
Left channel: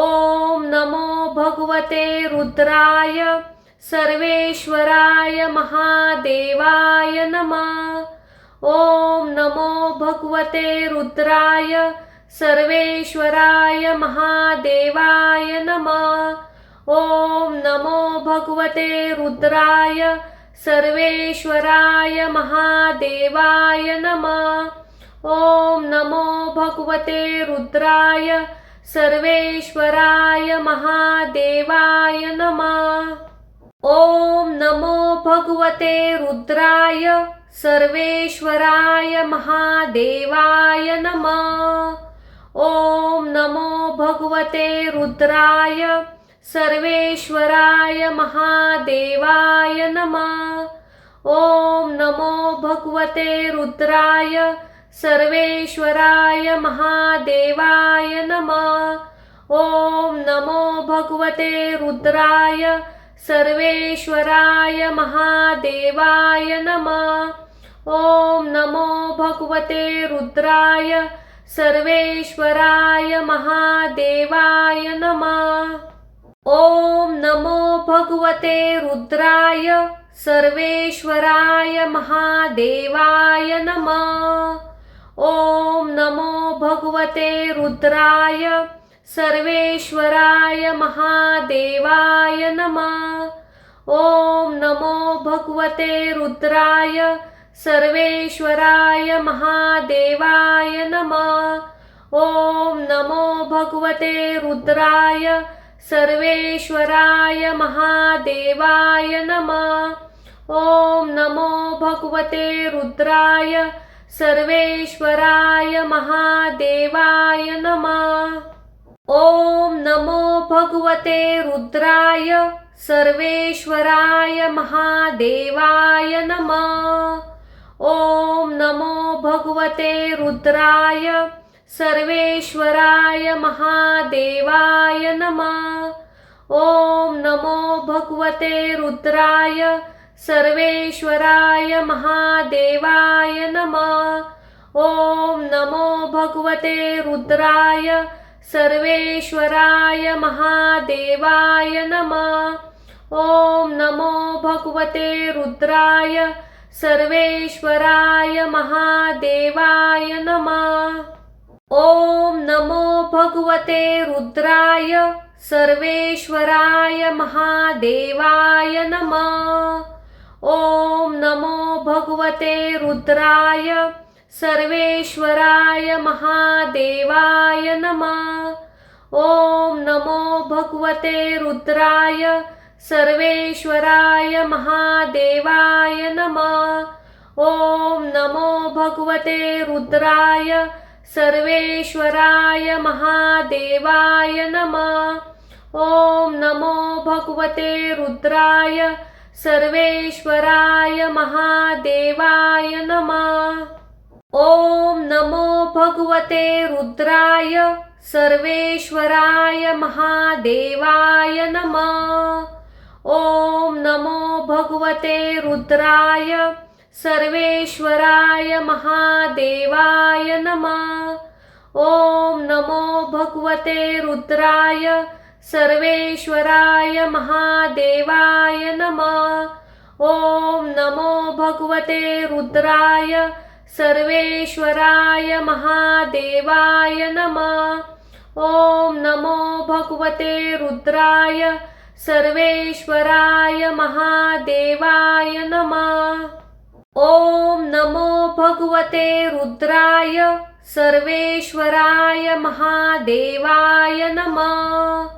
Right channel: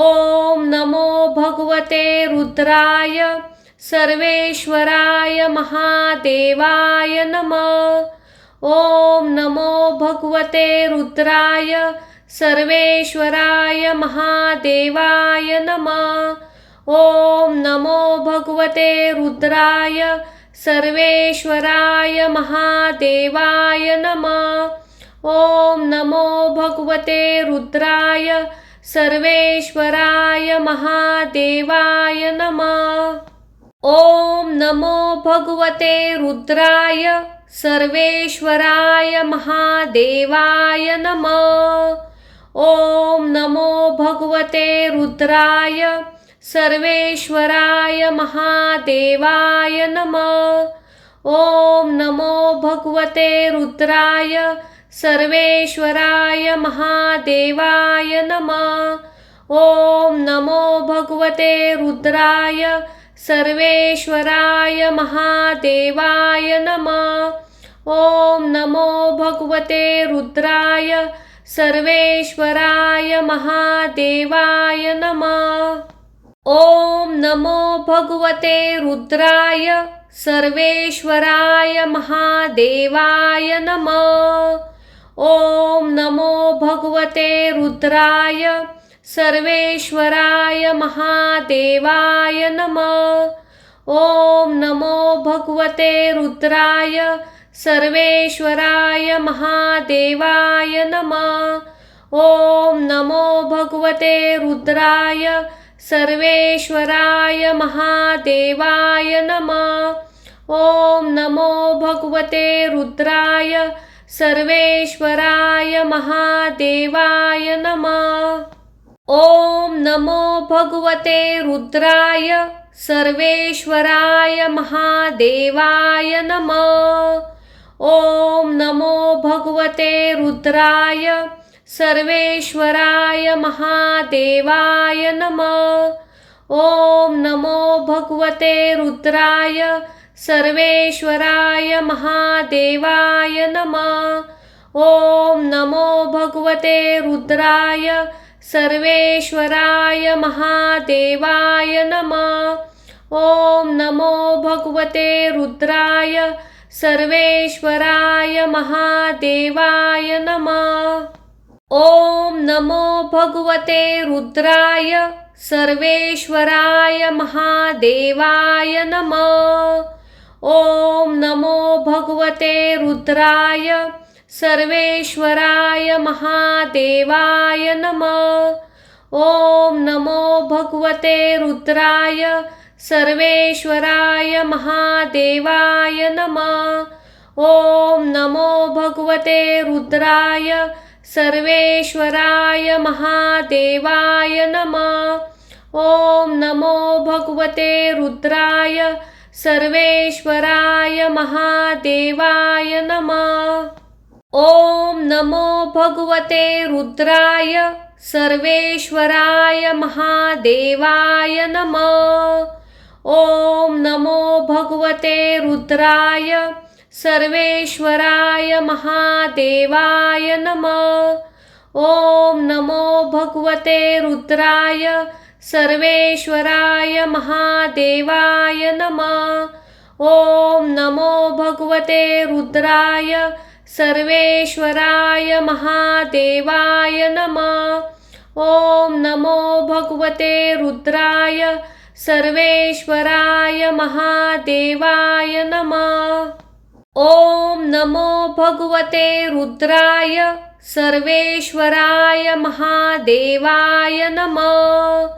ओम नमो भगवते रुद्राय सर्वेश्वराय महादेवाय नमः। ओम नमो भगवते रुद्राय सर्वेश्वराय महादेवाय नमः। ओम नमो भगवते रुद्राय सर्वेश्वराय महादेवाय नमः। ओम नमो भगवते रुद्राय सर्वेश्वराय महादेवाय नमः। ओम नमो भगवते रुद्राय सर्वेश्वराय महादेवाय नमः। ओम नमो भगवते रुद्राय सर्वेश्वराय महादेवाय नमः। ओम नमो भगवते रुद्राय सर्वेश्वराय महादेवाय नमः। ओम नमो भगवते रुद्राय सर्वेश्वराय महादेवाय नमः। ओम नमो भगवते रुद्राय सर्वेश्वराय महादेवाय नमः। ओम नमो भगवते रुद्राय सर्वेश्वराय महादेवाय नमः। ओम नमो भगवते रुद्राय सर्वेश्वराय महादेवाय नमः। ओम नमो भगवते रुद्राय सर्वेश्वराय महादेवाय नमः। ओम नमो भगवते रुद्राय सर्वेश्वराय महादेवाय नमः। ओम नमो भगवते रुद्राय सर्वेश्वराय महादेवाय नमः। ओम नमो भगवते रुद्राय सर्वेश्वराय महादेवाय नमः। ओम नमो भगवते रुद्राय सर्वेश्वराय महादेवाय नमः। ओम नमो भगवते रुद्राय सर्वेश्वराय महादेवाय नमः। ओम नमो भगवते रुद्राय सर्वेश्वराय महादेवाय नमः। ओम नमो भगवते रुद्राय सर्वेश्वराय महादेवाय नमः। ओम नमो भगवते रुद्राय सर्वेश्वराय महादेवाय नमः। ओम नमो भगवते रुद्राय सर्वेश्वराय महादेवाय नमः। ओम नमो भगवते रुद्राय सर्वेश्वराय महादेवाय नमः। ओम नमो भगवते रुद्राय सर्वेश्वराय महादेवाय नमः। ओम नमो भगवते रुद्राय सर्वेश्वराय महादेवाय नमः। ओम नमो भगवते रुद्राय सर्वेश्वराय महादेवाय नमः। ओम नमो भगवते रुद्राय सर्वेश्वराय महादेवाय नमः। ओम नमो भगवते रुद्राय सर्वेश्वराय महादेवाय नमः। ओम नमो भगवते रुद्राय सर्वेश्वराय महादेवाय नमः। ओम नमो भगवते रुद्राय सर्वेश्वराय महादेवाय नमः। ओम नमो भगवते रुद्राय सर्वेश्वराय महादेवाय नमः।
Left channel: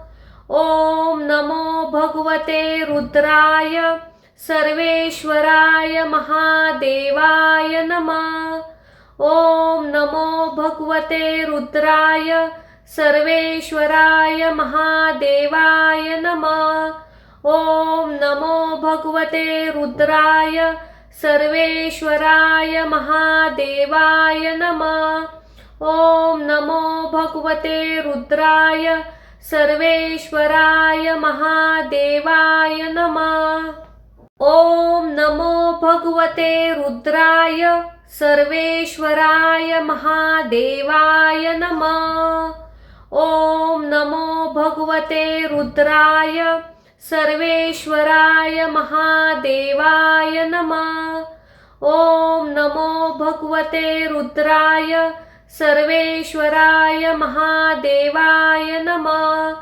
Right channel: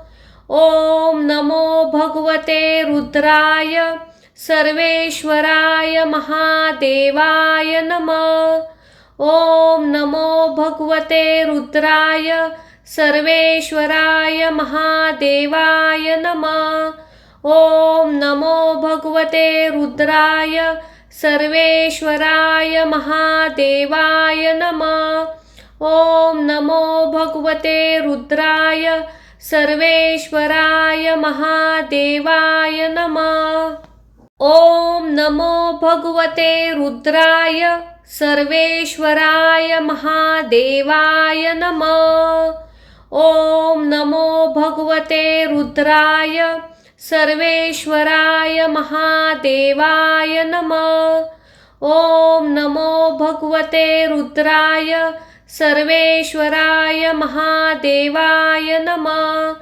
ओम नमो भगवते रुद्राय सर्वेश्वराय महादेवाय नमः। ओम नमो भगवते रुद्राय सर्वेश्वराय महादेवाय नमः। ओम नमो भगवते रुद्राय सर्वेश्वराय महादेवाय नमः। ओम नमो भगवते रुद्राय सर्वेश्वराय महादेवाय नमः। ओम नमो भगवते रुद्राय सर्वेश्वराय महादेवाय नमः। ओम नमो भगवते रुद्राय सर्वेश्वराय महादेवाय नमः। ओम नमो भगवते रुद्राय सर्वेश्वराय महादेवाय नमः।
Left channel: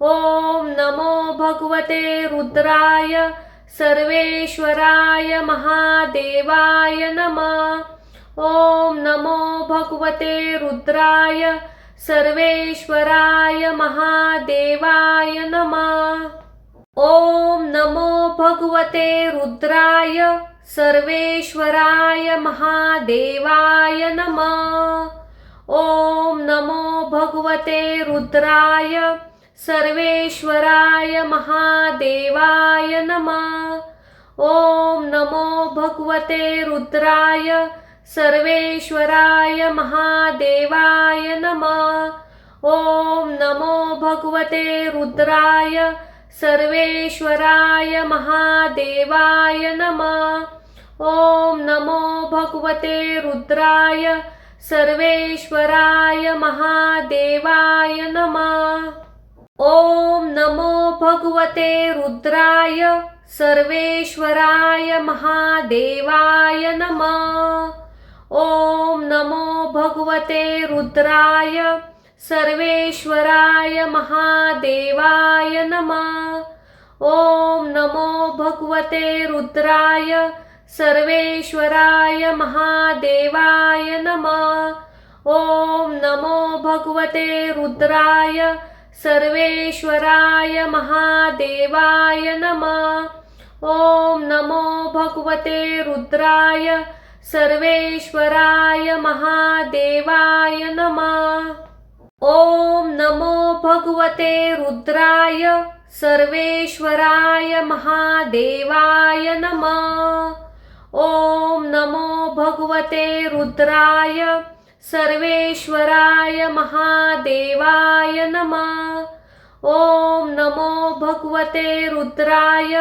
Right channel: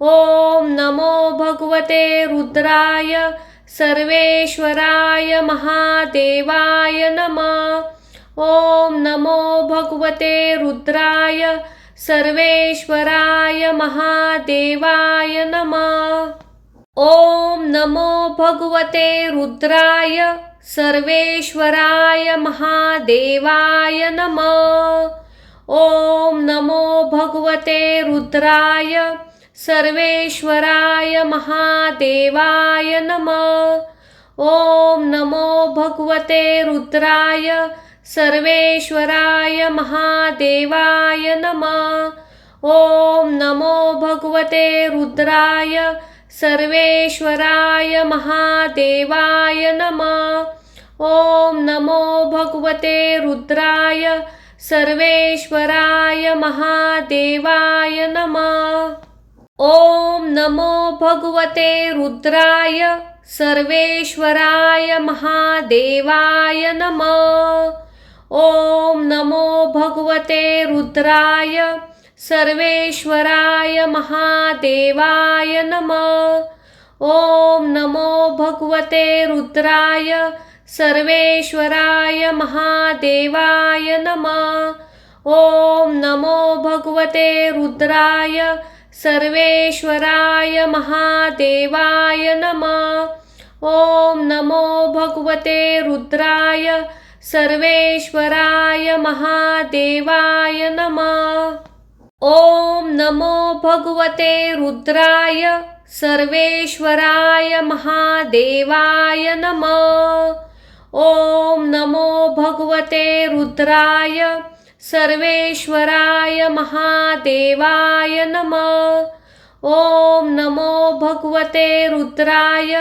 ओम नमो भगवते रुद्राय सर्वेश्वराय महादेवाय नमः। ओम नमो भगवते रुद्राय सर्वेश्वराय महादेवाय नमः। ओम नमो भगवते रुद्राय सर्वेश्वराय महादेवाय नमः। ओम नमो भगवते रुद्राय सर्वेश्वराय महादेवाय नमः। ओम नमो भगवते रुद्राय सर्वेश्वराय महादेवाय नमः। ओम नमो भगवते रुद्राय सर्वेश्वराय महादेवाय नमः। ओम नमो भगवते रुद्राय सर्वेश्वराय महादेवाय नमः। ओम नमो भगवते रुद्राय सर्वेश्वराय महादेवाय नमः। ओम नमो भगवते रुद्राय सर्वेश्वराय महादेवाय नमः। ओम नमो भगवते रुद्राय सर्वेश्वराय महादेवाय नमः। ओम नमो भगवते रुद्राय सर्वेश्वराय महादेवाय नमः। ओम नमो भगवते रुद्राय सर्वेश्वराय महादेवाय नमः। ओम नमो भगवते रुद्राय सर्वेश्वराय महादेवाय नमः। ओम नमो भगवते रुद्राय सर्वेश्वराय महादेवाय नमः। ओम नमो भगवते रुद्राय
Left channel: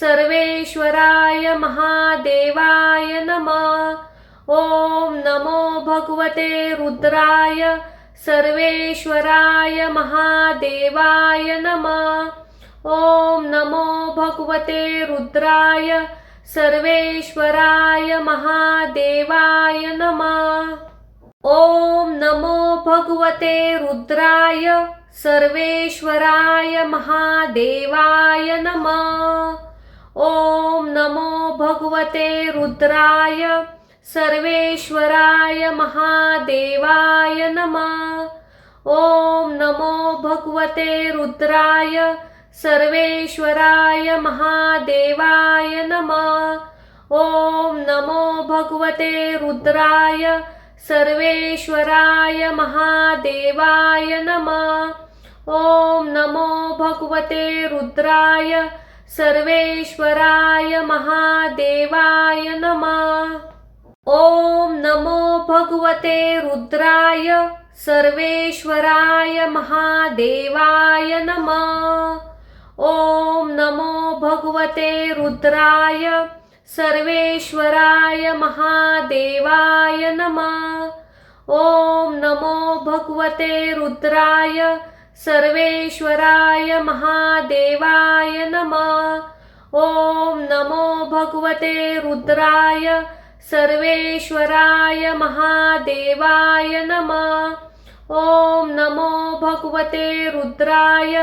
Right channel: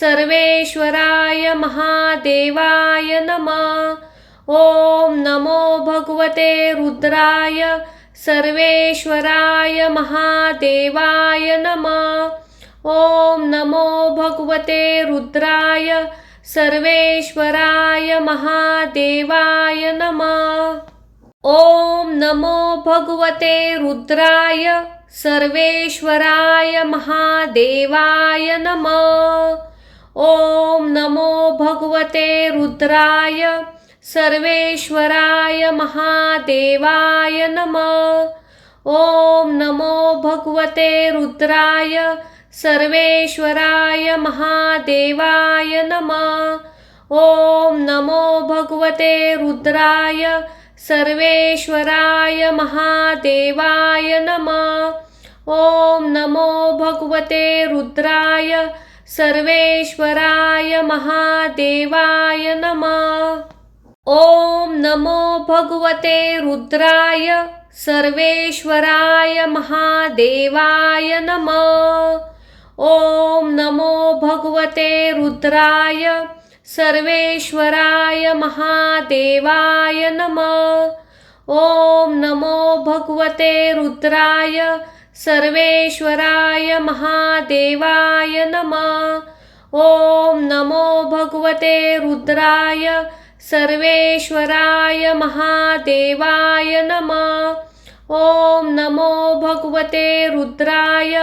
सर्वेश्वराय महादेवाय नमः। ओम नमो भगवते रुद्राय सर्वेश्वराय महादेवाय नमः। ओम नमो भगवते रुद्राय सर्वेश्वराय महादेवाय नमः। ओम नमो भगवते रुद्राय सर्वेश्वराय महादेवाय नमः। ओम नमो भगवते रुद्राय सर्वेश्वराय महादेवाय नमः। ओम नमो भगवते रुद्राय सर्वेश्वराय महादेवाय नमः। ओम नमो भगवते रुद्राय सर्वेश्वराय महादेवाय नमः। ओम नमो भगवते रुद्राय सर्वेश्वराय महादेवाय नमः। ओम नमो भगवते रुद्राय सर्वेश्वराय महादेवाय नमः। ओम नमो भगवते रुद्राय सर्वेश्वराय महादेवाय नमः। ओम नमो भगवते रुद्राय सर्वेश्वराय महादेवाय नमः। ओम नमो भगवते रुद्राय सर्वेश्वराय महादेवाय नमः। ओम नमो भगवते रुद्राय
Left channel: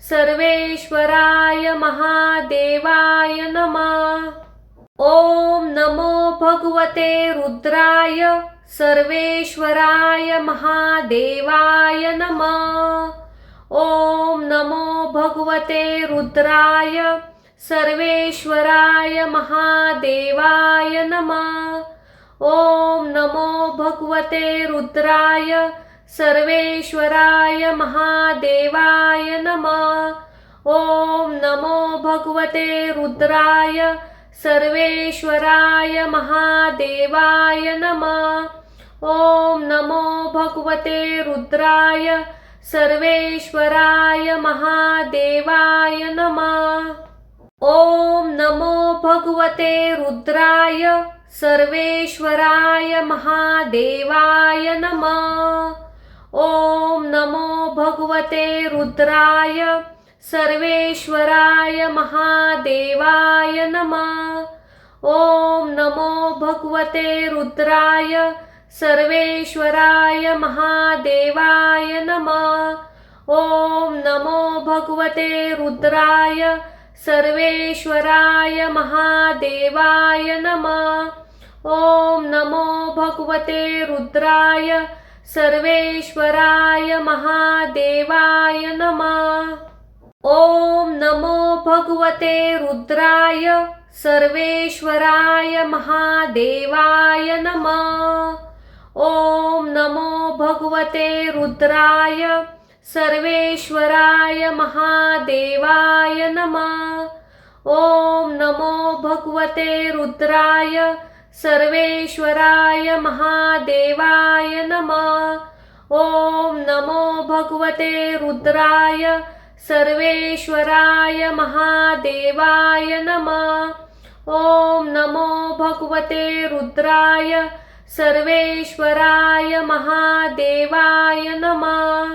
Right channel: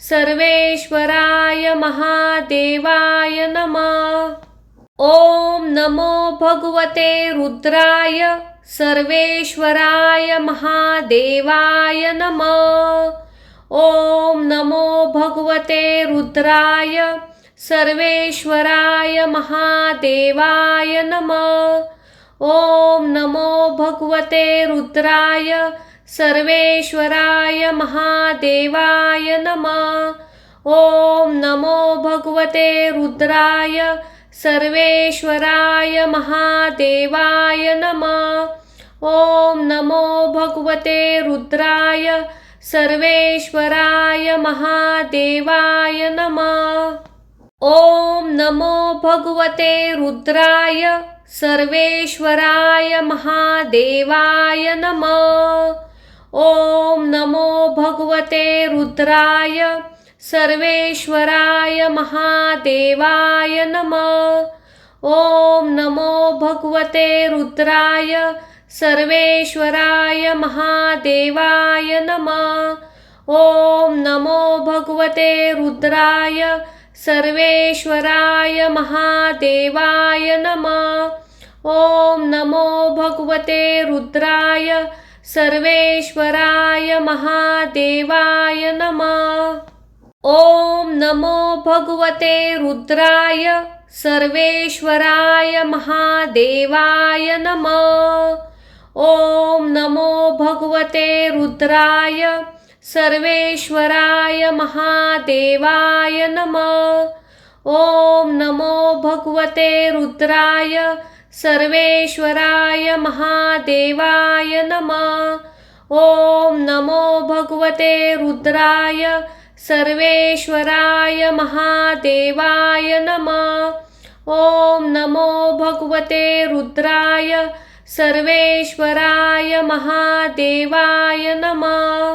सर्वेश्वराय महादेवाय नमः। ओम नमो भगवते रुद्राय सर्वेश्वराय महादेवाय नमः। ओम नमो भगवते रुद्राय सर्वेश्वराय महादेवाय नमः। ओम नमो भगवते रुद्राय सर्वेश्वराय महादेवाय नमः। ओम नमो भगवते रुद्राय सर्वेश्वराय महादेवाय नमः। ओम नमो भगवते रुद्राय सर्वेश्वराय महादेवाय नमः। ओम नमो भगवते रुद्राय सर्वेश्वराय महादेवाय नमः। ओम नमो भगवते रुद्राय सर्वेश्वराय महादेवाय नमः। ओम नमो भगवते रुद्राय सर्वेश्वराय महादेवाय नमः। ओम नमो भगवते रुद्राय सर्वेश्वराय महादेवाय नमः। ओम नमो भगवते रुद्राय सर्वेश्वराय महादेवाय नमः। ओम नमो भगवते रुद्राय सर्वेश्वराय महादेवाय नमः। ओम नमो भगवते रुद्राय सर्वेश्वराय महादेवाय नमः। ओम नमो भगवते रुद्राय सर्वेश्वराय महादेवाय नमः। ओम नमो भगवते रुद्राय सर्वेश्वराय महादेवाय नमः। ओम नमो भगवते रुद्राय सर्वेश्वराय महादेवाय नमः।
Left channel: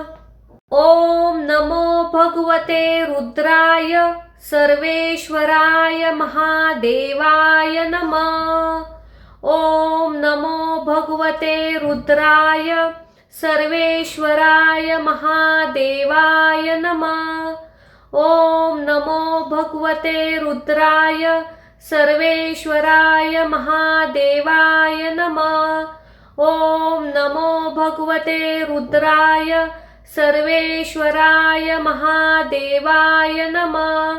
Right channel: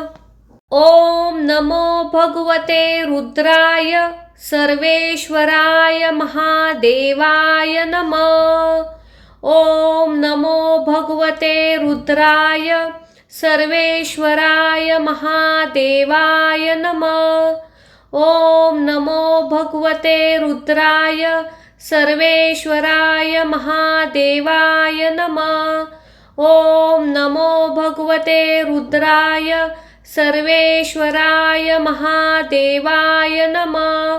ओम नमो भगवते रुद्राय सर्वेश्वराय महादेवाय नमः। ओम नमो भगवते रुद्राय सर्वेश्वराय महादेवाय नमः। ओम नमो भगवते रुद्राय सर्वेश्वराय महादेवाय नमः। ओम नमो भगवते रुद्राय सर्वेश्वराय महादेवाय नमः।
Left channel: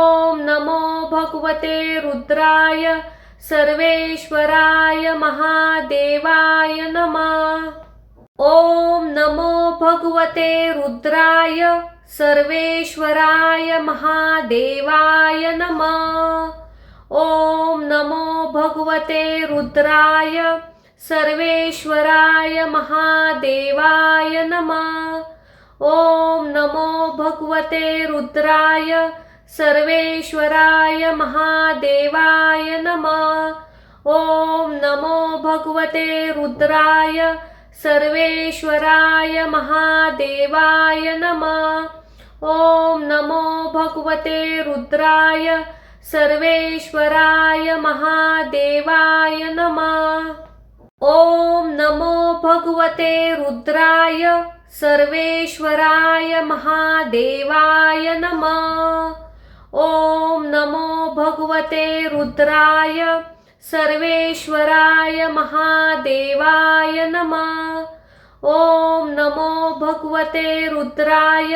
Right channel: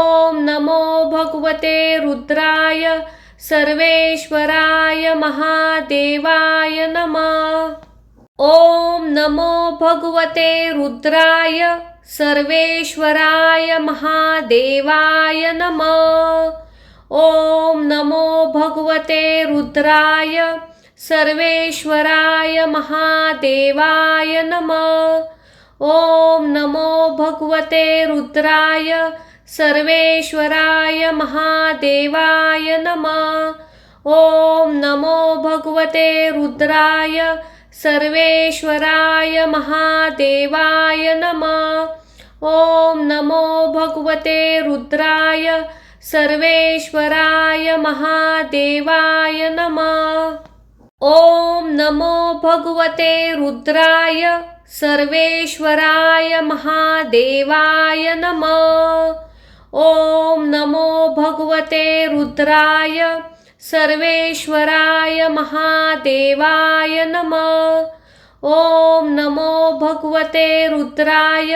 ओम नमो भगवते रुद्राय सर्वेश्वराय महादेवाय नमः। ओम नमो भगवते रुद्राय सर्वेश्वराय महादेवाय नमः। ओम नमो भगवते रुद्राय सर्वेश्वराय महादेवाय नमः। ओम नमो भगवते रुद्राय सर्वेश्वराय महादेवाय नमः। ओम नमो भगवते रुद्राय सर्वेश्वराय महादेवाय नमः। ओम नमो भगवते रुद्राय सर्वेश्वराय महादेवाय नमः। ओम नमो भगवते रुद्राय सर्वेश्वराय महादेवाय नमः। ओम नमो भगवते रुद्राय सर्वेश्वराय महादेवाय नमः। ओम नमो भगवते रुद्राय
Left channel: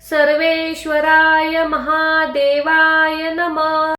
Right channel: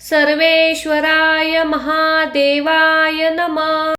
सर्वेश्वराय महादेवाय नमः।